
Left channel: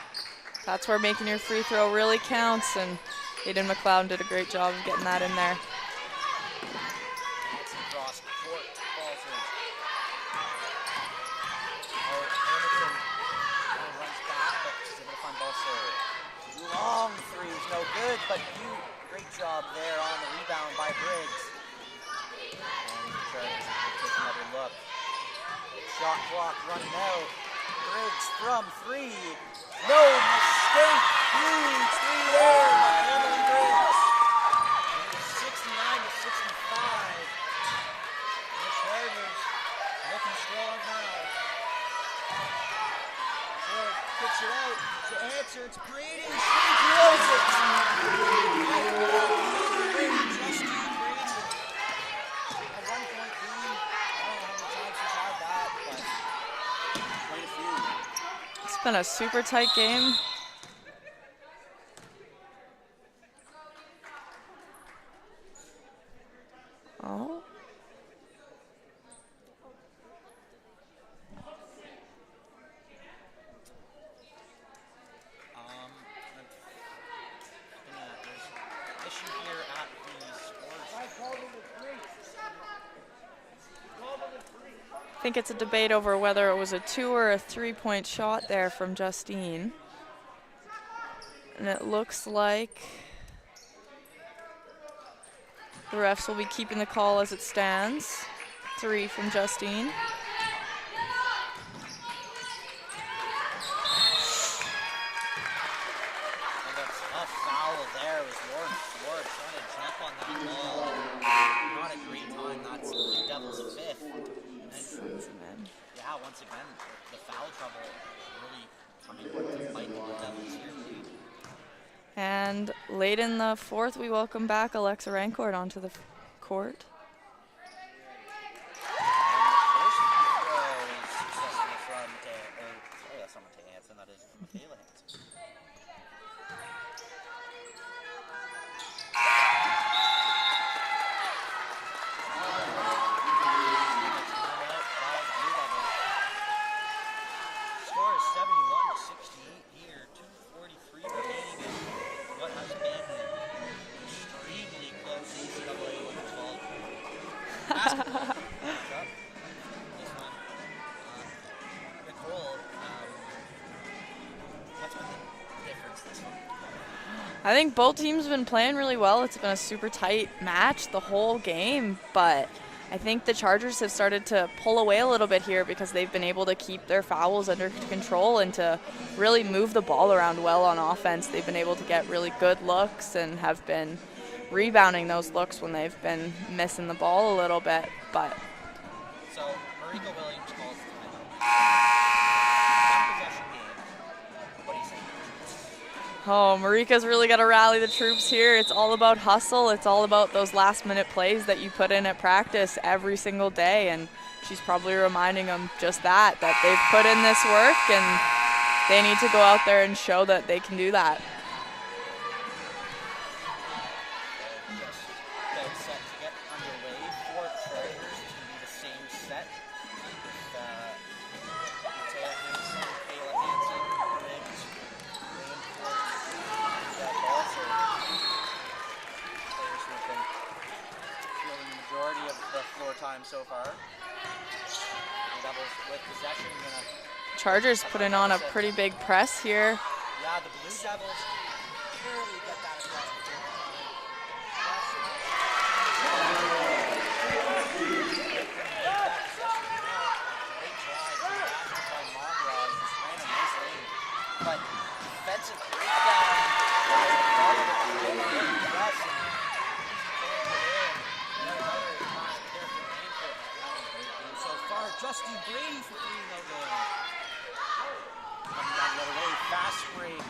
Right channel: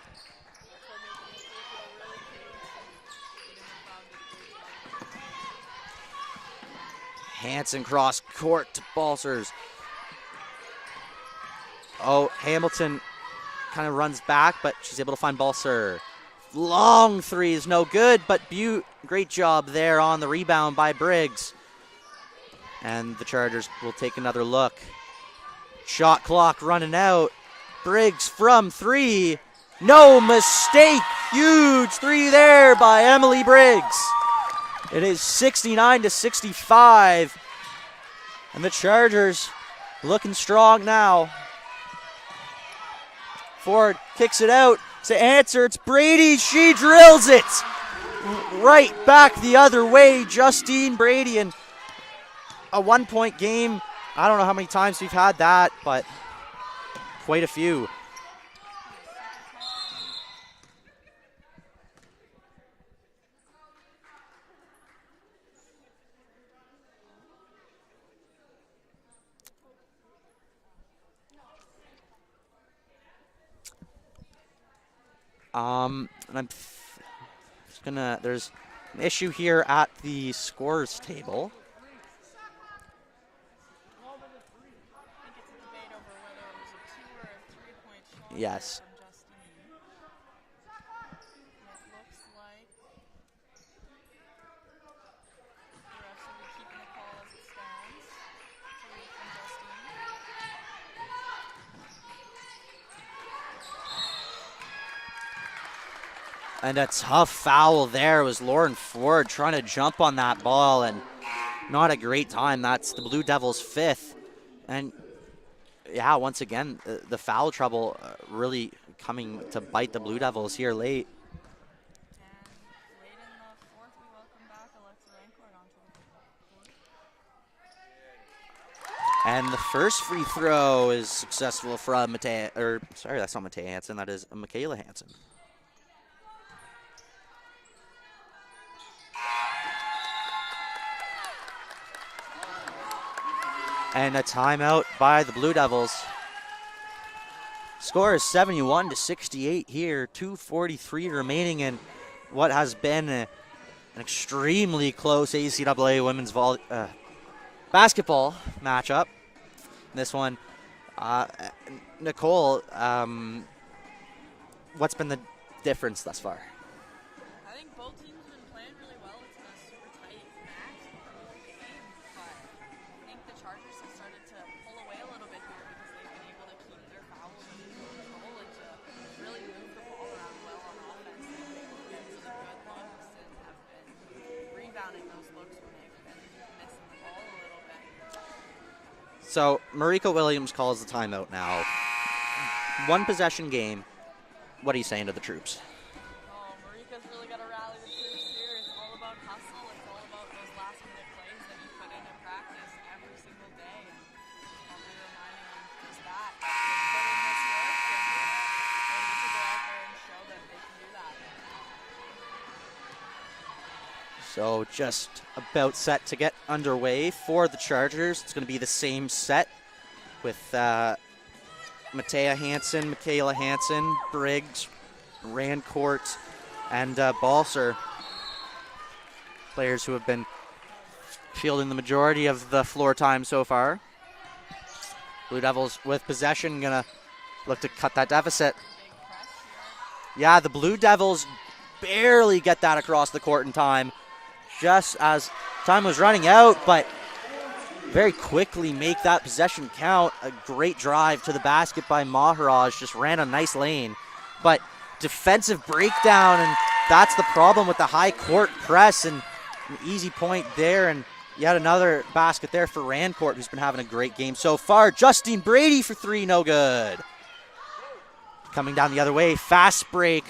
That's where making your free throw really counts, and Aiden McLeod did a great job of getting that in there. Hansen cross court to Balsers. Oh, Hamilton kind of runs back, but she's able to find Balser. Long three is no good, but great job there on the rebound by Briggs. And the Chargers will take another look. Shot clock running out. Briggs from three. No mistake. Huge three there by Emily Briggs. It is 69-65. And the Chargers looking strong now. Ford kicks it out to answer. It's Brady. She drills it right back the other way. Justine Brady, and a 1-point game. I don't know how many times we've had that, but quite a few. It's been a super tight game. Oh. And I'm there's an issue here at the scores table. I think it's a debate over whether it was a 2 or a 3-point shot there Yes. from Justine. And it looks like the refs will be keeping the call as it stands. 3 from Justine. And a tough foul there was Lauren Ford trying to jump on that ball, and not a great time. That's the Blue Devils' 5th. And yeah, once again, the foul trouble really coming to bite the Blue Devils here late. And late in the 4th, we welcome back Alexa Rancourt onto the court. And the first free throw is successful from that's not Matea Hansen, that is Michaela Hansen. And a timeout by the Blue Devils. Score is 71-68 here. 2:43 remaining in what has been an extremely close ACAA women's basketball matchup. This one, Nicole, what's been the difference thus far? I think both teams have been playing really well. It's been a super tight match the whole game, but I think the Chargers have started to pull away a little bit here because they've been able to keep their fouls under control and to really move the ball around well on offense. They've been able to get really good looks and have been rebounding those looks when they've been missing the ball a little bit. But so Marika Williams calls the timeout now. 1 possession game. What are you saying to the troops? oh, Marika's really got to rally the troops here. It's all about hustle. It's all about those last-minute plays that you put in at practice every single day, and she's probably reminding them just that they've put in this work, and they need to go out there and show that they can do that. So just about set to get underway for the Chargers. It's going to be the same set with Matea Hansen, Michaela Hansen, Briggs, Rancourt, and Balser. Players who have been fielding the majority of the floor time so far. Blue Devils with possession, gonna Chargers cut that putting on deficit. a pretty big press here. Yeah, the Blue Devils barely get that across the court in time, just as time was running out, but very quickly make that possession count. A great drive to the basket by Maharaj, just ran a nice lane, but defensive breakdown, and that's the problem with the high court press, and an easy point there, and yet another basket there for Rancourt, who's been having a great game so far. Justine Brady for 3, no good. Coming down the other way, fast break,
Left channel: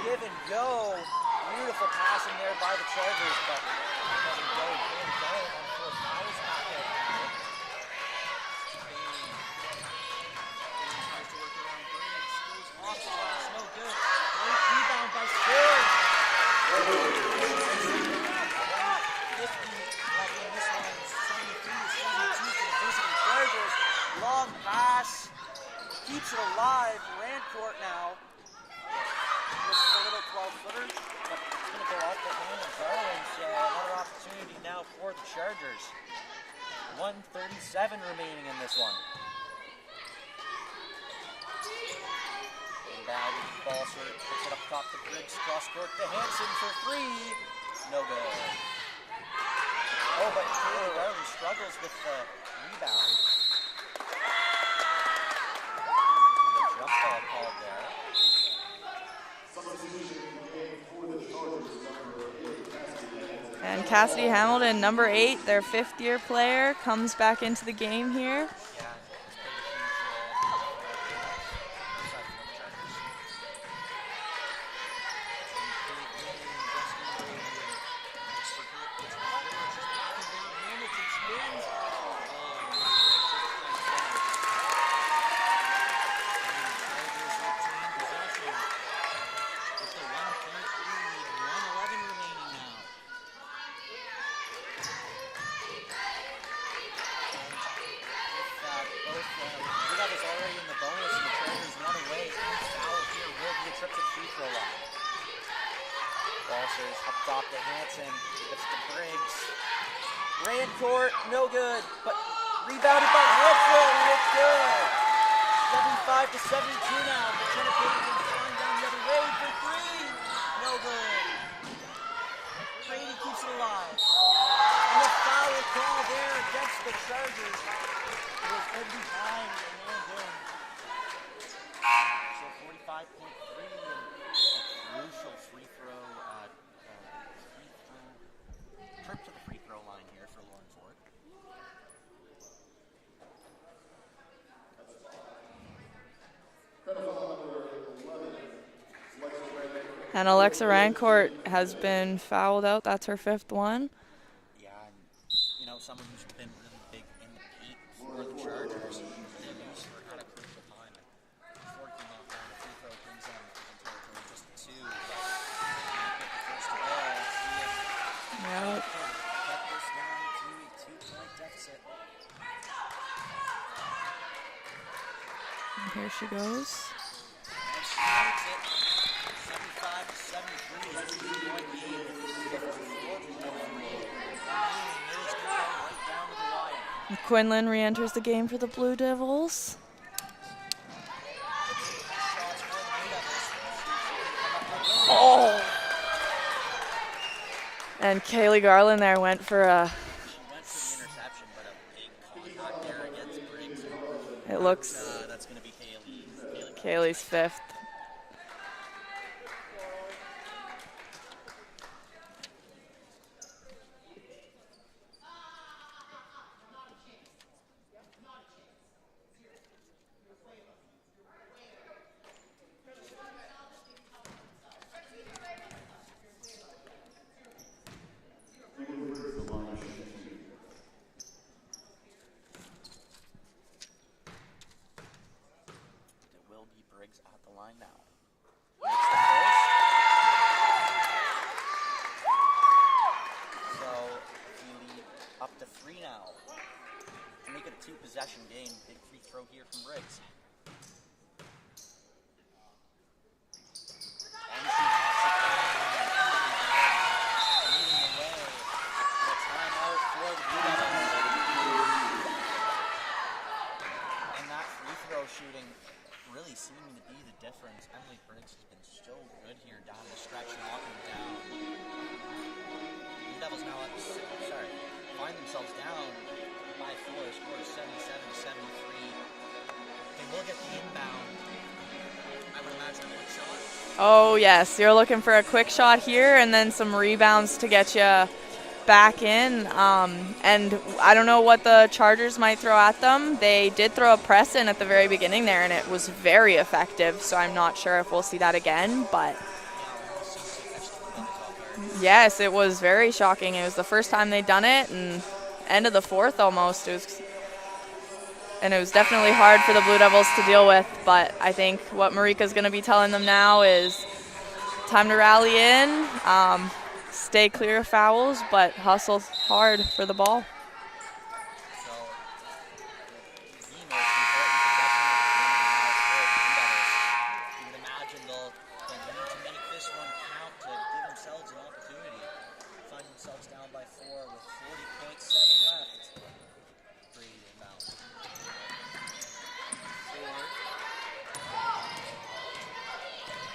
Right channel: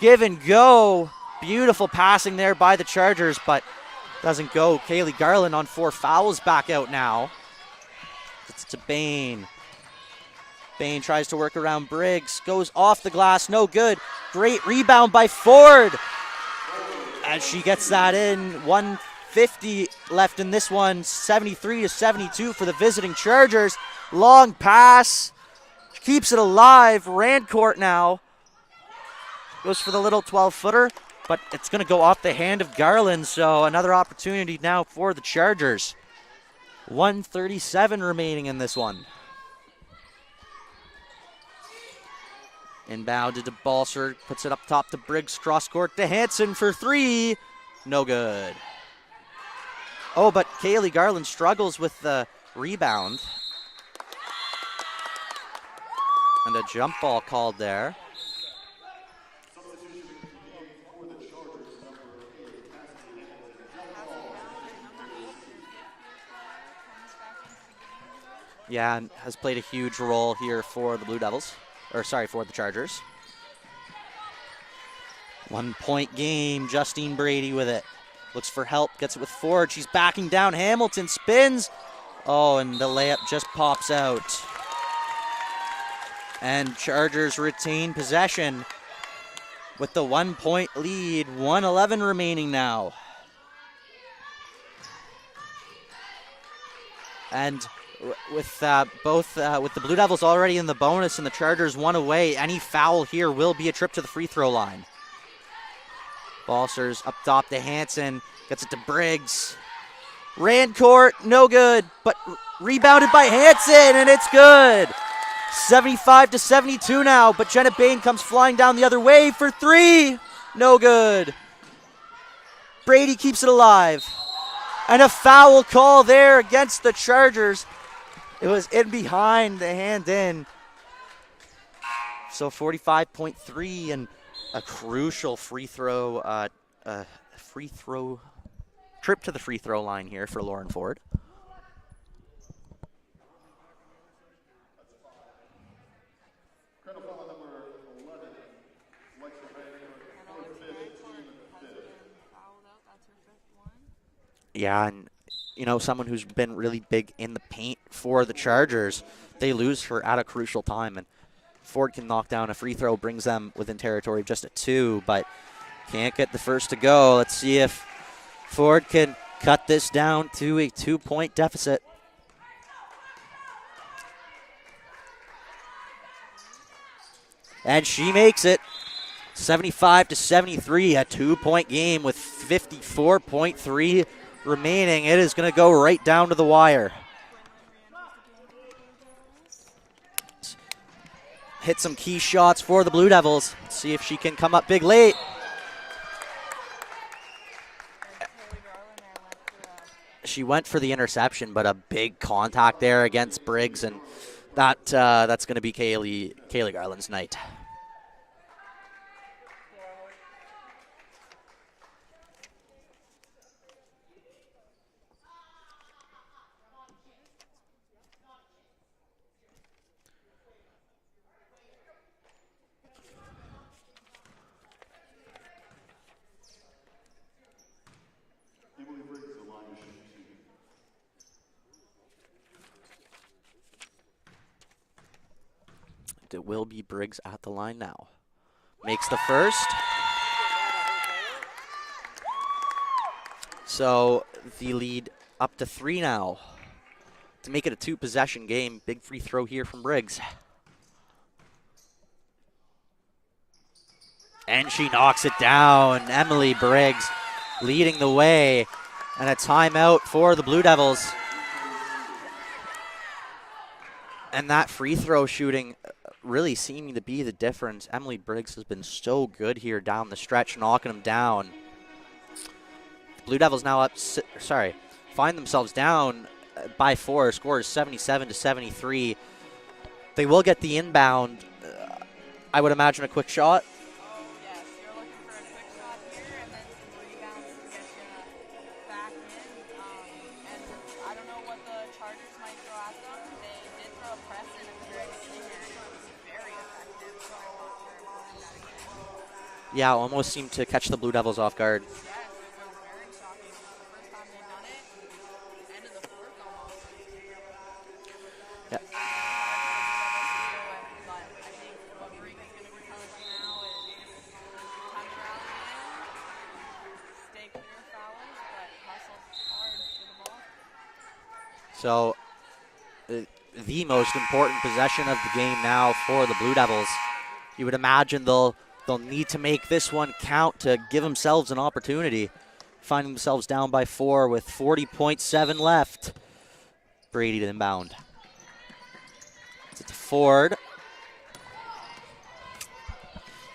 give and go. Beautiful passing there by the Chargers, but Doesn't go. Kaylee Garland on 4 fouls back out now. It's to Bain. Bain tries to work around Briggs. Goes off the glass. No good. Great rebound by Ford. As she gets that in. 1:50 left in this one. 73-72 for the visiting Chargers. Long pass. Keeps it alive. Rancourt now. Goes for the little 12-footer. But it's going to go off the hand of Garland, so another opportunity now for the Chargers. 1:37 remaining in this one. Inbound to DeBalser, puts it up top to Briggs, cross court to Hansen for 3. No good. Oh, but Kaylee Garland struggles with the rebound. And a jump ball called there. And Cassidy Hamilton, number 8, their 5th-year player, comes back into the game here. Yeah, and has played a huge role here for the Blue Devils. Or sorry, for the Chargers. 1-point game, Justine Brady with it. Looks for help, gets it with Ford. She's backing down, Hamilton spins. Oh, and the layup just pops out. And Chargers retain possession with the 1-point lead. 1:11 remaining now. And with with the Blue Devils already in the bonus and the Chargers 1 away, any foul here will be a trip to the free throw line. Balsers up top to Hansen, gets it to Briggs. Rancourt, no good, but rebounded by Hansen, and it's good. 75-72 now, but Jenna Bain comes flying down the other way for 3. No good. Brady keeps it alive. And a foul call there against the Chargers. It was in behind, the hand in. So 45.3 and a crucial free throw trip to the free throw line here for Lauren Ford. And Alexa Rancourt has been fouled out. That's her 5th one. Yeah, and you know, someone who's been really big in the paint for the Chargers, they lose her at a crucial time, and Ford can knock down a free throw, brings them within territory just at 2, but can't get the first to go. Let's see if Ford can cut this down to a 2-point deficit. And here she goes. And she makes it. 75-73, a 2-point game with 54.3 remaining. It is going to go right down to the wire. Quinlan re-enters the game for the Blue Devils. Hit some key shots for the Blue Devils. Let's see if she can come up big late. Oh. And Kaylee Garland there went for a... She went for the interception, but a big contact there against Briggs, and that's going to be Kaylee Garland's night. 5th. It will be Briggs at the line now. Makes the first. So the lead up to 3 now. To make it a 2-possession game, big free throw here from Briggs. And she knocks it down. Emily Briggs leading the way. And a timeout for the Blue Devils. And that free throw shooting really seeming to be the difference. Emily Briggs has been so good here down the stretch, knocking them down. Blue Devils now find themselves down by 4. Score is 77-73. They will get the inbound. I would imagine a quick shot. Oh, yes. You're looking for a quick shot here and then some rebounds to get you back in, and I don't know what the Chargers might throw at them. They did throw a press in at the very beginning there, and it was very effective, so I'm not sure if we'll see that again, but Yeah, almost seemed to catch the Blue Devils off guard. yes, it was very shocking. It was the first time they'd done it, and end of the fourth almost. And it was definitely hard for the Blue Devils to deal with, but I think what Marika's going to be telling them now is time to rally in, stay clear of fouls, but hustle hard for the ball. So the most important possession of the game now for the Blue Devils. You would imagine they'll need to make this one count to give themselves an opportunity. Finding themselves down by 4 with 40.7 left. Brady to inbound. To Ford.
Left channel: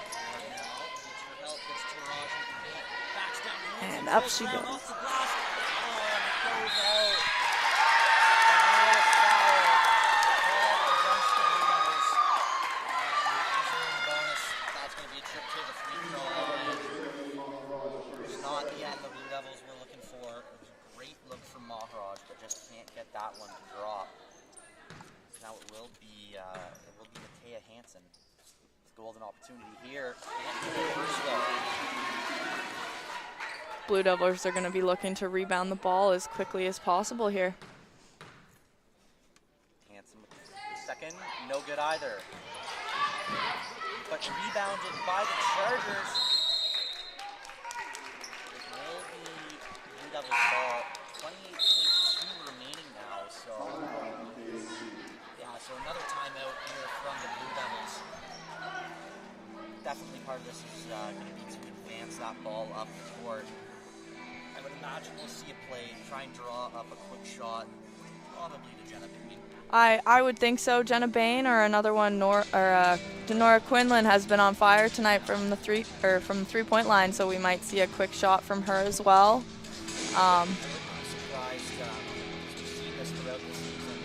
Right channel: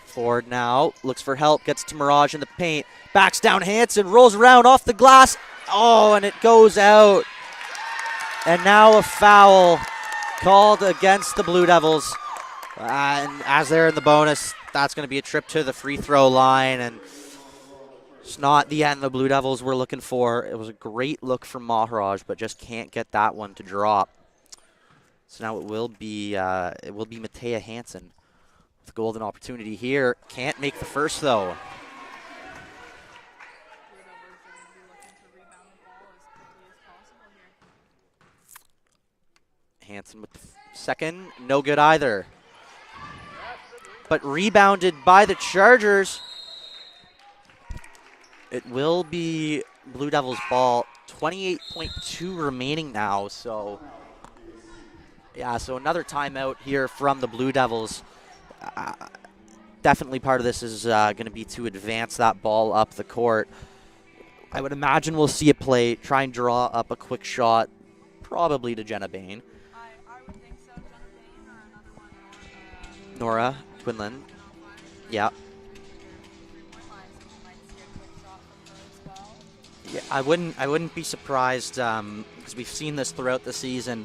Ford now looks for help, gets to Mirage in the paint. Backs down Hansen, rolls around off the glass. Oh, and it goes out. And now a foul called against the Blue Devils. And as they're in the bonus, that's going to be a trip to the free throw line. And it's not the end the Blue Devils were looking for. It was a great look from Maharaj, but just can't get that one to drop. So now it will be Matea Hansen with a golden opportunity here. Can't make the first though. Blue Devils are going to be looking to rebound the ball as quickly as possible here. Hansen with the second, no good either. But rebounded by the Chargers. It will be Blue Devils ball. 28.2 remaining now, so yeah, so another timeout here from the Blue Devils. Definitely part of this is going to be to advance that ball up the court. I would imagine we'll see a play, try and draw up a quick shot, probably to Jenna Bain. I would think so. Jenna Bain or another one, Nora Quinlan has been on fire tonight. Yep. from the 3-point line, so we might see a quick shot from her as well. Yeah, I wouldn't be surprised because we've seen this throughout the season.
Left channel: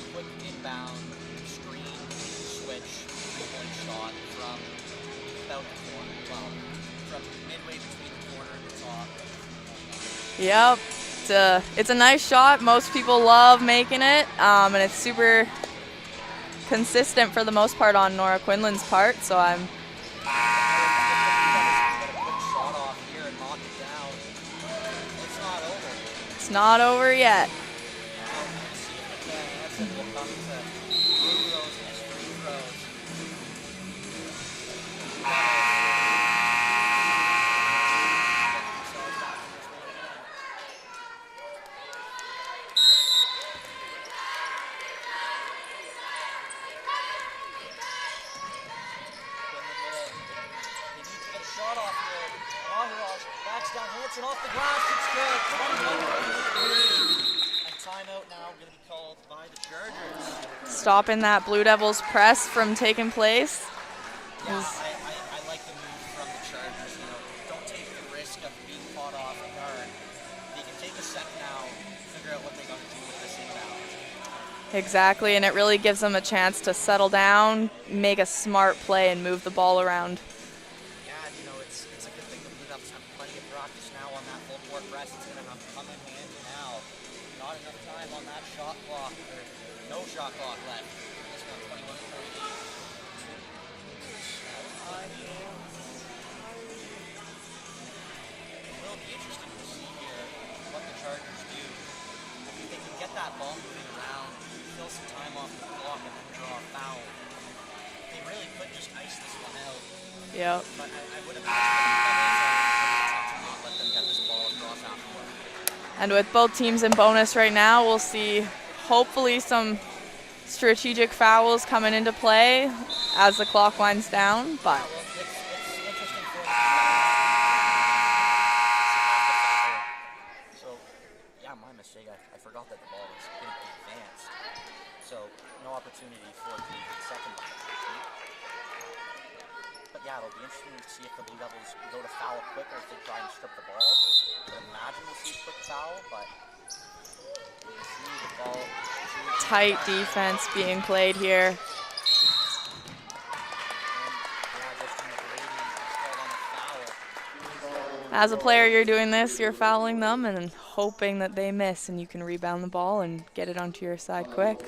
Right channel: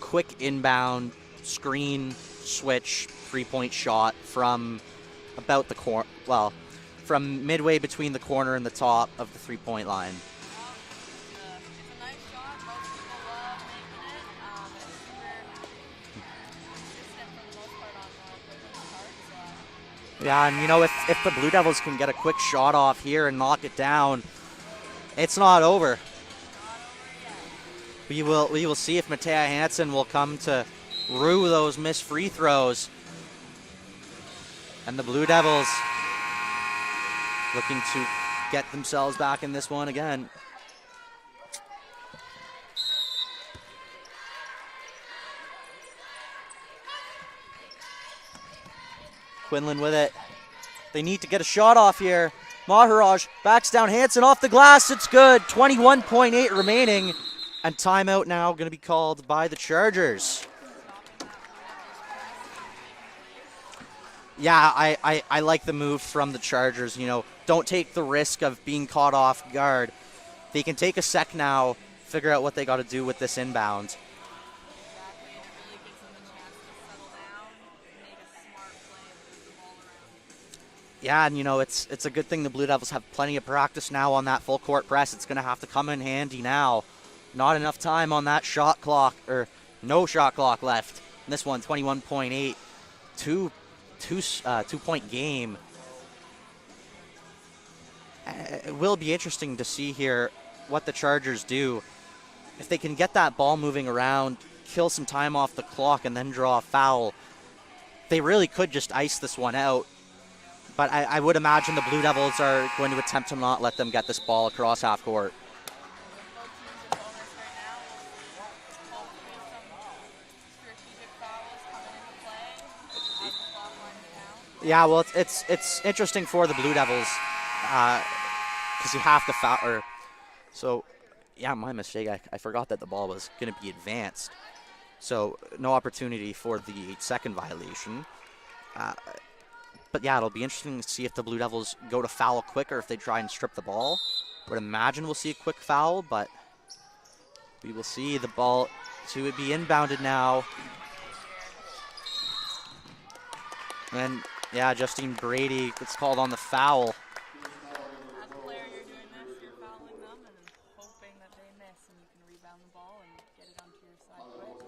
Quick inbound, screen, switch, 3-point shot from about the corner. Well, from midway between the corner and the top of the 3-point line. Yep. It's a nice shot. Most people love making it, and it's super consistent for the most part on Nora Quinlan's part. So Yeah, and you know, if the Blue Devils can get a quick shot off here and knock it down, it's not over. It's not over yet. We will see if Matea Hansen will come to rue those missed free throws. And the Blue Devils looking to get themselves back in this one again. Quinlan with it. They need to get a shot off here. Maharaj backs down Hansen off the glass. It's good. 21.8 remaining. And timeout now going to be called by the Chargers. Stopping that Blue Devils press from taking place. Yeah, I like the move from the Chargers. You know, don't take the risk of being caught off guard. They can take a sec now, figure out what they got to do with this inbound. Exactly, and it really gives them a chance to settle down, make a smart play, and move the ball around. Yeah, and you know, it's a good thing the Blue Devils have plenty of practice now on that full court press. It's going to have to come in handy now. Not enough time on that shot clock, or no shot clock left. This one, 21.8, two-point game. It will be interesting to see here what the Chargers do. If they can get that ball moving around, kill some time off the clock, and then draw a foul, they really could just ice this one out. Yeah. But I would imagine the Blue Devils are going to attempt to not let them get this ball across half court. And with both teams in bonus right now, we'll see hopefully some strategic fouls coming into play as the clock winds down. Yeah, well, it's interesting for the Blue Devils because you have to foul. So, yeah, my mistake. I forgot that the ball was going to be advanced. So no opportunity for the second violation. But yeah, it'll be interesting to see if the Blue Devils go to foul quicker if they try and strip the ball. I would imagine we'll see a quick foul, but we will see the ball to be inbounded now. Tight defense being played here. And yeah, Justine Brady gets called on the foul. As a player, you're doing this, you're fouling them, and hoping that they miss and you can rebound the ball and get it onto your side quick.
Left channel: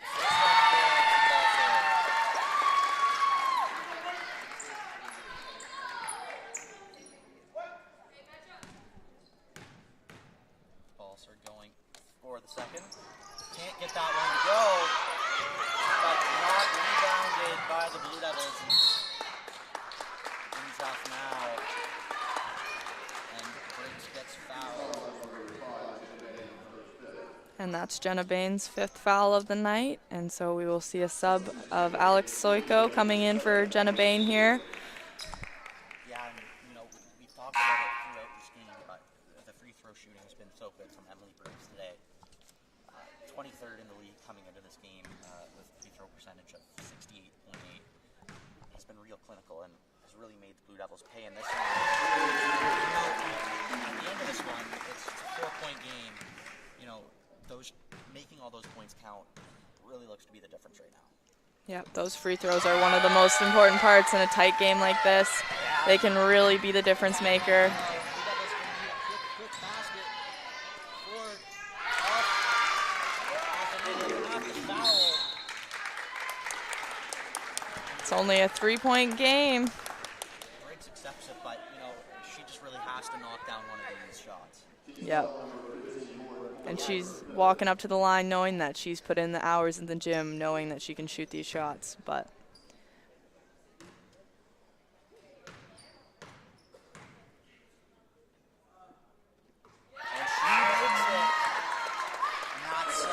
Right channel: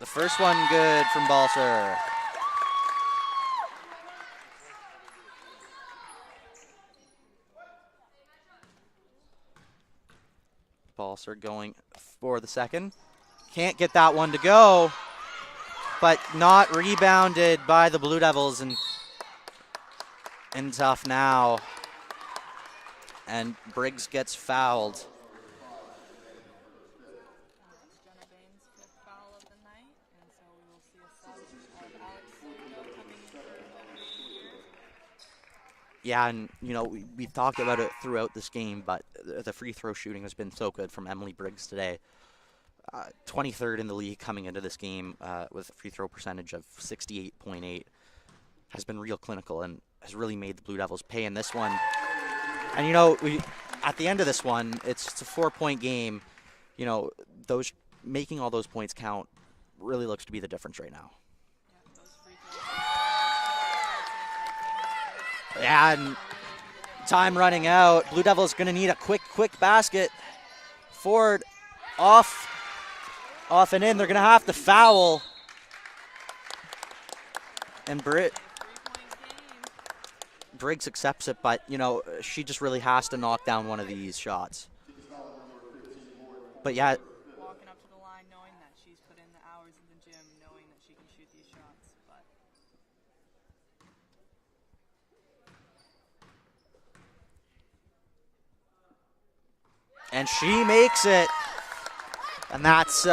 The first one good from Balser. Balser going for the second. Can't get that one to go, but not rebounded by the Blue Devils, and in tough now. And Briggs gets fouled. And that's Jenna Bain's 5th foul of the night. And so we will see a sub of Alex Soiko coming in for Jenna Bain here. Yeah, and you know, we've talked about it throughout this game, but the free throw shooting has been so good from Emily Briggs today. 23rd in the league coming into this game with a free throw percentage of 68.8. Has been real clinical and has really made the Blue Devils pay in this one. And you know, at the end of this one, it's a 4-point game. You know, those making all those points count really looks to be the difference right now. Yep, those free throws are one of the most important parts in a tight game like this. Yeah, they can really be the difference maker. Time running out. Blue Devils going to need a quick basket. Forward, off and in. They're going to have to foul. And it's only a 3-point game. Briggs accepts it, but you know, she just really has to knock down one of these shots. Yep. But and yeah, she's walking up to the line knowing that she's put in the hours in the gym, knowing that she can shoot these shots. But and she makes it, and that's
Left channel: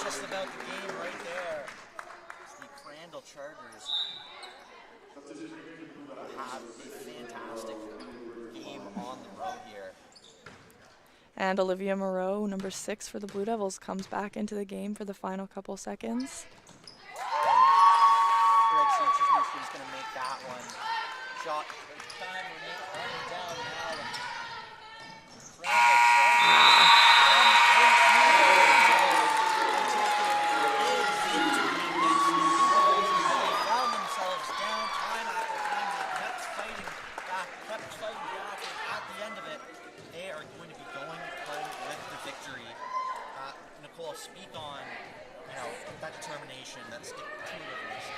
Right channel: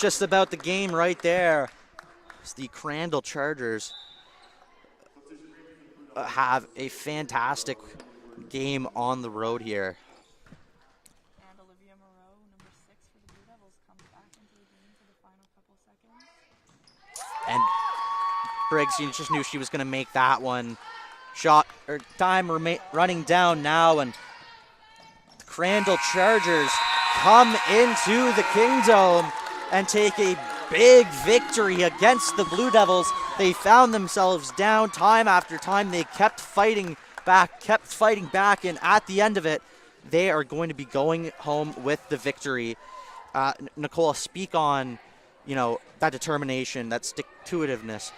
just about the game right there. It's the Crandall Chargers have a fantastic game on the road here. And Olivia Moreau, number 6 for the Blue Devils, comes back into the game for the final couple seconds. And Briggs, you just knew she was going to make that one. Shot, or time running down now, and Crandall Chargers come into the Kingdome and take a big victory against the Blue Devils. They found themselves down time after time. They kept fighting back, and at the end of it, they are going to be going home with the victory. Nicole, speak on, you know, that determination, that stick-to-itiveness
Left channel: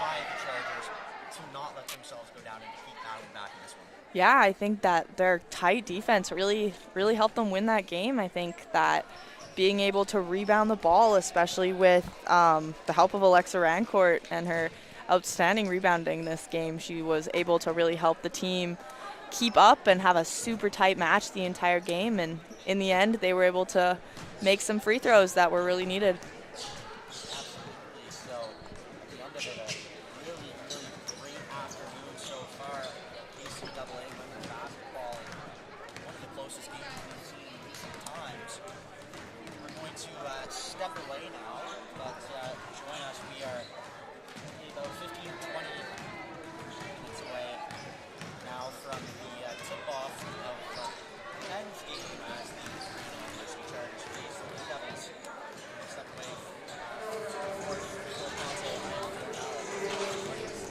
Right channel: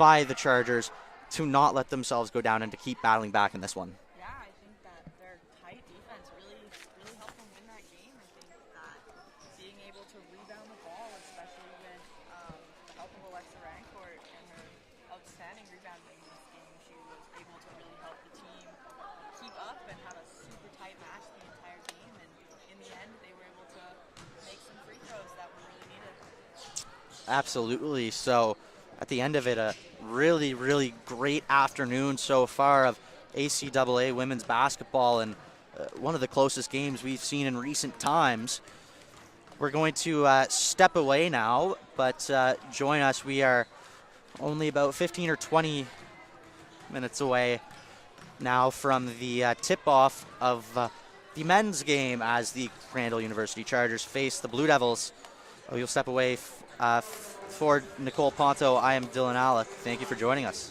by the Chargers to not let themselves go down and to keep battling back in this one. Yeah, I think that their tight defense really helped them win that game. I think that being able to rebound the ball, especially with the help of Alexa Rancourt and her outstanding rebounding this game, she was able to really help the team keep up and have a super tight match the entire game. And in the end, they were able to make some free throws that were really needed. Absolutely. So at the end of it, a really, really great afternoon so far of ACAA women's basketball, and one of the closest games we've seen in recent times. We're going to step away now, but join us. We are only about 15 or 20 minutes away now from the tip-off of the men's game as the Crandall University Chargers face the Blue Devils. We'll step away for Nicole Ponto. I am Dylan Alla. Thank you for joining us.